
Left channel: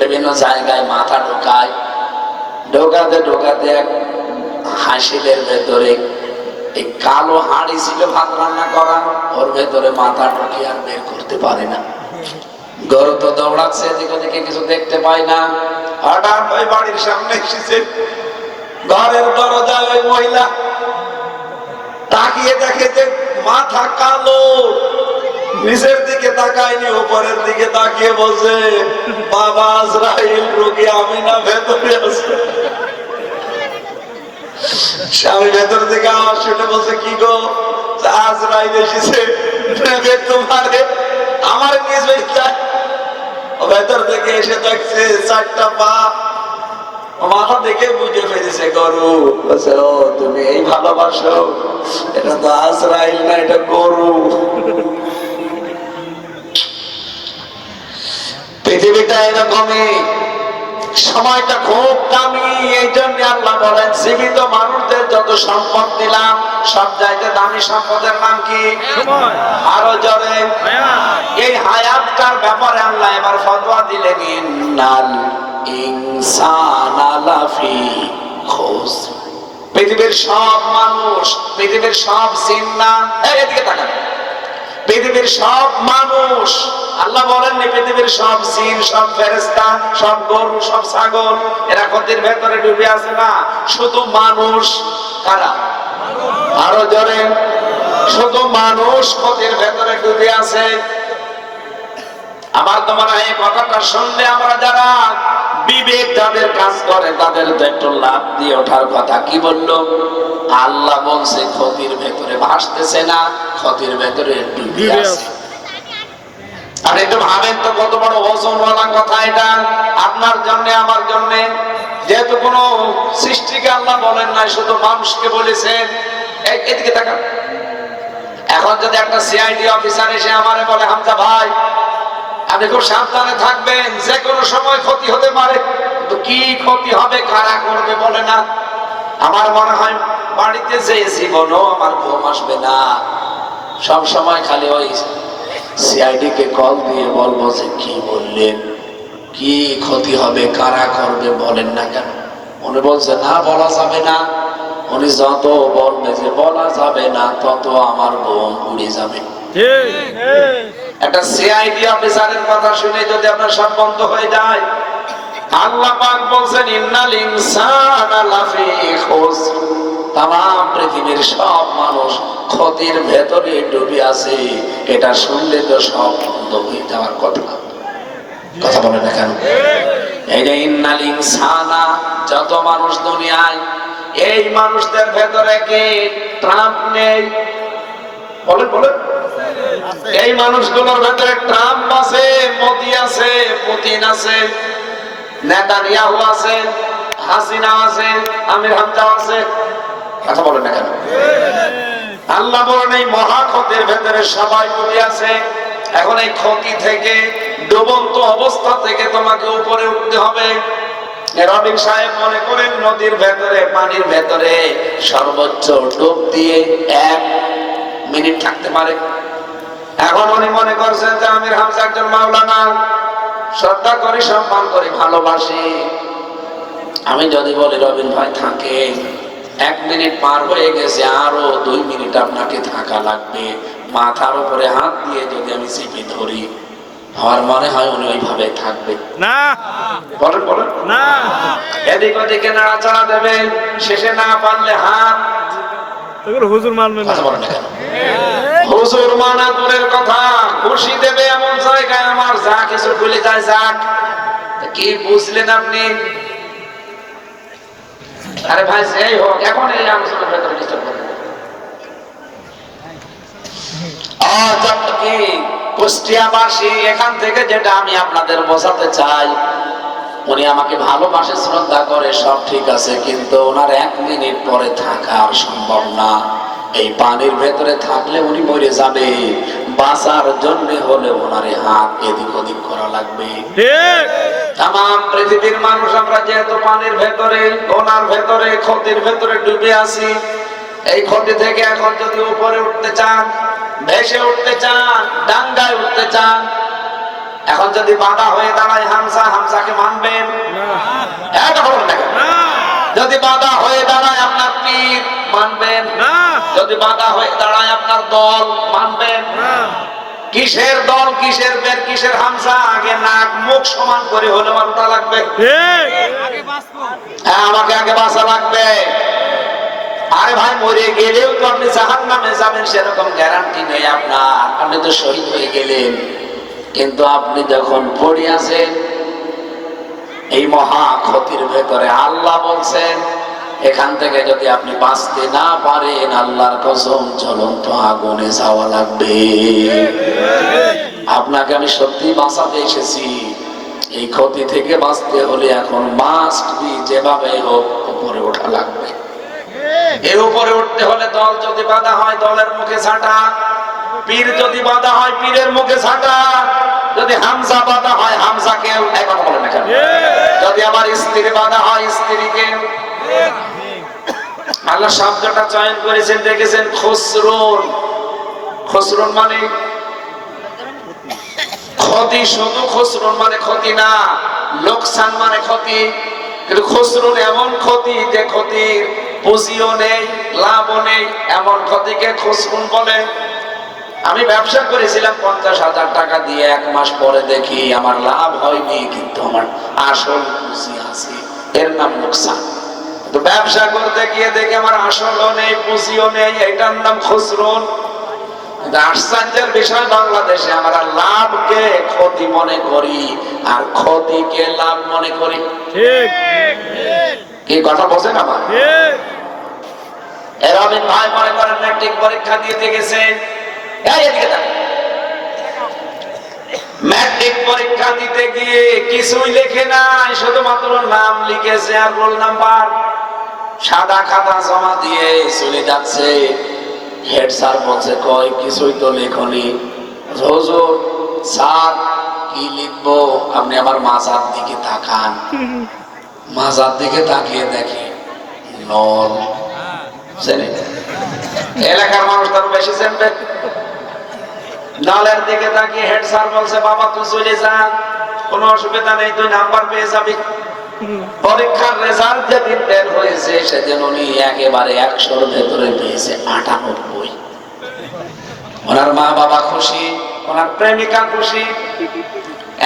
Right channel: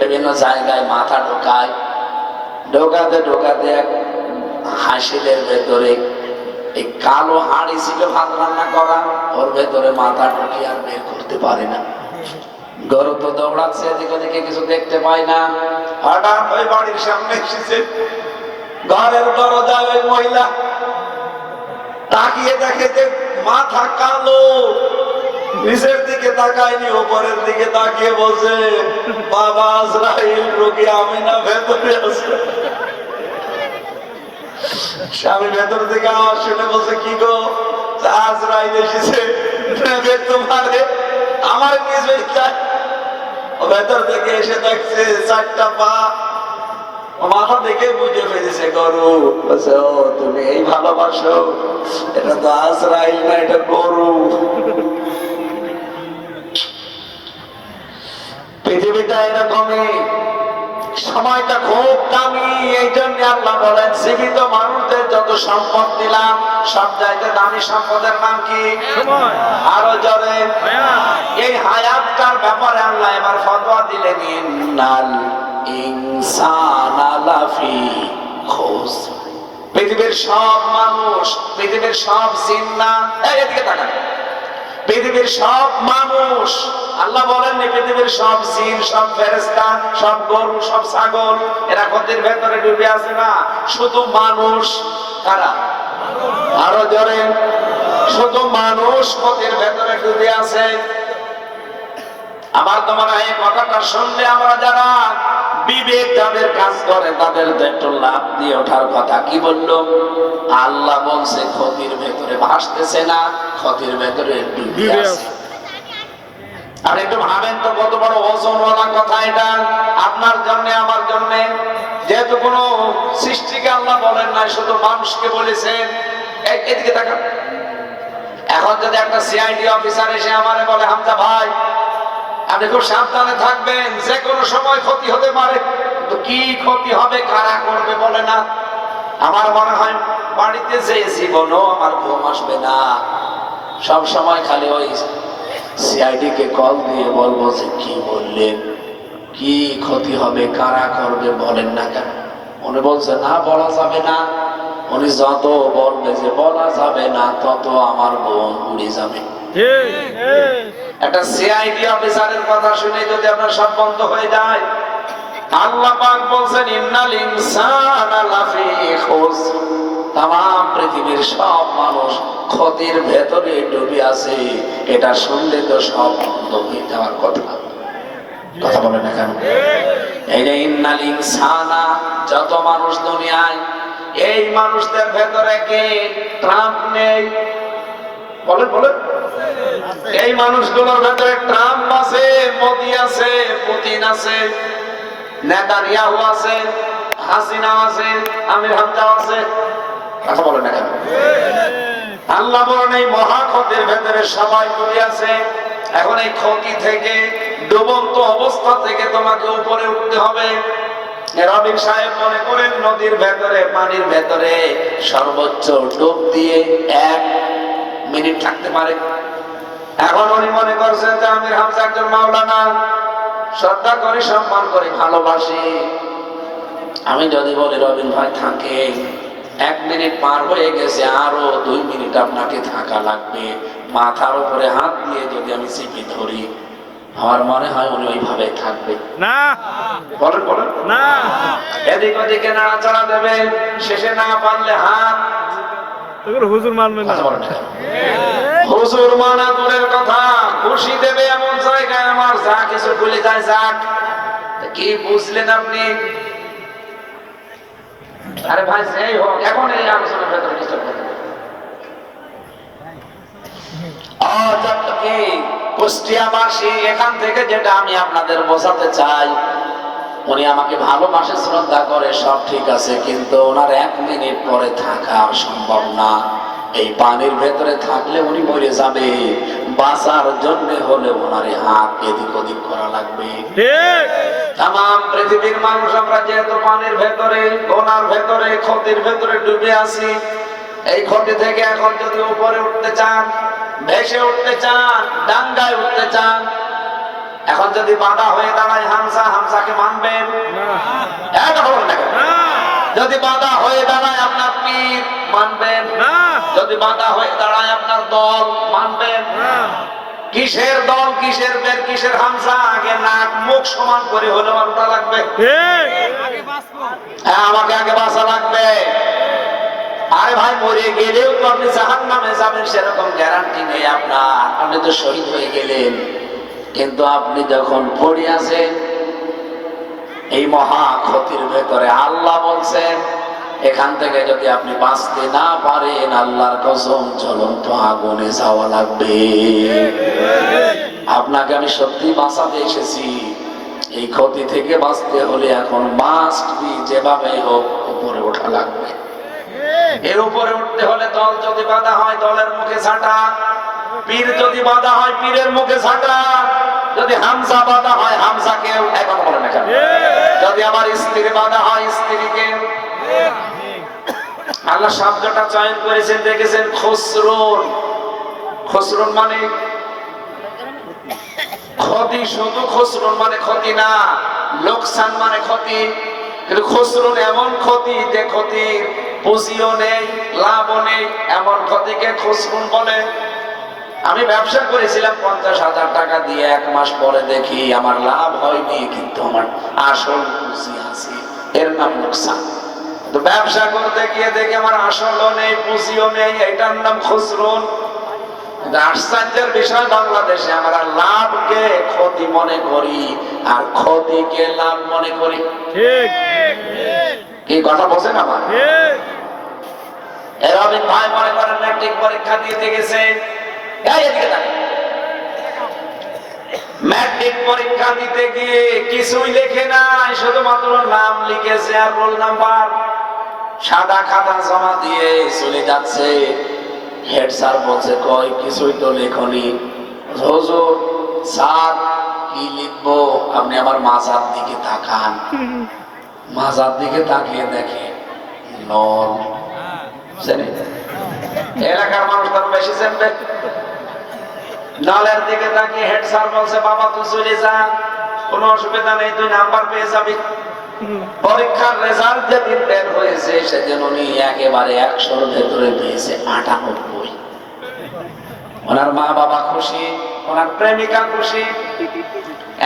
বিভিন্ন জায়গায় মাথা ঢোকায়, ঢোকাতে ঢোকাতে এক হাসিলের ভেতরে এই কালো হাঁড়ি ছিল ভাত রান্না করা, ওর ভেতরে মাথা ঢুকিয়ে আর বের করতে পারে না। গরু তো দৌড়াচ্ছে, এদিকে ওদিকে কিছু দেখতে পায় না। হঠাৎ ওই বাড়ির সামনে এসেছে, ঘরের দরজায় ওই মহিলা তাকিয়ে দেখে যে মাথা কালো, নিচের দিকে তাকায়নি, উপরের দিকে তাকিয়ে বলছে, বাবা আজরাইল রোগী আমিনা ভেতরে আছে। স্বামী ভেতর থেকে আওয়াজ শুনে বলছে, কি গো? আজরাইল এসেছে তোমারে আমার নিজ ভেতর থেকে এসে দেখছে 4টা পা, মাথা দেখে বুঝে ফেলেছে গরু। বলছে, ও তুমি এই ভালোবাসো? এটা তো আজরাইল না, এটা গরু। পৃথিবীটা এরকমই, সময়টা খুব দামি। এই জন্য আল্লাহ বলেন, জীবিত মানুষদের যত সম্পদ দিলাম, সব চাইতে দামি সম্পদের নাম কি? সময়। আরো জোরে। হায়াত। এই হায়াতটার ব্যাপারে আল্লাহ এবার ফতোয়া দিলেন, ইন্নাল ইনসানা লাফি খুসর। পৃথিবীর সব মানুষ, পৃথিবীর সব জিন্নাত, এদিকে তাকান, পৃথিবীর সব মানুষ, আল্লাহ বলেন পৃথিবীর সব জিন, সব ফেরেশতা, সব গরু, সব ছাগল, এরা ক্ষতির ভেতরে ডুবে আছে না? শুধু মানুষ। কারা? আরো জোরে। শুধু মানুষ ক্ষতির ভেতরে ডুবে আছে। আমার তোমার এই কথাটা শুনলে আমরা যারা বিবেক যাদের কাজ করে তাদের তো একটু লাভ দিয়ে ওঠার কথা। কি বললো? আল্লাহ বলছে ক্ষতির ভেতরে ভাসতেছে না, ক্ষতির ভেতরে ডুবে আছে। আর একটু ভাবেন তো, কত বড় ওজনওয়ালা কথা এটা আপনার জন্য, আমার জন্য। যেহেতু কোন সৃষ্টিকে আল্লাহ বলেন নাই, শুধু মানুষকে বলেছেন। এদিকে তাকান। এখন যদি একটা সিআইডি অফিসার এসে আমারে বলে, হামজা ভাই আপনি খুব সাবধানে থাকবেন, যে কোনো সময় ক্ষতি হতে পারে। তো কি ক্ষতি হবে, কারা করবে বলে না? আমার মনে হয় বাড়িতে যে জীবনও আমার ঘুম আসবে না, সব সময় খালি ওই সিআইডি কে কল দিয়ে বলবো যে, কি বললেন, কি ক্ষতি হবে, কারা করবে বলেন না কেন? উনি বলছে, না বলা যাবে না। উনি যত বলবে যে বলা যাবে না, তত আমার ঘুম উড়ে যাবে। একটা সিআইডি অফিসারের কথা শুনে যদি আপনার সব বন্ধ হয়ে যায়, আল্লাহ পাক বলছেন, ইন্নাল ইনসানা লাফি খুসর। তামাম পৃথিবীর সব মানুষ ক্ষতির ভেতরে ডুবে আছে। এটা শুনলে তো সব বন্ধ হয়ে যাওয়ার কথা। কথা বলে না কেন? এই যে ইন্নাল ইনসানা, যত মানুষ দুনিয়ায়, এই মানুষদের ভেতরে কি ট্রাম্প নেই? বলেন বলেন। এই মানুষগুলোর ভেতরে ট্রাম্প আছে, মোদি আছে, পুতিন আছে, নেতানিয়াহু আছে, হাসিনা আছে, আমির হামজা আছে। কথা বলেন না কেন? আল্লাহ বলেন এই মহা ক্ষতির ভেতরে সবাই ডুবে আছে। এখন এই ক্ষতি থেকে, ডুবন্ত অবস্থা থেকে তোমাকে উপরে উঠতে হবে। রবিন সাহেব মনে করেন নদীর ভেতরে, পানির ভেতরে সর্বোচ্চ ডুব দিয়ে 1 মিনিট লাগতে পারে। এখন উনি মনে করছেন যে আমির হামজা একজন মাওলানা, শ্রদ্ধা করি, সম্মান করি, ভালোবাসি। আমি যদি বলি রবিন ভাই থাকে, 1 মিনিট পার হয়ে গেছে, আরো 2 মিনিট আপনাকে থাকা লাগবে, মাথার উপরে হাত দিয়ে যদি আমি চেপে ধরি, আমার মনে হয় উনি ওইভাবে থাকবে না। বলেন বলেন না। এদিক ওদিকে নাড়াচাড়া দেবেন, শেষে না পারলে হাত। হুজুর মানবে না। হুজুর মানা দূরের কথা, খুশি দেবে এমন জায়গায় আমার যা কিছু ভুলে যায় যাক। কি বুঝলেন আপনি? আরে ভাই সেই হোক, এখন এই আলোচনার ভেতরে ডিস্টার্ব করবেন। কি কুষ্টিয়াবাসী, এখান থেকে যেটা আমি আপনাদের বোঝাতে চাই, উনি আমাকে ভালোবাসে, শ্রদ্ধা করে, সব ঠিক আছে, কিন্তু ওনার 1 মিনিট পরে থাকা আর সম্ভব না। এই পানির ভেতরে থাকলে উনি মরে যাবে, বাঁচার জন্য হলে ওনার হাত এদিক ওদিক করা লাগবে। তামাম পৃথিবীর মানুষ আমরা যেহেতু পানির ভেতরে, গোনার ভেতরে, ক্ষতির ভেতরে ডুবে আছি। এই ক্ষতি থেকে এখন যদি উপরে উঠতে চান, ভেসে উঠতে চান, ডাঙ্গায় উঠতে চান, এখন যদি বাধা হয়ে দাঁড়ায় হামজা, হামজাকে মানবেন? যদি বাধা হয়ে দাঁড়ায় আপনার পীর, মানবেন? যদি বাধা হয়ে দাঁড়ায় আপনার দল, মানবেন? কিসের দল, কিসের বের, কিসের হামজা? আগে নাক মুখ সমান করে হলে মানতে লাগবে। হ্যাঁ, আমাকে আগে বাঁচা লাগবে। আরে ভাই মরে গেলেও তো আপনি জাহান্নামে যাবেন সেরকম গ্যারান্টি নেই আপনার, আপনি তো শহীদ হয়ে গেলেন। কিন্তু আপনি যখন পড়ে আছেন এই মহা ক্ষতির ভেতরে, আল্লাহ বলছেন এখান থেকে যদি আপনি বাঁচতে না পারেন, আল্লাহর কসম জ্বলন্ত আগুনে যাওয়া লাগবে। আপনাকে আমি সত্যি বাঁচাতে এসেছি। এই ক্ষতি থেকে বাঁচতে হলে এখন মাস্ট বি যেভাবে হোক উপরে ওঠা লাগবে। এর উপরে উঠতে হলে দল যদি বাঁধা হয় দলের মুখে ঝাঁটা, পীর যদি বাঁধা হয় পীরের মুখে ঝাঁটা, যদি হামজা বাঁধা হয় হামজাকেও, এক কথা বলেন না কেন? যদি আমার স্ত্রী বাঁধা হয় স্ত্রীকে। আল্লাহ শব্দটা চয়ন করেছেন দেখেছেন খসরুন। খসরুন মানে ক্ষতি, শুধু খসরুন মানে ক্ষতি না, লোকসান মানে ক্ষতি। কিন্তু খসরুন এমন ক্ষতি যে ক্ষতির পুঁজিও নেই লাভও নেই, এমন ক্ষতিকে খসরুন বলে। আমি ব্যবসা করেছিলাম 50,000 টাকা দিয়ে, 1 মাস পরে দেখি আমার লাভ হয়নি কিন্তু আমার আসল পুঁজি আছে, এর নাম লোকসান। তো ব্যবসা করতে গিয়ে দেখি আমার আসলও নেই পুঁজিও নেই, এটার নাম খসরুন। আশ্চর্যের বিষয় বাংলাদেশে আমরা লাভকে ক্ষতি মনে করি আর ক্ষতিকে লাভ মনে করি। ঠিক কি কথা বোঝেন আমার? ঠিক এরবিন ভাই মনে করেন ম্যাট্রিক পরীক্ষা দিতে গেছে, ম্যাট্রিক পরীক্ষা দিতে গিয়ে কিছুই লেখে নাই, শুধুমাত্র নাম লিখেছে আর রোল নাম্বার। সাদা খাতা জমা দিয়ে চলে যাচ্ছে। হেড স্যার বলছে কই কিছুই তো লেখনি। হুজুর স্যার কি লিখবো? আপনি আমার মাজার দিকে তাকান। মাজার দিকে তাকিয়ে দেখে নল। এলাকার মানুষ তার বেশি চেপে নলের দিকে তাকিয়ে হেড স্যার বলছে বাবা তুই চলে যা, কোনো অসুবিধা নেই, তুই নাম্বার পেয়ে যাবি। পরীক্ষার রেজাল্ট যেদিন বের হয়েছে সেদিন উনি একেবারে 100-র ভেতরে পেয়েছে 98। ওনার মা বাবা খুশি, ওনার প্রেমিকা খুশি,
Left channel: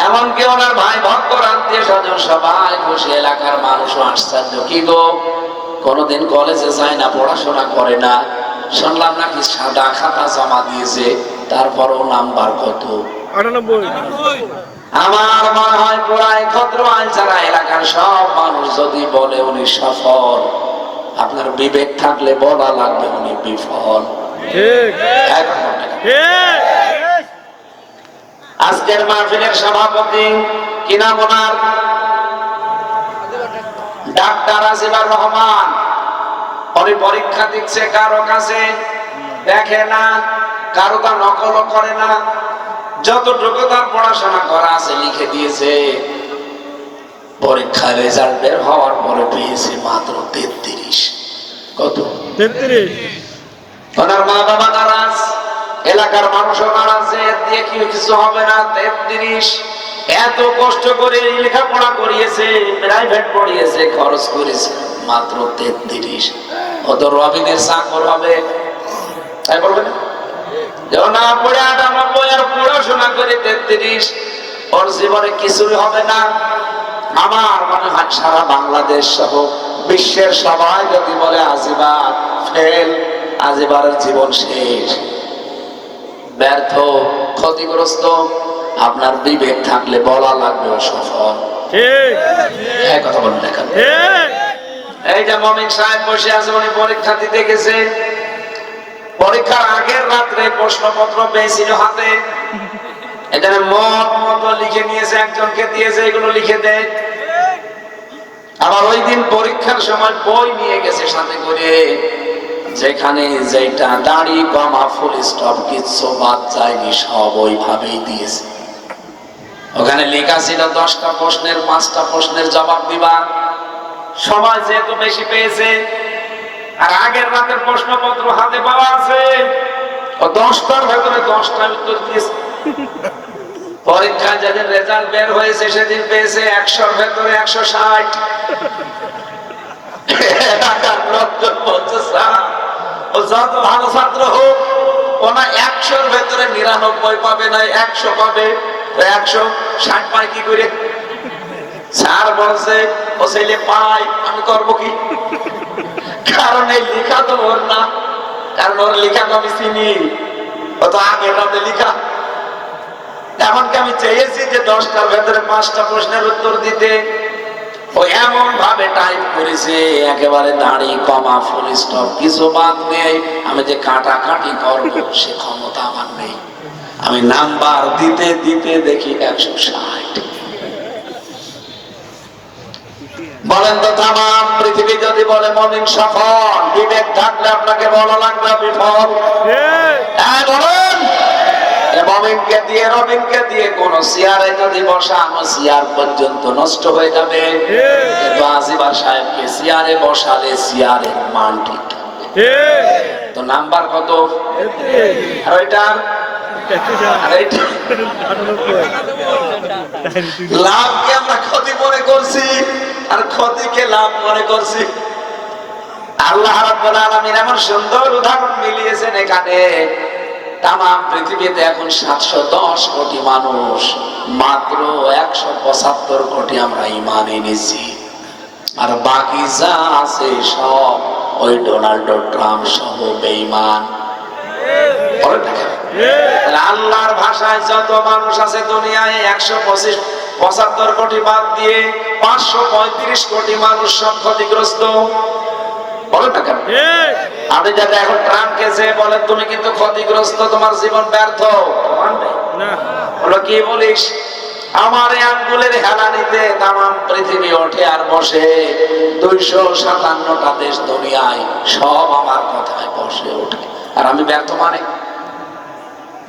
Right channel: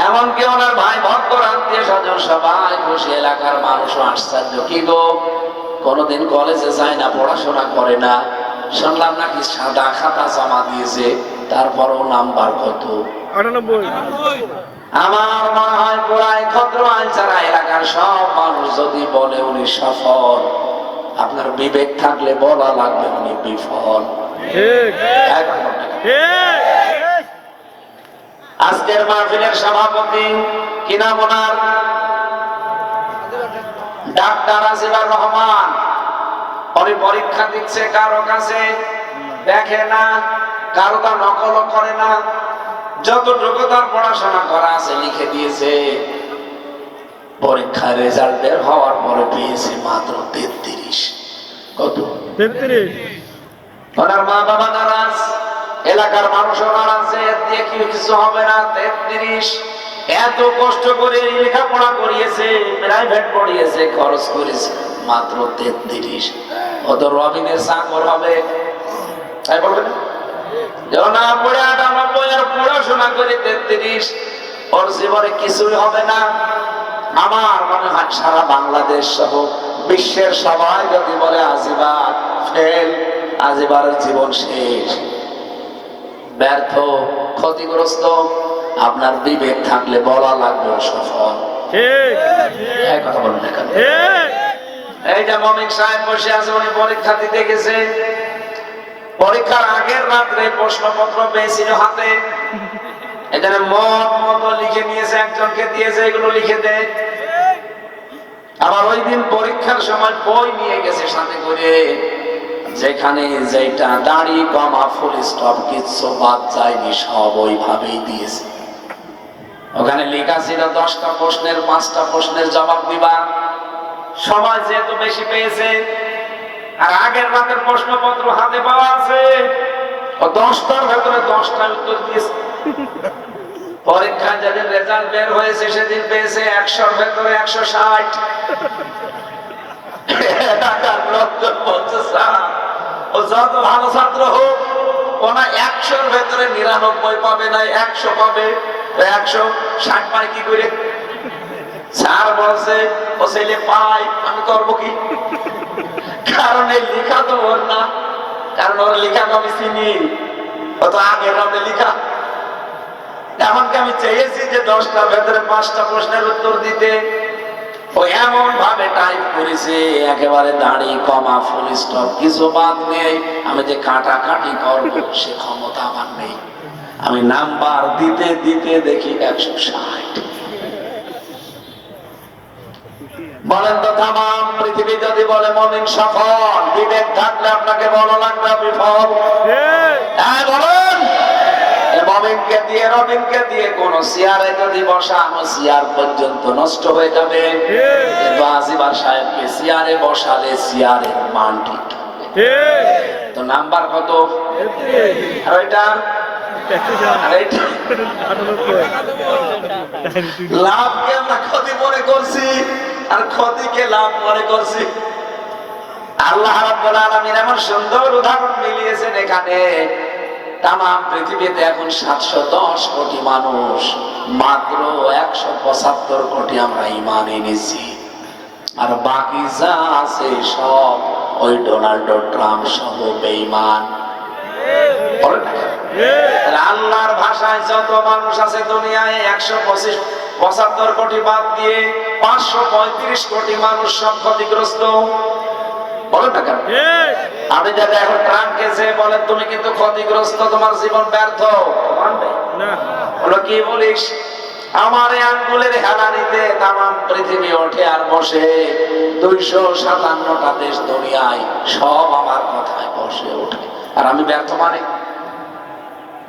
এমনকি ওনার ভাই ভক্তর আত্মীয় স্বজন সবাই খুশি। এলাকার মানুষও আশ্চর্য, কি গো কোনোদিন কলেজে যায় না, পড়াশোনা করে না, শুনলাম নাকি সাদা খাতা জমা দিয়েছে, তারপরও নাম্বার কত? 98। আমার মনে হয় পুরাই ক্ষদ্র আইন ছাড়া এলাকার সব মানুষ যদি বলে উনি সফল, আপনার বিবেক থাকলে বলা লাগবে উনি বিফল। ঠিক ঠিক আজকের মাহফিলের সভাপতি কি নাম ওনার? ডাক্তার আজিবার রহমান। উনি পরীক্ষা দিচ্ছে কারো কাছে, দেখে না, কারো তা নকল করে না, যতটুকু তার পড়াশোনা করা আছে লিখে দিয়েছে। পরীক্ষার রেজাল্ট বের হওয়ার পরে পেয়েছে মাত্র 33। কত? 33। ওনার মা বাবা নারাজ, এলাকার মানুষও নারাজ, এর দিয়ে কি কিছু হবে না। 33, এত কষ্ট করে লেখাপড়া করিয়েছে, প্রাইভেট পড়িয়েছে, খরচ করেছে, মাত্র 33। কত রবিনের চাকর হবে, তাই বলবে না? না পড়ে 98 আর পড়াশোনা করে 33, ওর জীবনে কিছুই হবে না। আমার মনে হয় সারা বাংলাদেশ সহ বিশ্বের সবাই যদি বলে আজিবা ফেল, আজিবারের জীবন শেষ, ব্যর্থ, ক্ষতিগ্রস্ত। আপনার বিবেক থাকলে বলা লাগবে সফল। ঠিক কথা বলে দেখেন। ঠিক এই যে মমিন সাহেব বসে আছে, উনি পরীক্ষা দিতে গেছে। পরীক্ষার আগের রাত্রে প্রশ্নপত্র পেয়েছিল হাতে, এখানে মত মতো লিখে নিয়েছে, একজনকে দিয়েছে এগুলো লিখে দেয়। আবার ওই দিন পরীক্ষার সময় বই নিয়ে গেছে সাথে করে, যেখানে যেটা দাড়ি কমা ফুল স্টপ কিচ্ছু বাদ যায়নি, সব ওইভাবেই দিয়েছে। ওখানে লেখা ছিল 10টা প্রশ্নের 5টা প্রশ্নের জবাব দিবা। সময় যেহেতু বেশি পেয়েছে আর আগের রাতের প্রশ্নপত্র হাতে পাওয়া আছে, ও 10টার ভেতরে 10টা উত্তর দিয়েছে। পরীক্ষায় যেদিন রেজাল্ট বের হয়েছে সেদিন পেয়েছে 100-র ভেতরে 160। ও যত ভালো ছাত্র হোক, ওনা 100-র ভেতরে 99 পাবে না, 100 পাবে। 160 পায় কি করে? স্যার বলছে ও ছেলে পায়, আমি করবো কি? কারণ এই লেখা তো ওর না, কারণ ওর লেখা তো আমি চিনি, ও তো আগের রাতে লেখা। এমনকি আমি চেয়েছি যে 10টার ভেতরে 5টা প্রশ্নের উত্তর দিতে, ও এমন ভাবে টাইপ করেছে একেবারে দাঁড়ি কমা ফুল স্টপ কিছু বাদ নেই। আমি যে কাটাকাটি করবো সে ক্ষমতা আমার নেই। আমি নাম্বার দিতে দিতে দেখি 160। বলেন তো তামাম পৃথিবী যদি বলে মুমিন সফল, বিবেক থাকলে আপনাকে বলা লাগবে বিফল। হ্যাঁ বলেন, মুমিনকে দিয়ে রবিনকে দিয়ে কোন চেয়ারে যদি বসানো চেয়ার পর্যন্ত নষ্ট হয়ে যাবে, কিন্তু আজিবার সাহেবকে চেয়ারে বসালে চেয়ারের মান ঠিক থাকবে। তো নাম্বার কত? আর ওইটা লাভকে আমরা ক্ষতি মনে করছি আর ক্ষতিকে লাভ মনে করছি। আল্লাহ রাব্বুল আলামিন এমন সুন্দর উদাহরণ মিলিয়েছেন এখানে। তাম পৃথিবীতে এখন 710 কোটি মানুষ, মাত্র 175 কোটি আমরা ঈমান এনেছি, আর বাকি যা আছে সব ওই ডোনাল্ড ট্রাম্প সহ বেঈমান। আল্লাহর ভাষায় যত মানুষ আছে দুনিয়ায় 175 কোটি বাদ দিয়ে 535 কোটি মানুষ সব ক্ষতিগ্রস্ত। বলেন না কেন? আপনি যাতে এখন ট্রাম্পকে যে বলেন তুমি কিন্তু ক্ষতিগ্রস্ত, তোমার জীবন ব্যর্থ, না বলো কি বলিস? আমার এই আঙ্গুলের হেলানিতে তামাম পৃথিবী ওঠে আর বসে, 257টা দেশ দুনিয়ায় সব আমার কথায় বসে ওঠে, আর আমি ব্যর্থ মানে?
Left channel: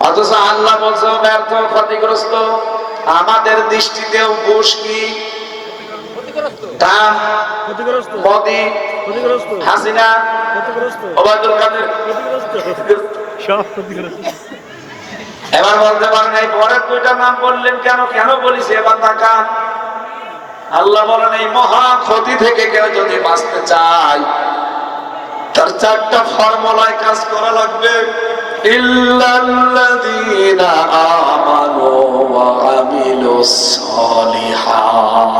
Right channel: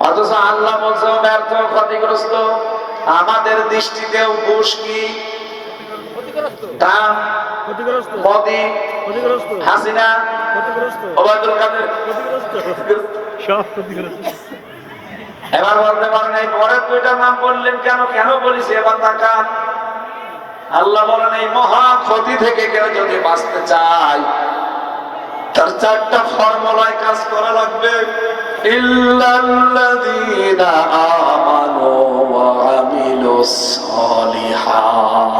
অথচ আল্লাহ বলছে ব্যর্থ, ক্ষতিগ্রস্ত। আমাদের দৃষ্টিতেও বুশ কি মোদি, হাসিনা, ওবায়দুল কাদের সব ক্ষতিগ্রস্ত। এবার বলতে পারেন এই পরের দুইটার নাম বললেন কেন? কেন বলিস? এবার তাকান, আল্লাহ বলেন এই মহা ক্ষতি থেকে কেউ যদি বাঁচতে চায় তার 4টা ফর্মুলায় কাজ করা লাগবে। ইল্লাল্লাযীনা আমানু ওয়া আমিলুস সালিহাত,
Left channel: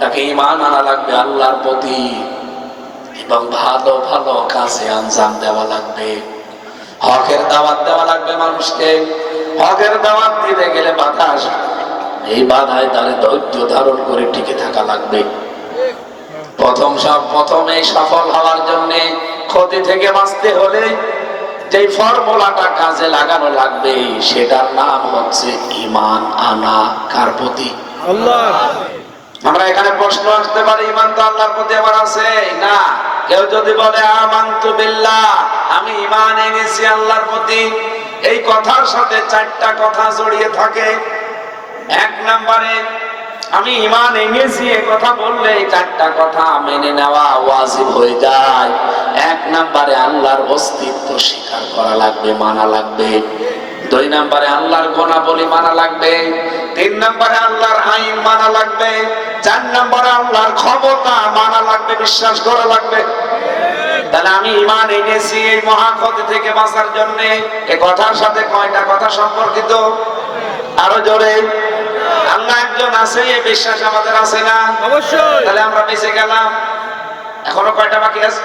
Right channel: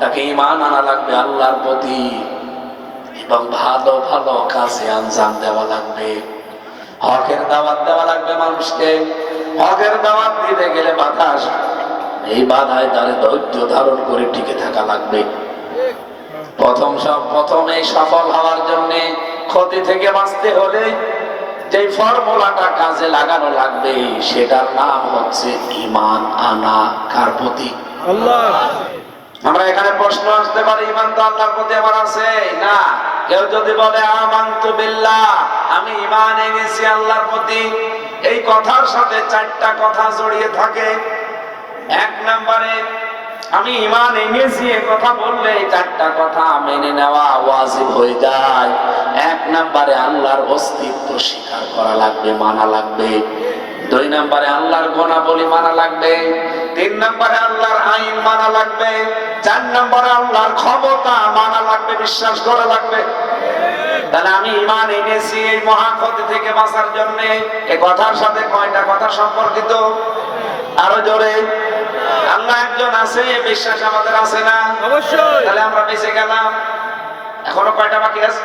তাকে ঈমান আনা লাগবে আল্লাহর প্রতি এবং ভালো ভালো কাজে আঞ্জাম দেওয়া লাগবে। হকের দাওয়াত দেওয়া লাগবে মানুষকে। হকের দাওয়াত দিতে গেলে বাধা আসে, এই বাধায় তারে ধৈর্য ধারণ করে টিকে থাকা লাগবে। প্রথমে সফল হওয়ার জন্য ক্ষতি থেকে বাঁচতে হলে যে ফর্মুলাটা কাজে লাগানো লাগবে সেটার নাম হচ্ছে ঈমান আনা। কার প্রতি? আল্লাহ। আমরা এখানে প্রশ্ন আসতে পারি ঈমান তো আল্লাহর প্রতি আমার আছে না? কেউ যদি বলে আমানতু বিল্লাহ, আমি ঈমান এনেছি আল্লাহর প্রতি, এই কথার সাথে 4টা কথা জড়িয়ে থাকে। 1 নম্বরে আমি ঈমান এনেছি এই কথা বললে 4টা কথা মেনে নেওয়া ওয়াজিব হয়ে যায়। 1 নম্বরে আল্লাহর অস্তিত্ব স্বীকার করা লাগবে, মানা লাগবে। 2 নম্বরে আল্লাহর গুণাবলী মানা লাগবে। 3 নম্বরে আল্লাহর আইন মানা লাগবে। 4 নম্বরে আল্লাহর ক্ষমতা মানা লাগবে, বিশ্বাস করা লাগবে। তাহলে আমি ঈমান এনেছি এই মহা ক্ষতি থেকে বাঁচার জন্য, এই কথার সাথে কয়টা কথা সম্পর্কিত? আরো জোরে। আল্লাহ একজন আছে, এই বিশ্বাস আমাদের আছে না? অবশ্যই। তাহলে আমরা বেঁচে গেলাম। এখনো কয়টা বাকি আছে?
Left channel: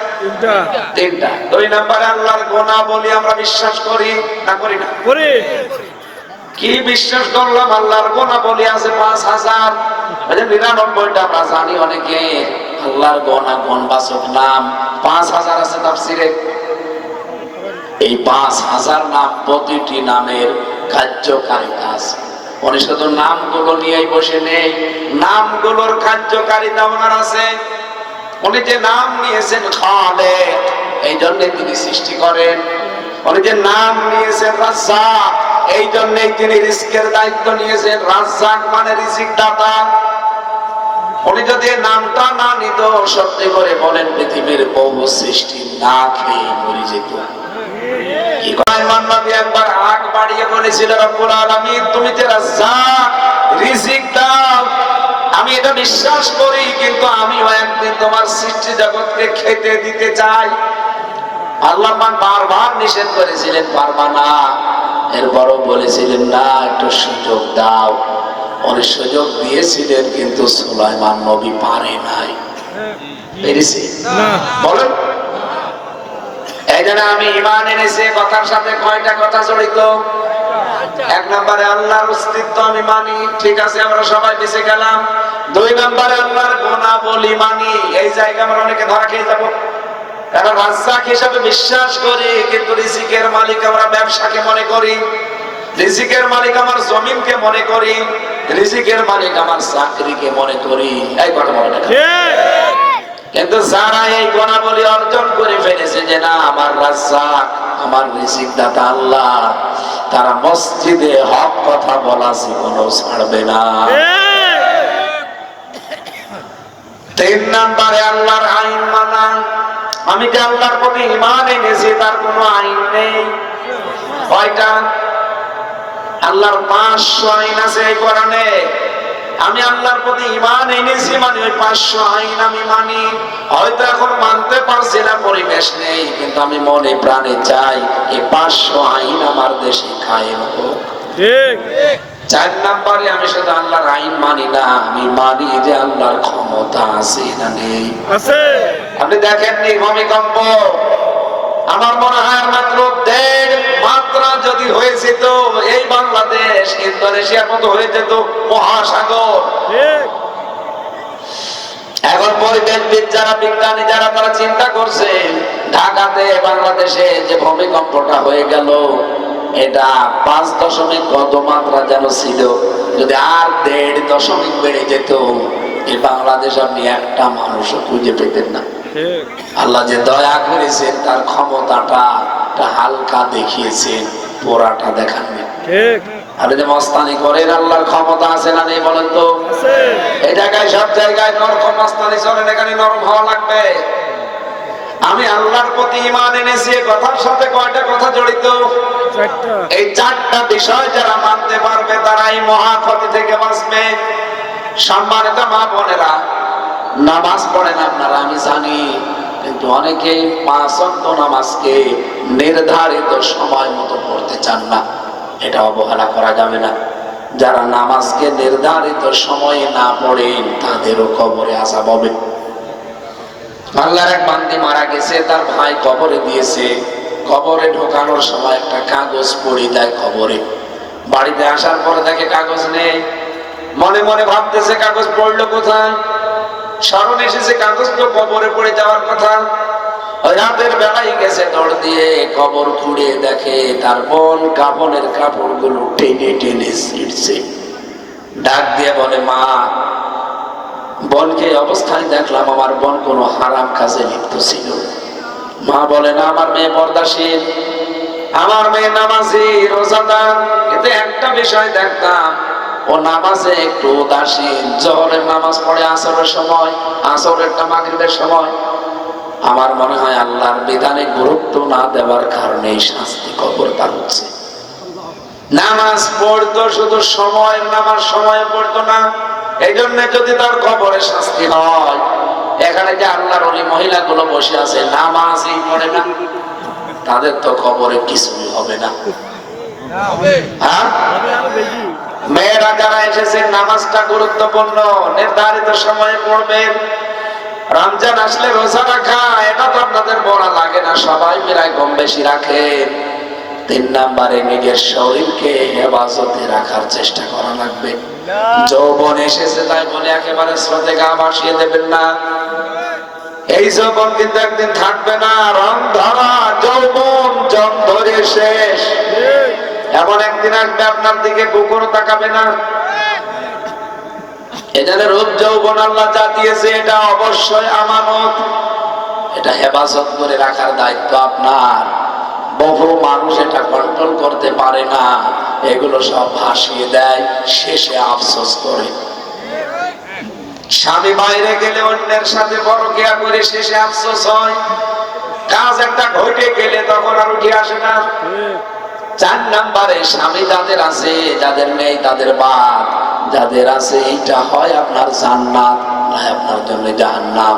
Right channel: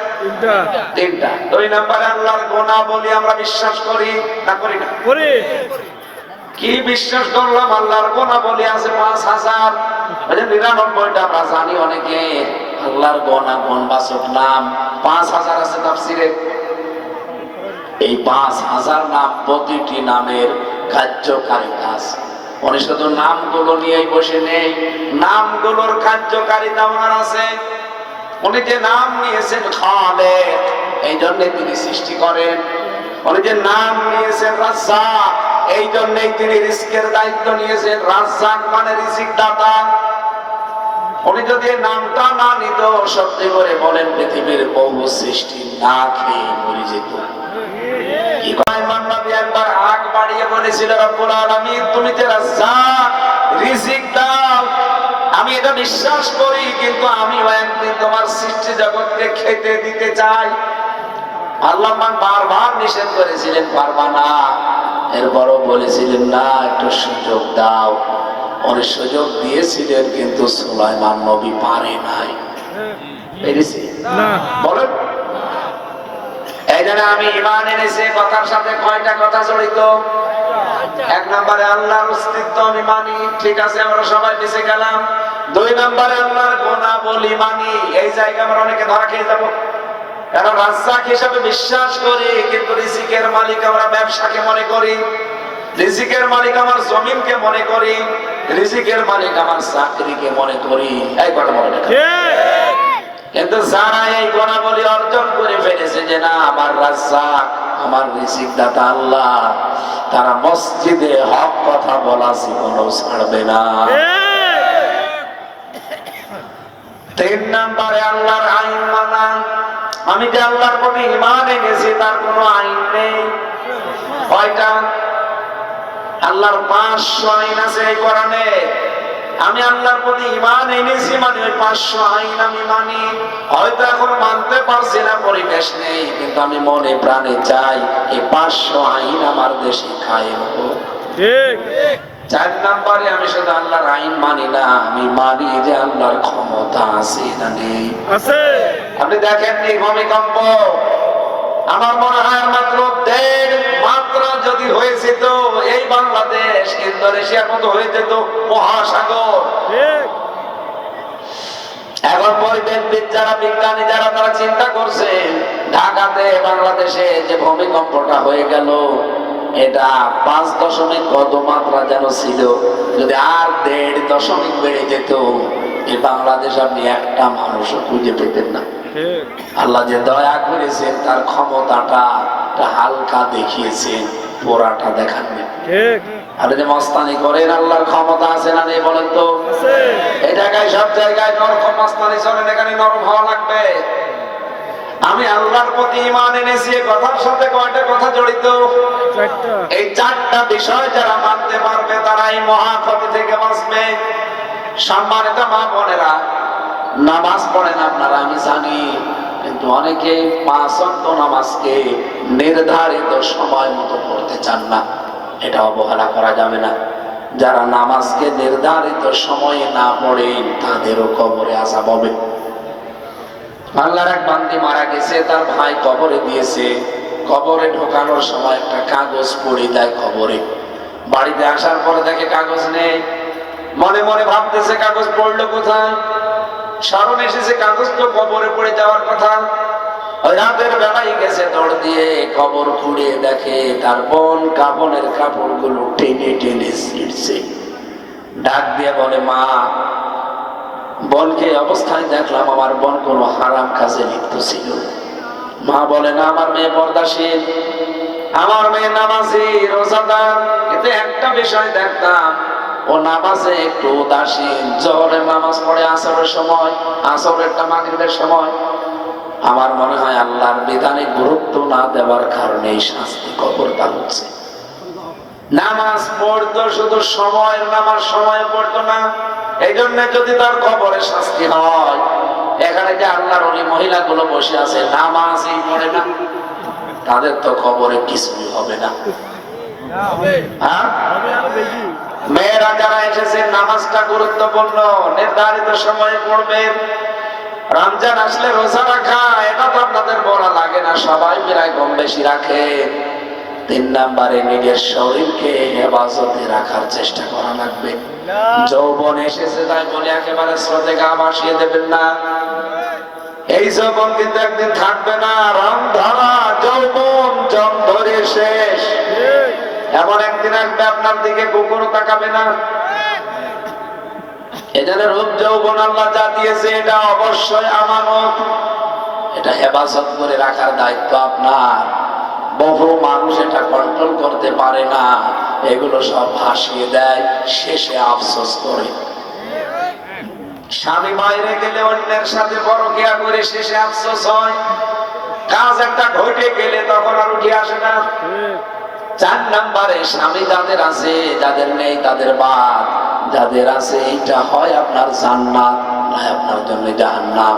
3টা। 2 নম্বরে আল্লাহর গুণাবলী আমরা বিশ্বাস করি না করি না? করি। কি বিশ্বাস করলাম? আল্লাহর গুণাবলী আছে 5000, 99টা আমরা জানি অনেকে। আল্লাহর গুণবাচক নাম 5000 আছে তাফসীরে। এই 5000 নাম, প্রতিটি নামের কার্যকারিতা আছে। উনি শুধু নামগুলো নিয়েই বসে নেই, নামগুলোর কার্যকারিতা ওনার আছে। উনি যে নাম নিয়েছেন খালেক, এই জন্য তিনি সৃষ্টি করেন। উনি যে নাম নিয়েছেন রাজ্জাক, এই জন্যই তিনি রিজিকের দায়িত্ব নিয়েছেন। রাজ্জাক মানে রিজিক দাতা। উনি যদি নামটা না নিত, সত্যি করে বলেন পৃথিবীর বহু সৃষ্টি না খেয়ে মরে যেত। ইমাম নবী একবার আগ বাড়িয়ে বলেছিল রব্বুল আলামিন তুমি যে রাজ্জাক, রিজিক দাও, আমি এটা বিশ্বাস করি, কিন্তু আমিও একদিন তোমার সৃষ্টি জগৎকে খেতে দিতে চাই। আল্লাহ পাক বারবার নিষেধ করেছিলেন পারবা না, এরপরও বলেছিলেন না একটু সুযোগ দাও। উনি সুযোগ দিয়েছিলেন, কিন্তু সুলাইমান নবী পারে নাই। পেরেছি না বলেন। এই জন্য আমি ঈমান এনেছি কথার সাথে কয়টা কথা জড়িত? এক নম্বরে আল্লাহর অস্তিত্ব আমি মানি, ঠিক আছে, আমরা সবাই বেঁচে গেলাম। দুই নম্বরে আল্লাহর গুণাবলী মানি, এই জায়গা আমরা অনেকে ধরা খেয়ে যাবো। এখন রাজ্জাক হিসাবে বিশ্বাস করি, কিন্তু রিজিকের মালিক আমরা ব্যবসাকে মনে করি, রিজিকের মালিক আমার জমিনকে মনে করি, রিজিকের মালিক আমার চাকরিকে মনে করি। এই কথা মনে রাখেন। ঠিক কিন্তু যারা এই গুণাবলী অর্জন করে ফেলেছে যে না আমার রাজ্জাক, আমার রিজিক দাতা আল্লাহ, তারা মসজিদে হক কথা বলা জীবনও ছাড়বে না। তিন নম্বরে আল্লাহর আইন মানা। আমি যে আল্লাহর প্রতি ঈমান এনেছি তার কোনো আইন নেই। কয়টা? আল্লাহর 500 আইন আছে এই কোরআনে। আমি আল্লাহর প্রতি ঈমান এনেছি মানে ওই 500 আইন আমি মানি। হয়তো এখন মানতে পারছি না, পরিবেশ নেই, কিন্তু আমি মনে প্রাণে চাই এই 500 আইন আমার দেশে কায়েম হোক। ঠিক 4 নম্বরে আমি শুধু আল্লাহর আইন মানি না, আমি মানি যে আল্লাহর ক্ষমতা আছে না নেই। আছে আপনি দেখেননি ভূমিকম্প? আমার মনে হয় আর মাত্র 1.5 মাত্রা যদি হয়েছে তো এই বাংলাদেশ ইন্দোনেশিয়ার মতো হয়ে যেত মহাসাগর। ঠিক এখন পরিবেশবিদ যারা, বিজ্ঞানী যারা, তারা চিন্তা করছে ঢাকাতে বাংলাদেশে যে ভূমিকম্পটা হয়ে গেল এটা 5 কত মাত্রা যেন ছিল, যদি আর 1.5 বেড়ে যেত এই বাংলাদেশ আপনি একটা মানুষও খুঁজে পেতেন না। ঠিক আল্লাহ যে দয়া করেছেন তার ক্ষমতাটা হালকা দেখিয়েছেন, পোড়াটা দেখাননি। ঠিক আপনি যে মস্তানি করেন আল্লাহর ক্ষমতা আছে না নেই বলেন তো? আছে এই জায়গায় সব জায়গায় নরম মস্তানি চলেন, এখানে নরম হওয়া লাগবে। আমি আল্লাহর প্রতি ঈমান এনেছি কথার সাথে কয়টা কথা জড়িত? চারটা এই 4টা বিষয় যারা মানতে পারবে তারা এই মহা ক্ষতি থেকে বাঁচবে। সম্মানিত মা বোনেরা, নামাজ পড়েন আপনারা আমি জানি, কিন্তু অনেকে 5 ওয়াক্ত নামাজকে নির্ধারিত সময় মতো পড়তে চান না। এটা অবহেলা করা যাবে না। যারা নামাজকে নির্ধারিত সময়ে না পড়েন তাদেরও কবরে আযাব হবে। আল্লাহর এক বান্দী মারা গেছে, তার ভাই কবরে দিয়েছে। কবরে ঢোকানোর সময় একটা কাগজ পড়ে দেয় কবরে। বাড়িতে আসার পরে দেখে কাগজ নেই। মনে মনে ভাবতেছে কাগজ পড়লো কোথায়? স্মরণ এসেছে কাগজ তো কবরে পড়ে যাওয়ার কথা। ওই রাতের বেলায় গেছে দৌড় দিয়ে, কবর খুঁড়িয়ে দেখে তার বোন কাপড়ের কাপড়গুলো টেনে টেনে ছিঁড়ছে। ডাক দিয়ে বলে, মা, বোনকে অবস্থায় দেখলাম, আমার বোন কোন হারাম কাজে লিপ্ত ছিল। মা বলে না, আমার মেয়ে পর্দাশীল, আমার মেয়ে নামাজি, রোজাদার, কিন্তু একটা বিষয় দেখতাম, ও নামাজে একটু উদাসীন। জোহরের নামাজ পড়ে আসরের সময়, আসরেরটা মাগরিবের সময়। আমার মনে হয় আল্লাহর বিধানে গুরুত্ব না দেওয়ার কারণে এই শাস্তি কবরটা হচ্ছে। নামাজ পড়তো শুধু সময়ের নামাজ সময়ে পড়তো না, এই জন্য যদি তার কবরে শাস্তি হয়। এখানে যে আল্লাহর ওলি মহিলাগুলো বসে আছে নামাজই পড়ে না, তাদের তো কবরে কিছুই হবে না। হ্যাঁ, হবে আরো বেশি মেয়েরা যারা এসেছেন নামাজটা গুরুত্বপূর্ণ, নির্ধারিত সময়ে পড়বেন। রমজান আসলে রোজা রাখা এটা তো আপনাদের বলা লাগে না, সবাই প্রায় কম বেশি রাখে। 3 নম্বরে নিজের শরীরকে হেফাজতে রাখার চেষ্টা করা লাগবে। যৌবন এসেছে তাই বলে একেবারে স্রোতে গা ভাসিয়ে দেবেন না। এই যৌবন কিন্তু একদিন থাকবে না। রং ধরা যৌবন জং ধরে শেষ। এমন একদিন আসবে আপনার দিকে কুকুর তাকাবে না। এজন্য রূপ যৌবন আল্লাহ যা দিয়েছে এটা অবশ্যই আমানত, এটা হেফাজত করে রাখার দায়িত্ব আপনার। বহু মানুষ এটা কন্ট্রোল করতে পারে না, এগুলো সব ভাসিয়ে দেয়, শেষে আফসোস করে। স্বামী বাইরে গেলে অন্যের সাথে পরকিয়া করে শেষে আফসোস হয়। কাজ একটা ঘটে গেলে তখন আর উঠে আসে না। 4 নম্বরে স্বামী যাদের আছে, যাদের নেই তাদের বাদ, যাদের আছে এইটা হয় আপনার জান্নাত, নয় আপনার জন্য জাহান্নাম।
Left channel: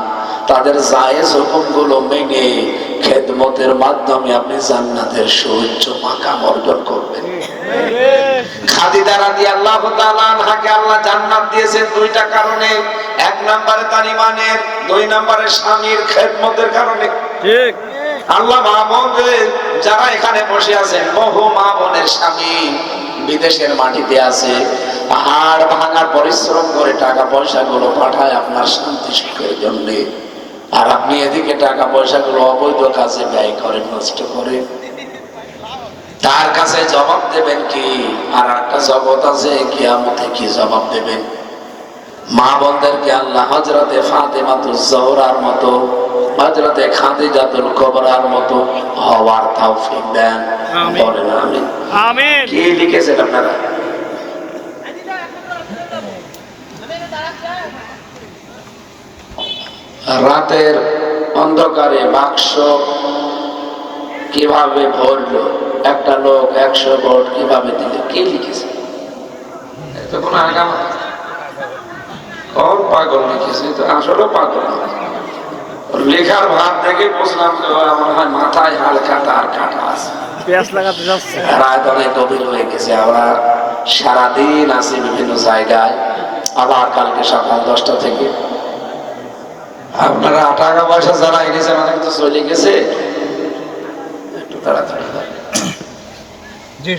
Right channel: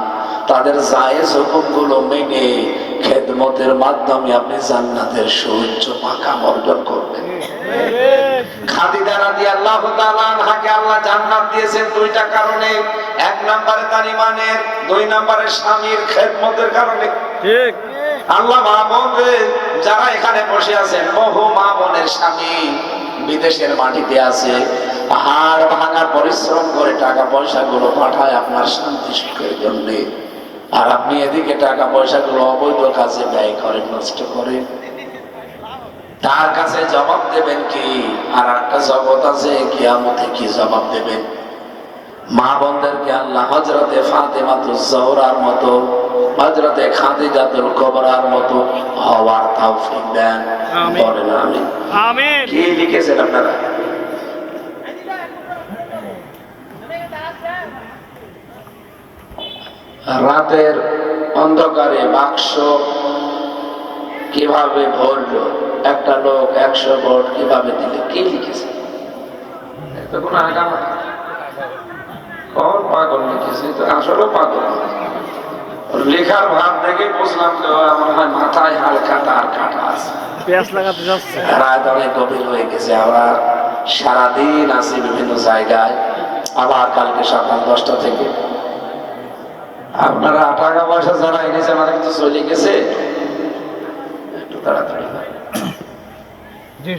তাদের জায়েজ হুকুমগুলো মেনে খেদমতের মাধ্যমে আপনি জান্নাতের সুউচ্চ মাকাম অর্জন করবেন। খাদিজা রাদিয়াল্লাহু তাআলা আনহাকে আল্লাহ জান্নাত দিয়েছেন দুইটা কারণে। এক নম্বরে তার ঈমানের, দুই নম্বরে স্বামীর খেদমতের কারণে। ঠিক। আল্লাহ মা বোনদের যারা এখানে বসে আছেন, বহু মা বোনের স্বামী বিদেশের মাটিতে আছে, হাড় ভাঙা পরিশ্রম করে টাকা পয়সা গুলো পাঠায় আপনার শান্তি সুখের জন্য, আর আপনি এদিকে টাকা পয়সা গুলো অবৈধ কাজে ব্যয় করেন, নষ্ট করেন। তার কাছে জবাব দেবেন কি? আর একটা জগৎ আছে, কিয়ামতে কি জবাব দেবেন? মা বোনদেরকে আল্লাহ হযরতে ফাতেমাতুজ জোহরার মতো, হযরতে খাদিজাতুল কুবরার মতো হওয়ার তৌফিক দেন। আমিন। বলেন আমিন। আমিন। কি লিখেছেন আপনারা? রাতের অন্ধকারে বাক্স কিভাবে ভরলো, একটা লোক 100 ভোট কিভাবে দিল, কি লিখেছে? এটা কোন আগাম কোন পাগল লিখেছে? তো আসলে পাগল না। লেখার ভাব দেখে বুঝলাম যে আমার হয় মাথায় হালকা তার কাটা আছে। পেঁয়াজ লাগাতে যাচ্ছে। রাত অনেক গভীর হয়ে গেছে, আমরা সারাদিন আছি বিভিন্ন জায়গায়, আবার কালকে সকাল 10টা থেকে। আপনারা টাকা পয়সা যারা এনেছে অনেক তো চলে গেছে, একটু তাড়াতাড়ি জি।